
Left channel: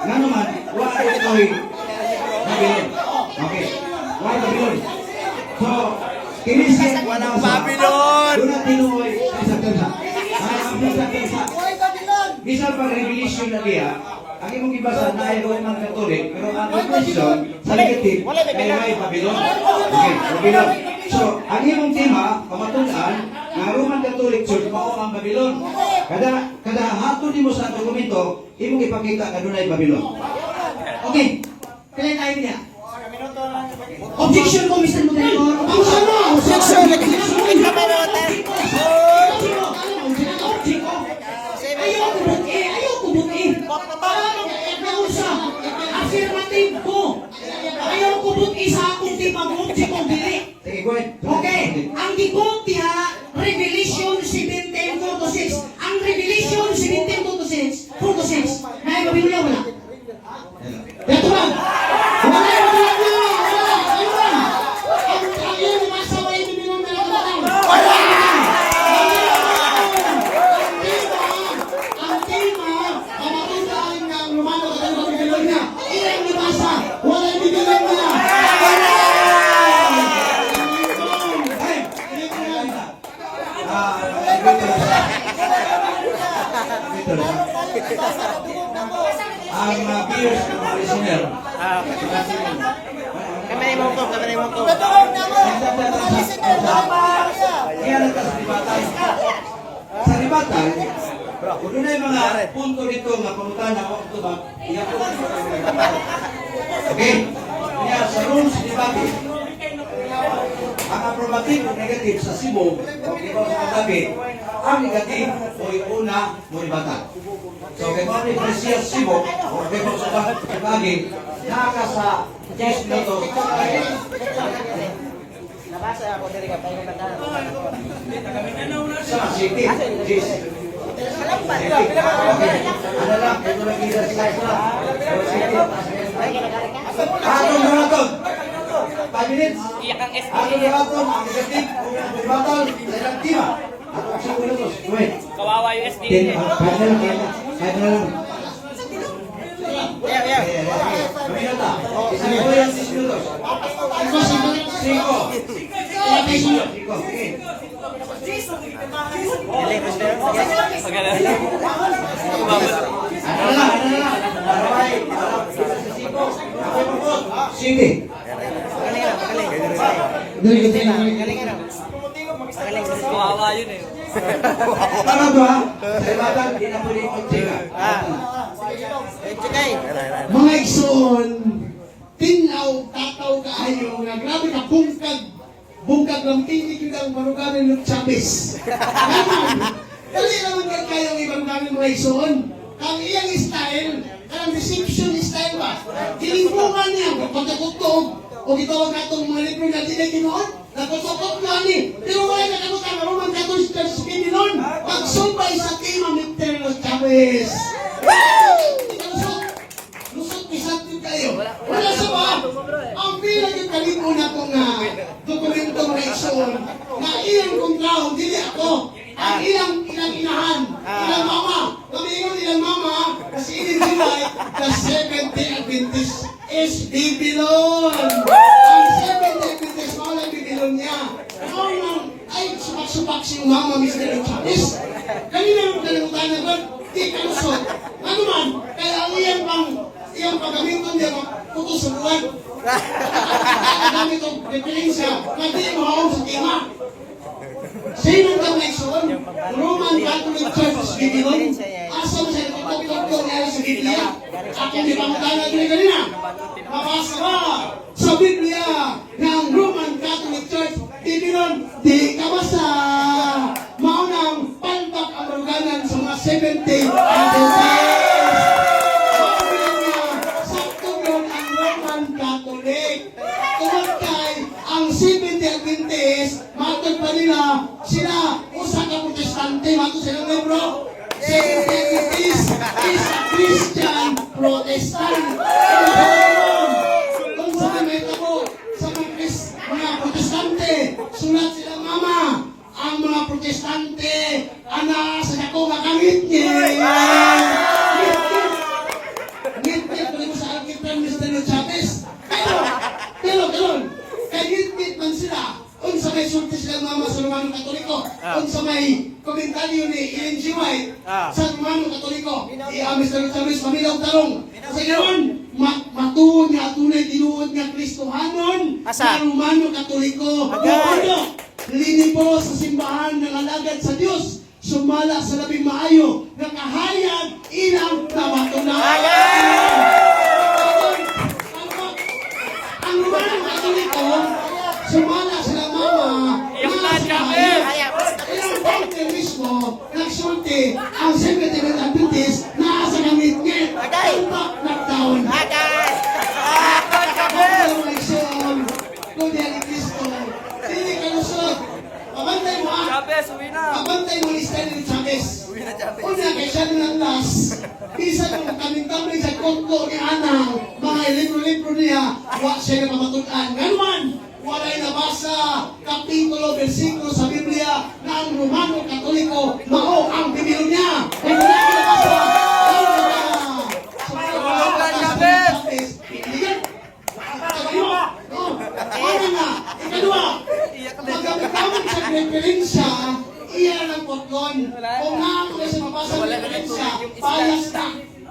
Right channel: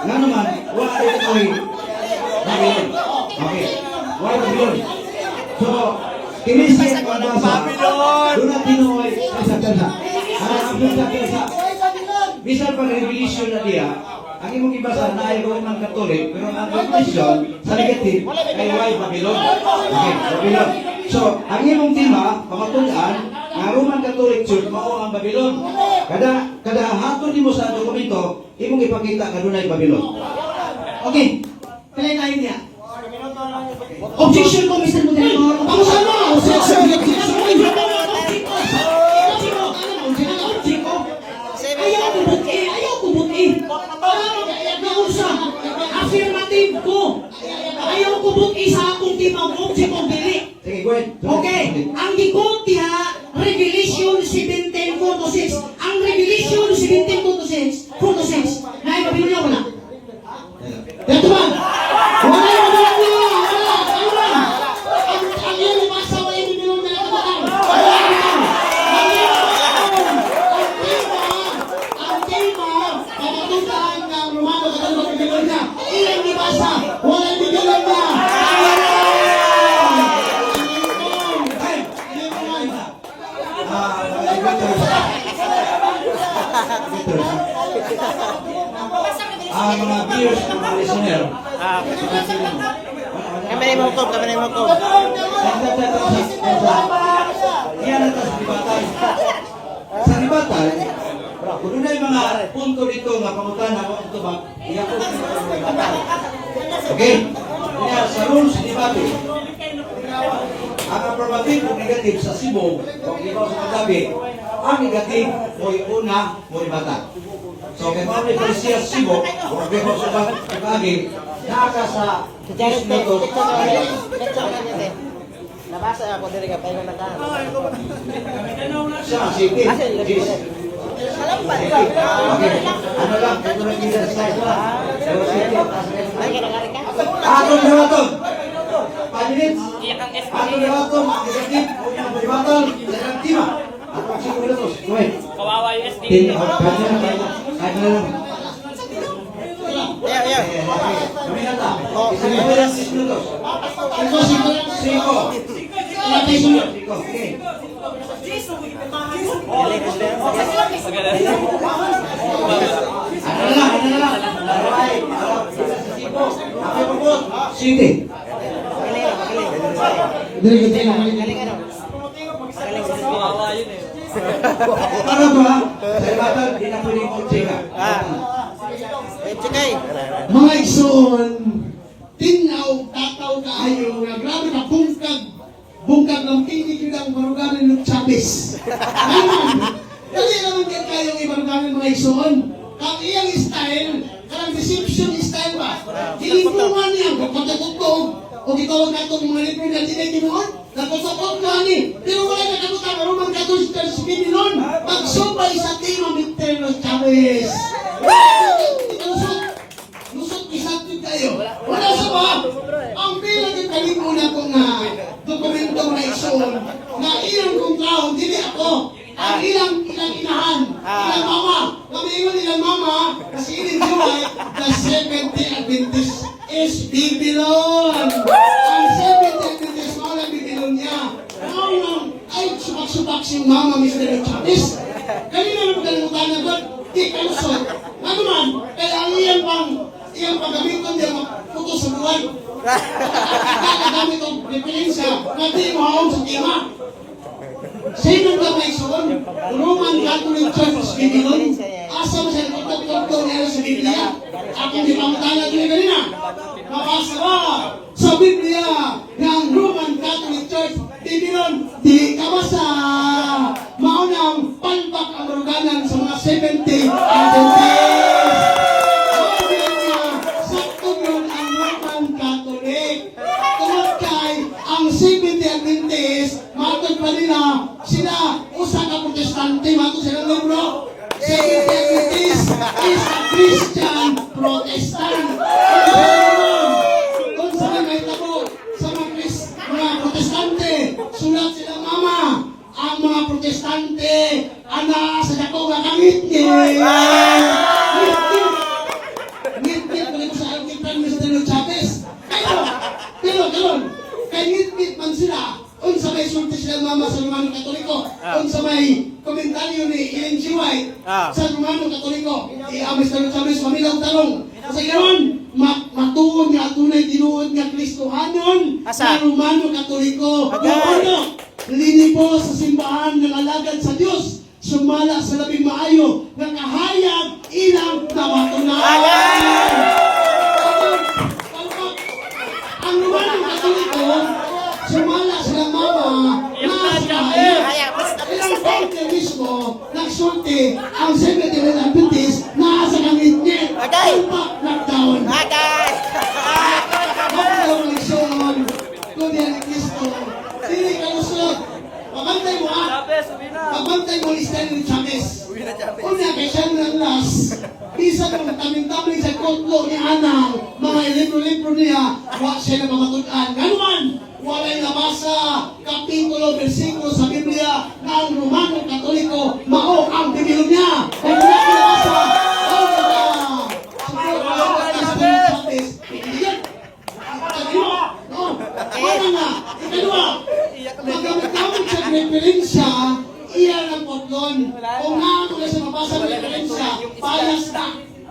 nga naman wala ito'y Babylon. Okay. Why Babylon? So, kinisip ang nasa doon na tinuoy sa kansa. Ang sa bisan pag revelation na diya, ang imong ibasa na ay Roman Catholic, pero ang revelation sa negative ay why Babylon. Okay, Babylon. So, ang imong tema, pamatulaan, nga Roman Catholic Church mao ang Babylon. Kada hapon nimo sa dokumento, imong ipakita nga dunay Babylon. Okay. Kaya tayo niya. Objection ko, Mr. Moderator. Pausan mo! Objection! Ayaw ko buti! Ayaw ko buti! Nausa! Affirmative ko! Ayaw ko buti sa akong timang object o dili! Sige, go ahead. Okay, ang gikot diha, Revelation 17:4-6. Ang Revelation 17:4-6, na ipabili mo na. Ito ba? Wala yung wala na! Wala! Ano ba? Ang iyong nabasa mo ay bibili mo na kabataan. Ang tema, kapatutan ng Romano sa Biblia niya. Iyong nabasa, wala yung bibili niya. Ang mga viewers, mga listener, Ah, kamay mo ko, kamay mo ko. yan ang kasibatan. Sa ribatan, kung yun ay mga punto dito nga pamutan ako ito ba, iyan po ang ribatan. Okay? Kaya sa rules ni debate, ang approbative o negative sa Cebu, o ikaw sa katabi, ang negative mo'y una, mo'y bata. So, kaya kung may parisya sa Cebu, o kaya sa katabi, naka sa 10 minutos, Nabasa ako diri ka tayo nagdaan. Sama, sige. Yes. Okay. Ano lang, ito lang kita sa slide lang. Atong dawaton. 5 minutes. Atong dawaton. Negative. Dawaton. Dalang tima. Atong 5 minutos. Wait. Kawawa yung SB. 10. 5 na lang. Yeah, yeah. Kami na ta. Isa na ba yung 6 minutos? 5. Okay. Galing, Mr. Sige. Magaling na, magaling. Magaling ano? Magaling si Mr. Kawawa yun eh. Tama ba? Sa batang, di na pwedeng objeka. Ah. Eh, Chikay. Mga igsoon, tinaw, tataw kaayo nga grabe ka bungkag ng tinig yun ang maruganin ng Chavez. Dali naman kayo ibaruganin mga igsoon. Ang iyang style, ang deception style ba? Tinibungan niya, pagkatutog, o gitawag katong mga libro na tiniginoon, nakusapot na ni. Pero wala na kamutan, marunong katong sa Pilipinon, magsubay sa team ng Mr. Chavez. Lusot isapin kayo. Wala sa mga. Ang bilang yung kanino na kong dokumento na isun na ilang kong tao, dili ako. Ang ilang inahan, ilang mama. Kamiingon ilang mama, kasi ininjuay, the 70 Adventist is Babylon. Ang 70 Adventist, wala Babylon niya. Ang ay subak-subak si mama, Mr. Chavez. Kanina yung kalimutan na di kalusot. Ano man, kaya ang iyang paggamiton niya puto sa buwan. Ang dami itong referensya, kasi mahawag sa tima. Sa inyo lang may suon, Roman Catholic Church, Babylon, asa mo sa ipagpapilog ko na sa Biblia. Akong di pamatala nyo kanina. Mabasa ba sa Biblia ng Roman Catholic Church, Babylon, di kabasa. Maunang palpak ang maruganan sa mga 70 Adventist. Sakto yun ang Roman Catholic. Tungkol kay ang 70 Adventist, matag pa nila, sila, usa ka protestante, matag silang libro. 70 Adventist is a Christian Protestant. Kung sa may ako, sa mga protestante, sulat silang mama, ang mga protestante, ana sa dako nga kamit niya. Ngit-ngit ko sa aking Prime Minister Chavez. Pero, kay ngit-ngit man sila, unsa may sulti silang mama sa Romano Katoliko, unsa may komentaryo ni Ellen G. White sa Romano Katoliko, Mr. Chavez, mamilang tanong, sa iyon, matuon nga tunay tinuod nga Kristohanon Asa? sa Romano Katoliko. Agay! Ano? Linipo sa simbahan ng alagad sa Diyos, sumala sa labing maayo, nakahayag ilang kabatunan. Ang Romano Katoliko, nagsulti ang Secretary ng Adventist na sa ngit-ngit. Tumpak lockdown. Agay! Congratulations! Kuya ni Cristo. Dili ka lusot. Pabantay mo ha. Pabantay mo ni Stanley Chavez. Una kay siya ng last. Isa kung kaming-kaming sa kotlo ni Anang, mga libro-libro niya, wa siya na mamatutan. Ganuman, walay nabasa, kapitulo, versikulo sa Biblia na ang Romano Katoliko, mao ang Biblia niya. Kung wala ka nabasa, ano ba? Sumunod ka ni Stanley Chavez. Iyan. Ikadua. No. Ano nga? Ikadua. Magamit-gamit sa referensya, iyan ang potlon. Kung naman ko sa mabasa ng referensya, bias na.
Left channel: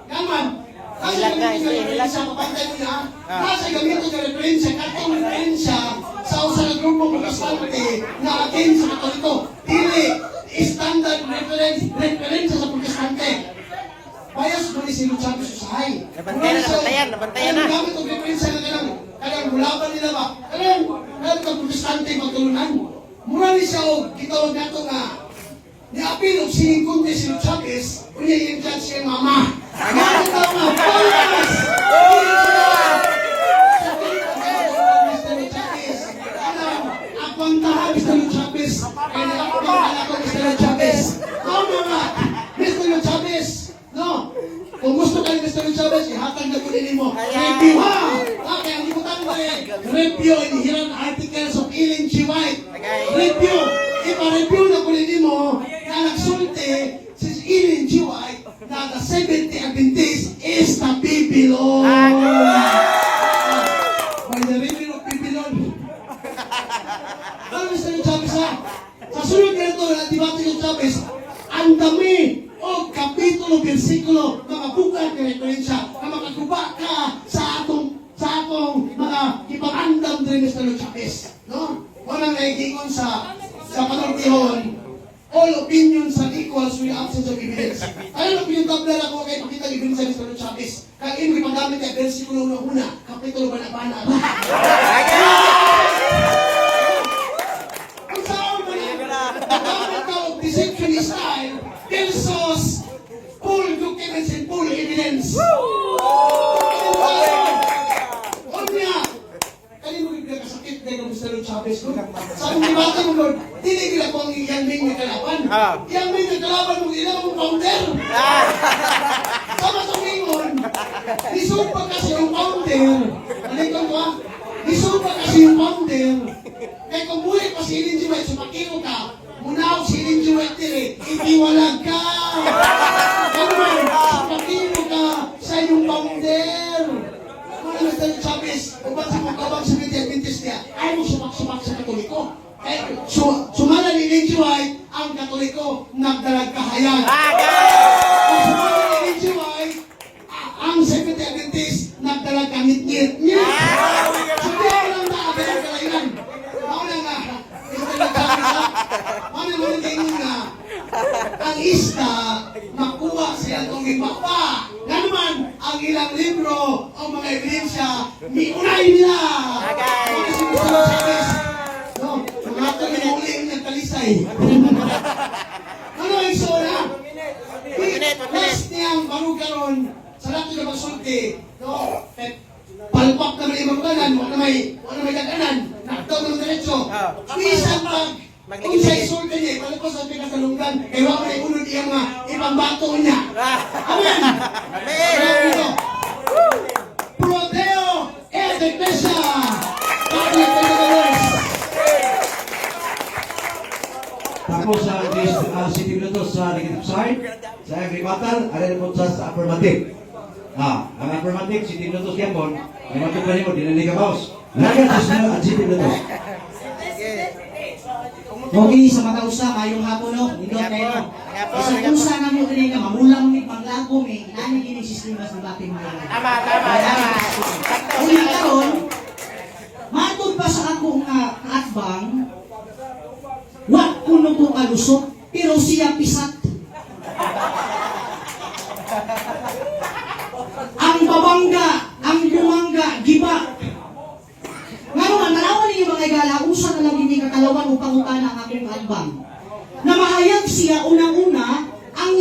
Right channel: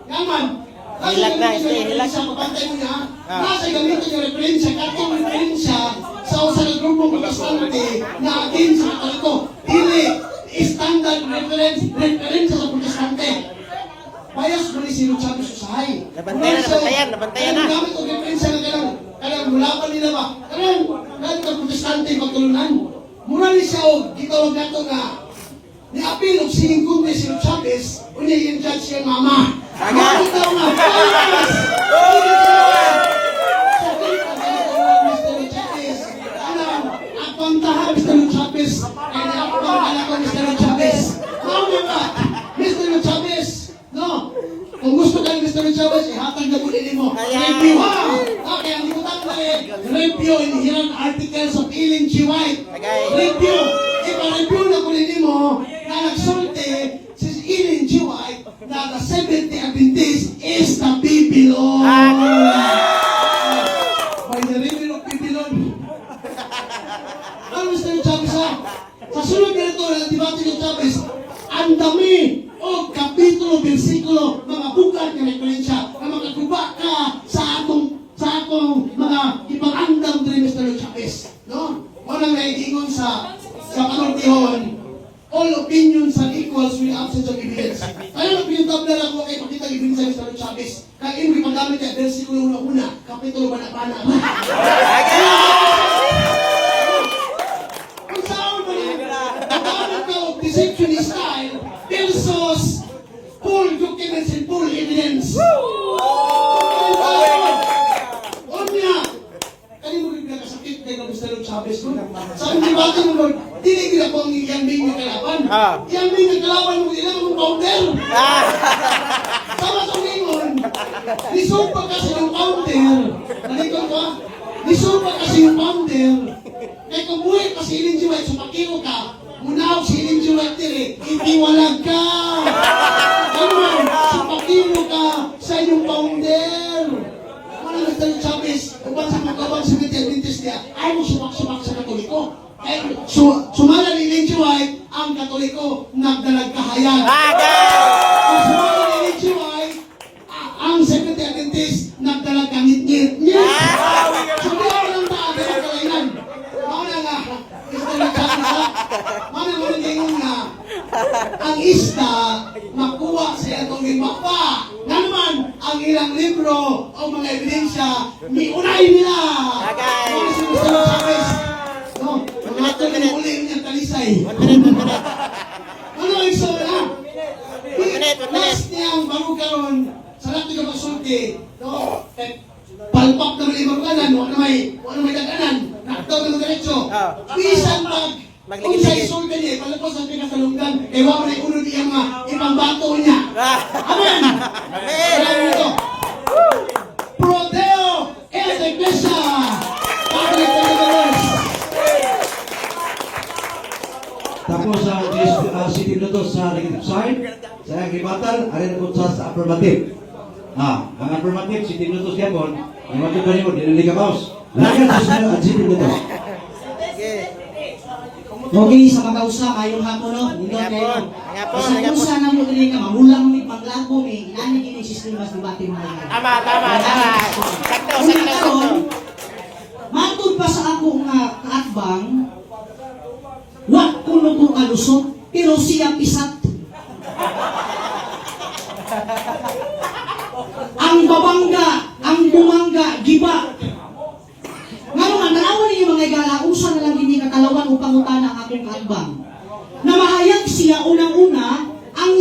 Naman, nasa gamitin ng referensya, mabantay mo na, nasa gamitin ng referensya, katong referensya sa usang grupong protestante na akin sa Katoliko. Dili, standard referensya sa protestante. Bias mo ni Sino Chavez Usahay. Nabantayan na. Ang gamit ang referensya na kanang mulapan nila ba? Kanang protestante magtulunan. Mura ni siya o gitawag nato nga niapil og sining kunti si Chavez unya yung judge kay mama. Ano daw na? Bias! Mr. Chavez. Akong taha Mr. Chavez. Kaya akong taha ko Mr. Chavez. Ano ba? Mr. Chavez. No. Kung gusto ka ni Mr. Chavez, ihatag na po din mo. Review ha! Okay, ang limutan mo eh. Review in hirang articles of Ellen G. White. Review. Ipa-review na po din mo na nagsulti si Ellen G. White na the 70 Adventist is the Babylon. By the river of Babylon. Ano Mr. Chavez ha? Sa sunod na ito, ang debate ng Chavez, ang dami o kapitulo, versikulo, mga bukat na referensya na makaguba ka sa atong mga ipang-andam din Mr. Chavez. No? Walang naigingon sa panungkihon, all opinions are equals with absence of evidence. Ano opinion tabla lang ko kay pakita ni Vincent Mr. Chavez? Kaya yung ipagamit kay versikulo una, kapitulo banabana. Ang saan mo na, nagamit ka o deception style versus full documents and full evidence. Onya, kani mo gid kasakit kay Mr. Chavez ko. Sa debate mo Lord, dili gid ako ang yang ning kalaban. Yang ning kalaban mo ila mo founder. Sama sa ningon. Disupa kasi yung founder. Nalikon ko. Disupa kasi yung founder. Kay kung buhay pa si Ellen G. White, sumakiro ka. Munaw si Ellen G. White dire, itiwalag ka. Ganun, sumakiro ka sa iyong founder. Ano Mr. Chavez, kung ba sa magkabang sa media Adventist niya, ay mo sumak-sumak sa Katoliko. Ay, sumala ni Ellen G. White, ang Katoliko, nagdalag kahayan. Kung sumala ni Ellen G. White, ang Secretary Adventist, nagdalag kamit-ngit. Sabi ako lang tabi ang kalainan. Mauna nga, Mr. Chavez, mauna mo rin nga, ang isda, makuha sila itong ipapa. Na naman, ang ilang libro o mga ebidensya, miunay nila. Ano si Mr. Chavez? No, mga ito ginauling niyang kalisay. Ano ang isora? Last niyang bago karon sa lahat ng magsulti, no, palpak na may ibang kanan, wala may kaganan, nakataw ng diretso. Isang kung sa isulti niya, palapos ang pinasalunggan, kaya wala may unod niya mga ibang bato niya. Amen! Amen! Prodeo et Iglesia! Public Deliverance! Tapos si Pinuto sa negative side, sa agribatan, alin po sa affirmative. Ang affirmative, si Pinuto siya po, yung matipari ko, dinaniga paus. Lagat sa sunod at si Pinuto. Okay, sa makausa, mayong hapon no? Indot kayo. Sa kusa na mo rin ka, mamulang mi, paglago mi, nani kini sistema sa bating mga. Kasi karon, matod pa sa akong kaatbang, wak kuno ko kalusot, pero siya pisat. Ang babangga, ang bumangga, giba. Ngayon, ang nanawan niyo mga igala, usa na lang hindi kakalawan upang utana ang aking kaatbang. Na mahayag siya unang-una, ang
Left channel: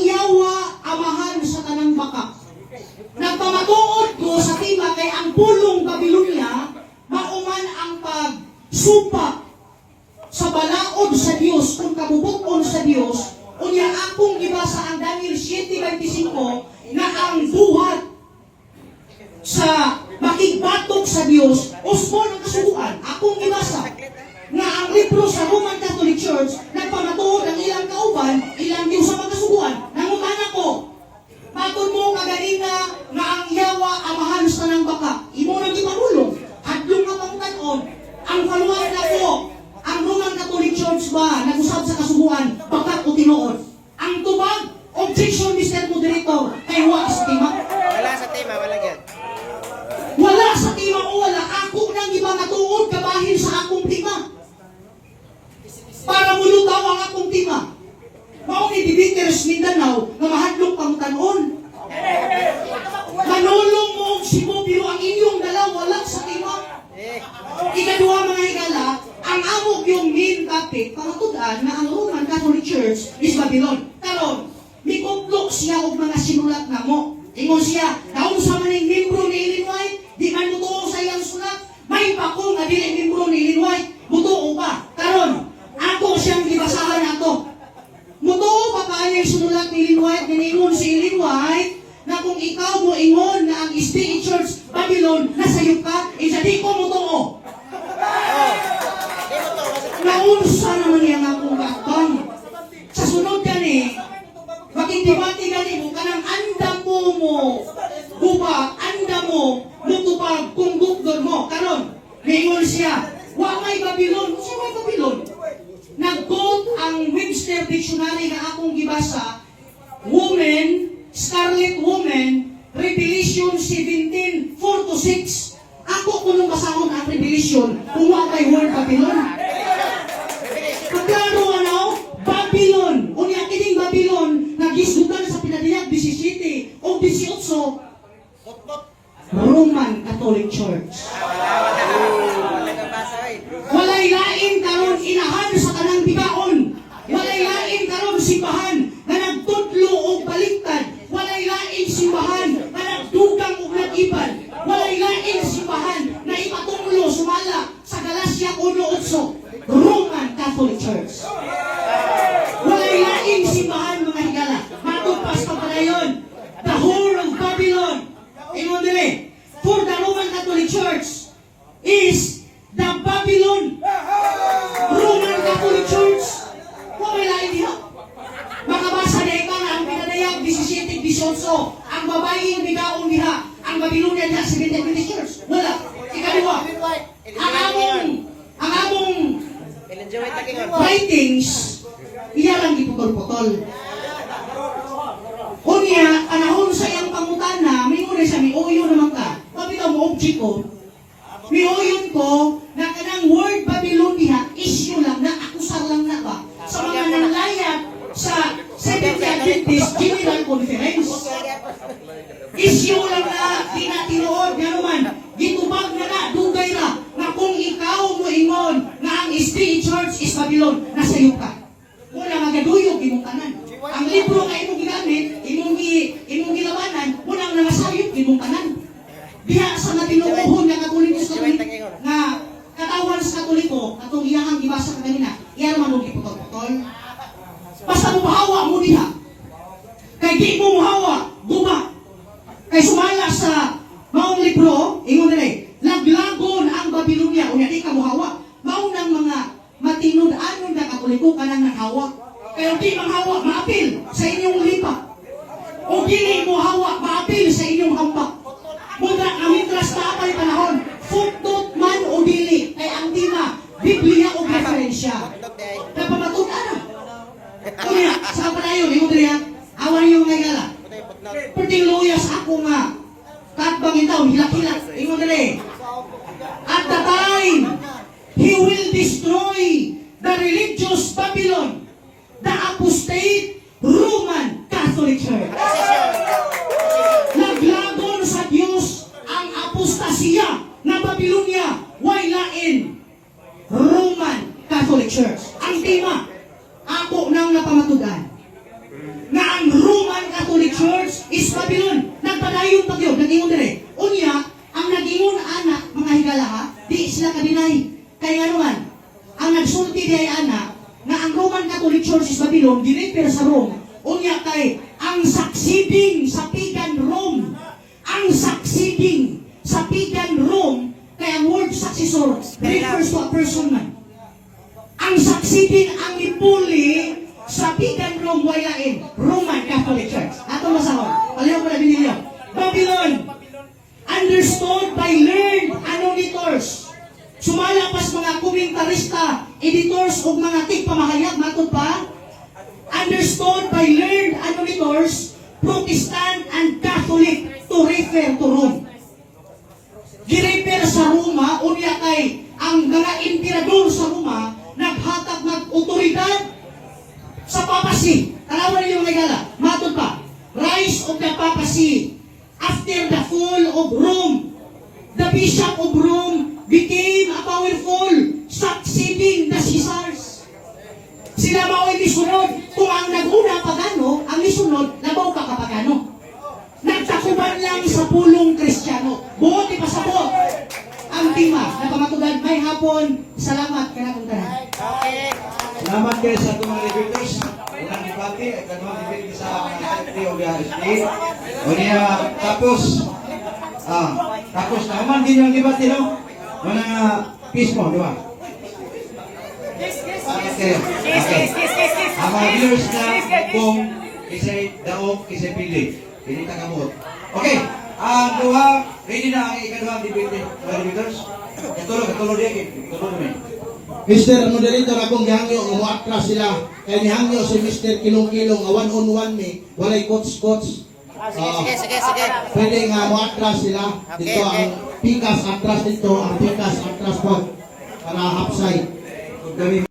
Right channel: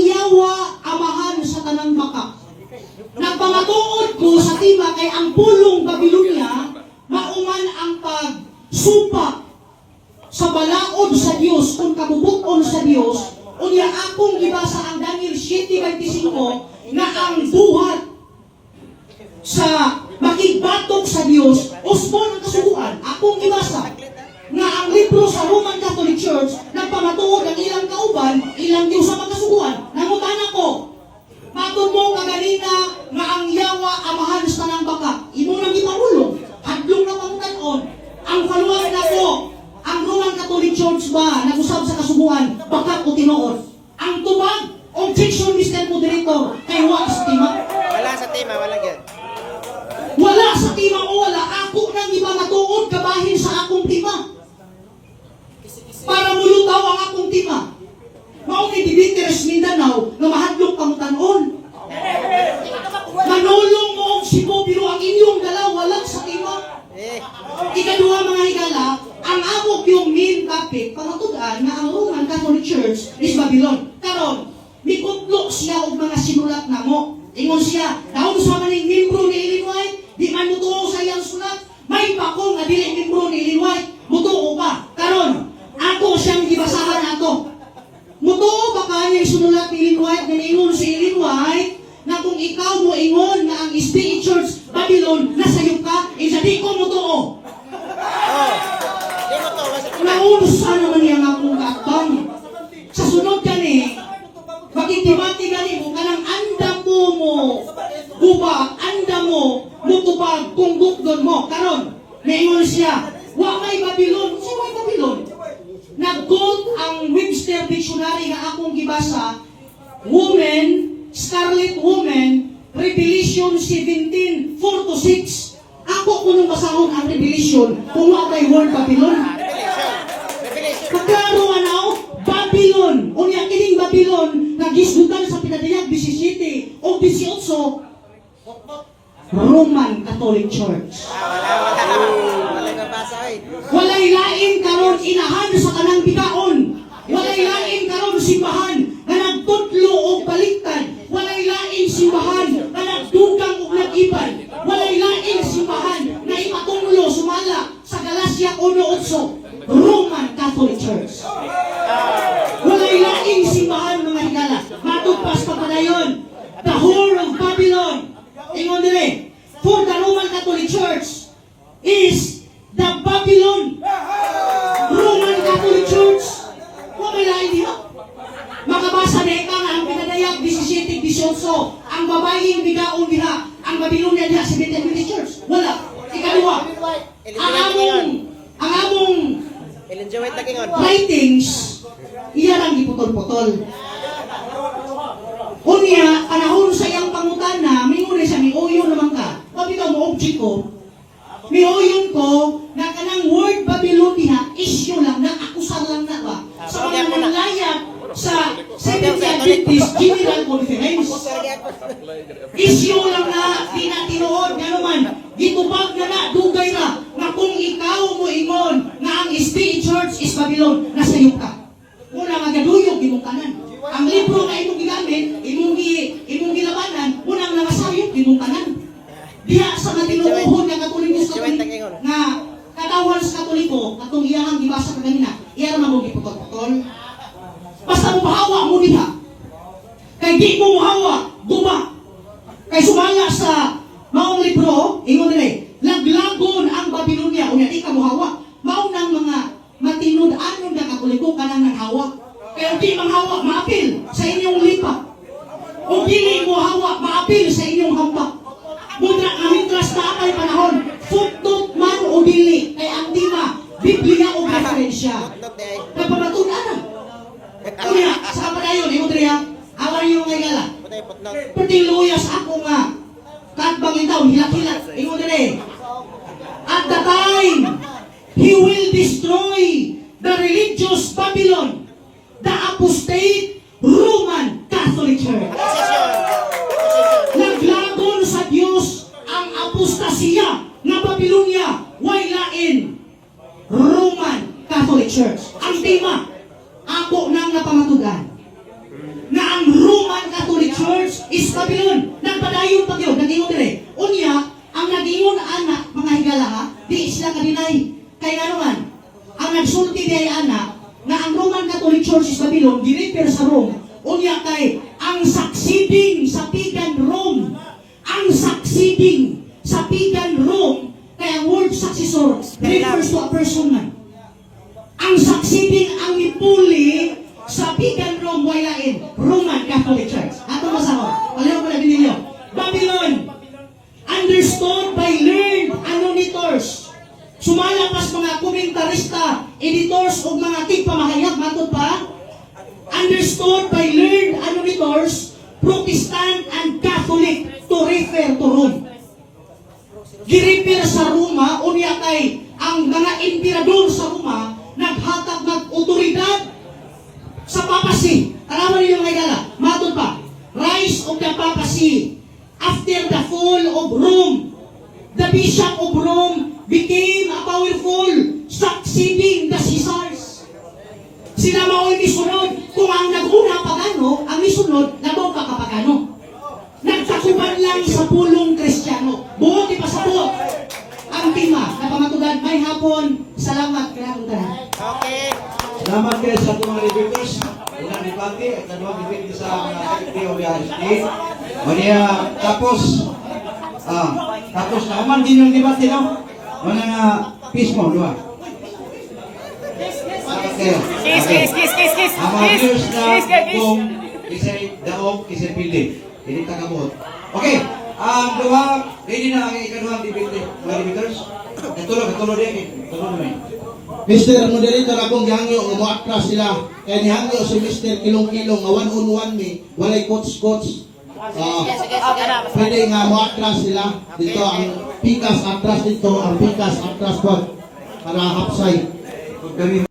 ang pagsumpa sa balaod sa Dios kung kabubuton sa Dios. Unya akong gibasa ang Daniel 7:25 na ang buhat sa makigbatok sa Dios usbon ang kasubuan. Akong gibasa na ang libro sa Roman Catholic Church nagpamatuod ang ilang kauban, ilang Diyos sa magkasubuan. Nangumana ko, patod mo nga ganina nga ang yawa amahan sa tanang baka. Imo nang ipangulong, hadlong na pangutanon. Ang paluwag na ko, ang Roman Catholic Church ba nag-usab sa kasubuan, baka ko tinuod. Ang tubag, objection, Mr. Moderator, kay wa sa tima. Wala sa tema, wala yan. Wala sa tima o wala. Ako nang iba matuod kabahin sa akong tima. Para mulutaw ang akong tima. Mao ni Dibiteres Mindanao nga mahadlok pangutanon. Manulong mo og Cebu pero ang inyong dalawa lang sa tima. Ikaduha mga higala, ang amok yung main topic pangatudan na ang Roman Catholic Church is Babylon. Karon, mikutlok siya og mga sinulat namo. Ingon siya, naon sa maning membro ni Ellen White, di man mutuo sa iyang sulat, may pakong nga dili membro ni Ellen White, mutuo ba? Karon, ako siyang gibasahan nato. Mutuo ba kanyang sinulat ni Ellen White, ningingon si Ellen White, na kung ikaw mo ingon na ang SDA Church Babylon nasayop ka, isa di ko mutuo. Naunsa naman niya nga akong kaabang. Sa sunod kani, bakit timati gani mo kanang anda mo guba, anda mo mutubag kung gugod mo. Karon, naingon siya, wa may Babylon. Si may Babylon. Nag-quote ang Webster Dictionary na akong gibasa, woman, Scarlet Woman, Revelation 17:4-6. Ako kung basahon ang Revelation, kung wa kay word Babylon. Kaklaro ano, Babylon. Unya kining Babylon, nagisdutan sa pinadayag 17 o 18, Roman Catholic Church. Walay lain karon inahan sa kanang bigaon. Walay lain karon simbahan na nagtudlo og baliktad. Walay lain simbahan na nagdugang og nag-iban. Walay lain simbahan na ipatunglo sumala sa Galacia 1:8, Roman Catholic Church. Walay lain simbahan mga higala. Matugpas pa padayon. The whore of Babylon. Ingon dili, for the Roman Catholic Church is the Babylon. Roman Catholic Church. Walay lain diha. Makabasa na ikaw na ang pinadayag 17-18, ang babaeng bigaong diha, ang Babylonia diha sa Catholic Church. Wala. Ikaduha, ang among Enjoy lagi nga. writings, iya lang giputol-putol. Unya, anahon sa iyang pangutana, mingon siya, miuyon naman ka. Pabitaw mo object ko, miuyon ko na kanang word Babylon diha, issue lang na, akusar lang na ba? Sa mga nanlayag sa Seventh Day Adventist General Conference. Issue lang na, tinatinuod, gano'n gitubag na na, dugay na, na kung ikaw mo ingon na ang SDA Church is Babylon, nasayop ka. Una magaduyog imong tanan. Ang libro na imong ginamit, imong gilabanan, unang namasayop imong tanan. Diha sa matinuohon nga Katolikos nga katawan sa Katoliko, atong iyang gibasa kanina, iya naman mo giputol-putol. Basta mo mahawa mo diha. Kay di mo mahawa, guba. Kay sumala sa maong libro, ingon nila, laglagon ang Babylonia, unya di ka mahawa. Mao nang mga matinud-anon nga Katoliko kanang nanghawa. Kaya di manghawa, maapil sa inyong lipa. O dili mo hawa, maapil sa inyong hamba. Muna aming klas na apay panahon, footnote man o dili, kay ang tima, Biblia o referensya. Napapatunan na. Kuya, sa padayon, yung diriya, awan yung ngayala. Pertiluyas ako nga, katbang itaw, hilak-hilak, yung diri. At the time, He will destroy the religious Babylon, the apostate Roman Catholic Church. Naglagon sa Diyos ang apostasya na Babylonia, way lain Roman Catholic Church. Ang tema, ako nang napamatugan na ang Roman Catholic Church is Babylon. Nagpadayon pa yun, nag-ingon dire. Unya, ang nag-ingon anak, mga higala ha, di sila ka-deny. Kaya naman, ang nagsulti di ay ana, na ang Roman Catholic Church is Babylon, di-refer sa Rome, unya kay, ang succeeding sa pagan Rome, ang succeeding sa pagan Rome, kaya ang word successor refers to a person man. Ang succeeding, ang ipuli sa pagan Rome, wayain, Roman Catholic Church. Ato masawa, palayaw ko na binilyo. Babylon, understood by learned annotators. Sumalapas mga komentarista, editors o mga tigpamahayag, matod pa, understood by learned annotators, Protestant and Catholic to refer to Rome. Girefer sa Roma, unya kay ang mga emperador sa Roma, naghatag ng otoridad sa papacy. Tanawan ninyo mga gala, matod pa, rise of the papacy. After the fall of Rome, the Bishop of Rome became a powerful, succeeding the Caesars. Sila mao'y misunod. Kung ang naguna pagano, ang misunod, nabaw ka kapagano. Nagtakuban lang sa pulong Kristiyano. Buot ipasabot ang tima na pamatugan. May hapon, salamat kinakuntaran. Salamat kayo sa itong mga reviewers. Ilang dipati at mga dipati sa mga secretary of the RSP. O niya, tapos naman din yung debate, no? O na, peace mo, di ba? Kiss. Ang mga viewers na kung isa'y daog, isa'y pili. Hindi ka kamot. Okay, ang duha, ready na ang ikaduhang debate, mga reviewers? Katulog din. Mr. Moderator, akong gihangyo, umuatras sila. Kaya nihangyo si Mr. Kilong-Kilong, nga one-on-one me, walay coach-coach. Pwede nga muatras sila. Dito ang pikas atras dito, ang pikas atras po. Para hapsay.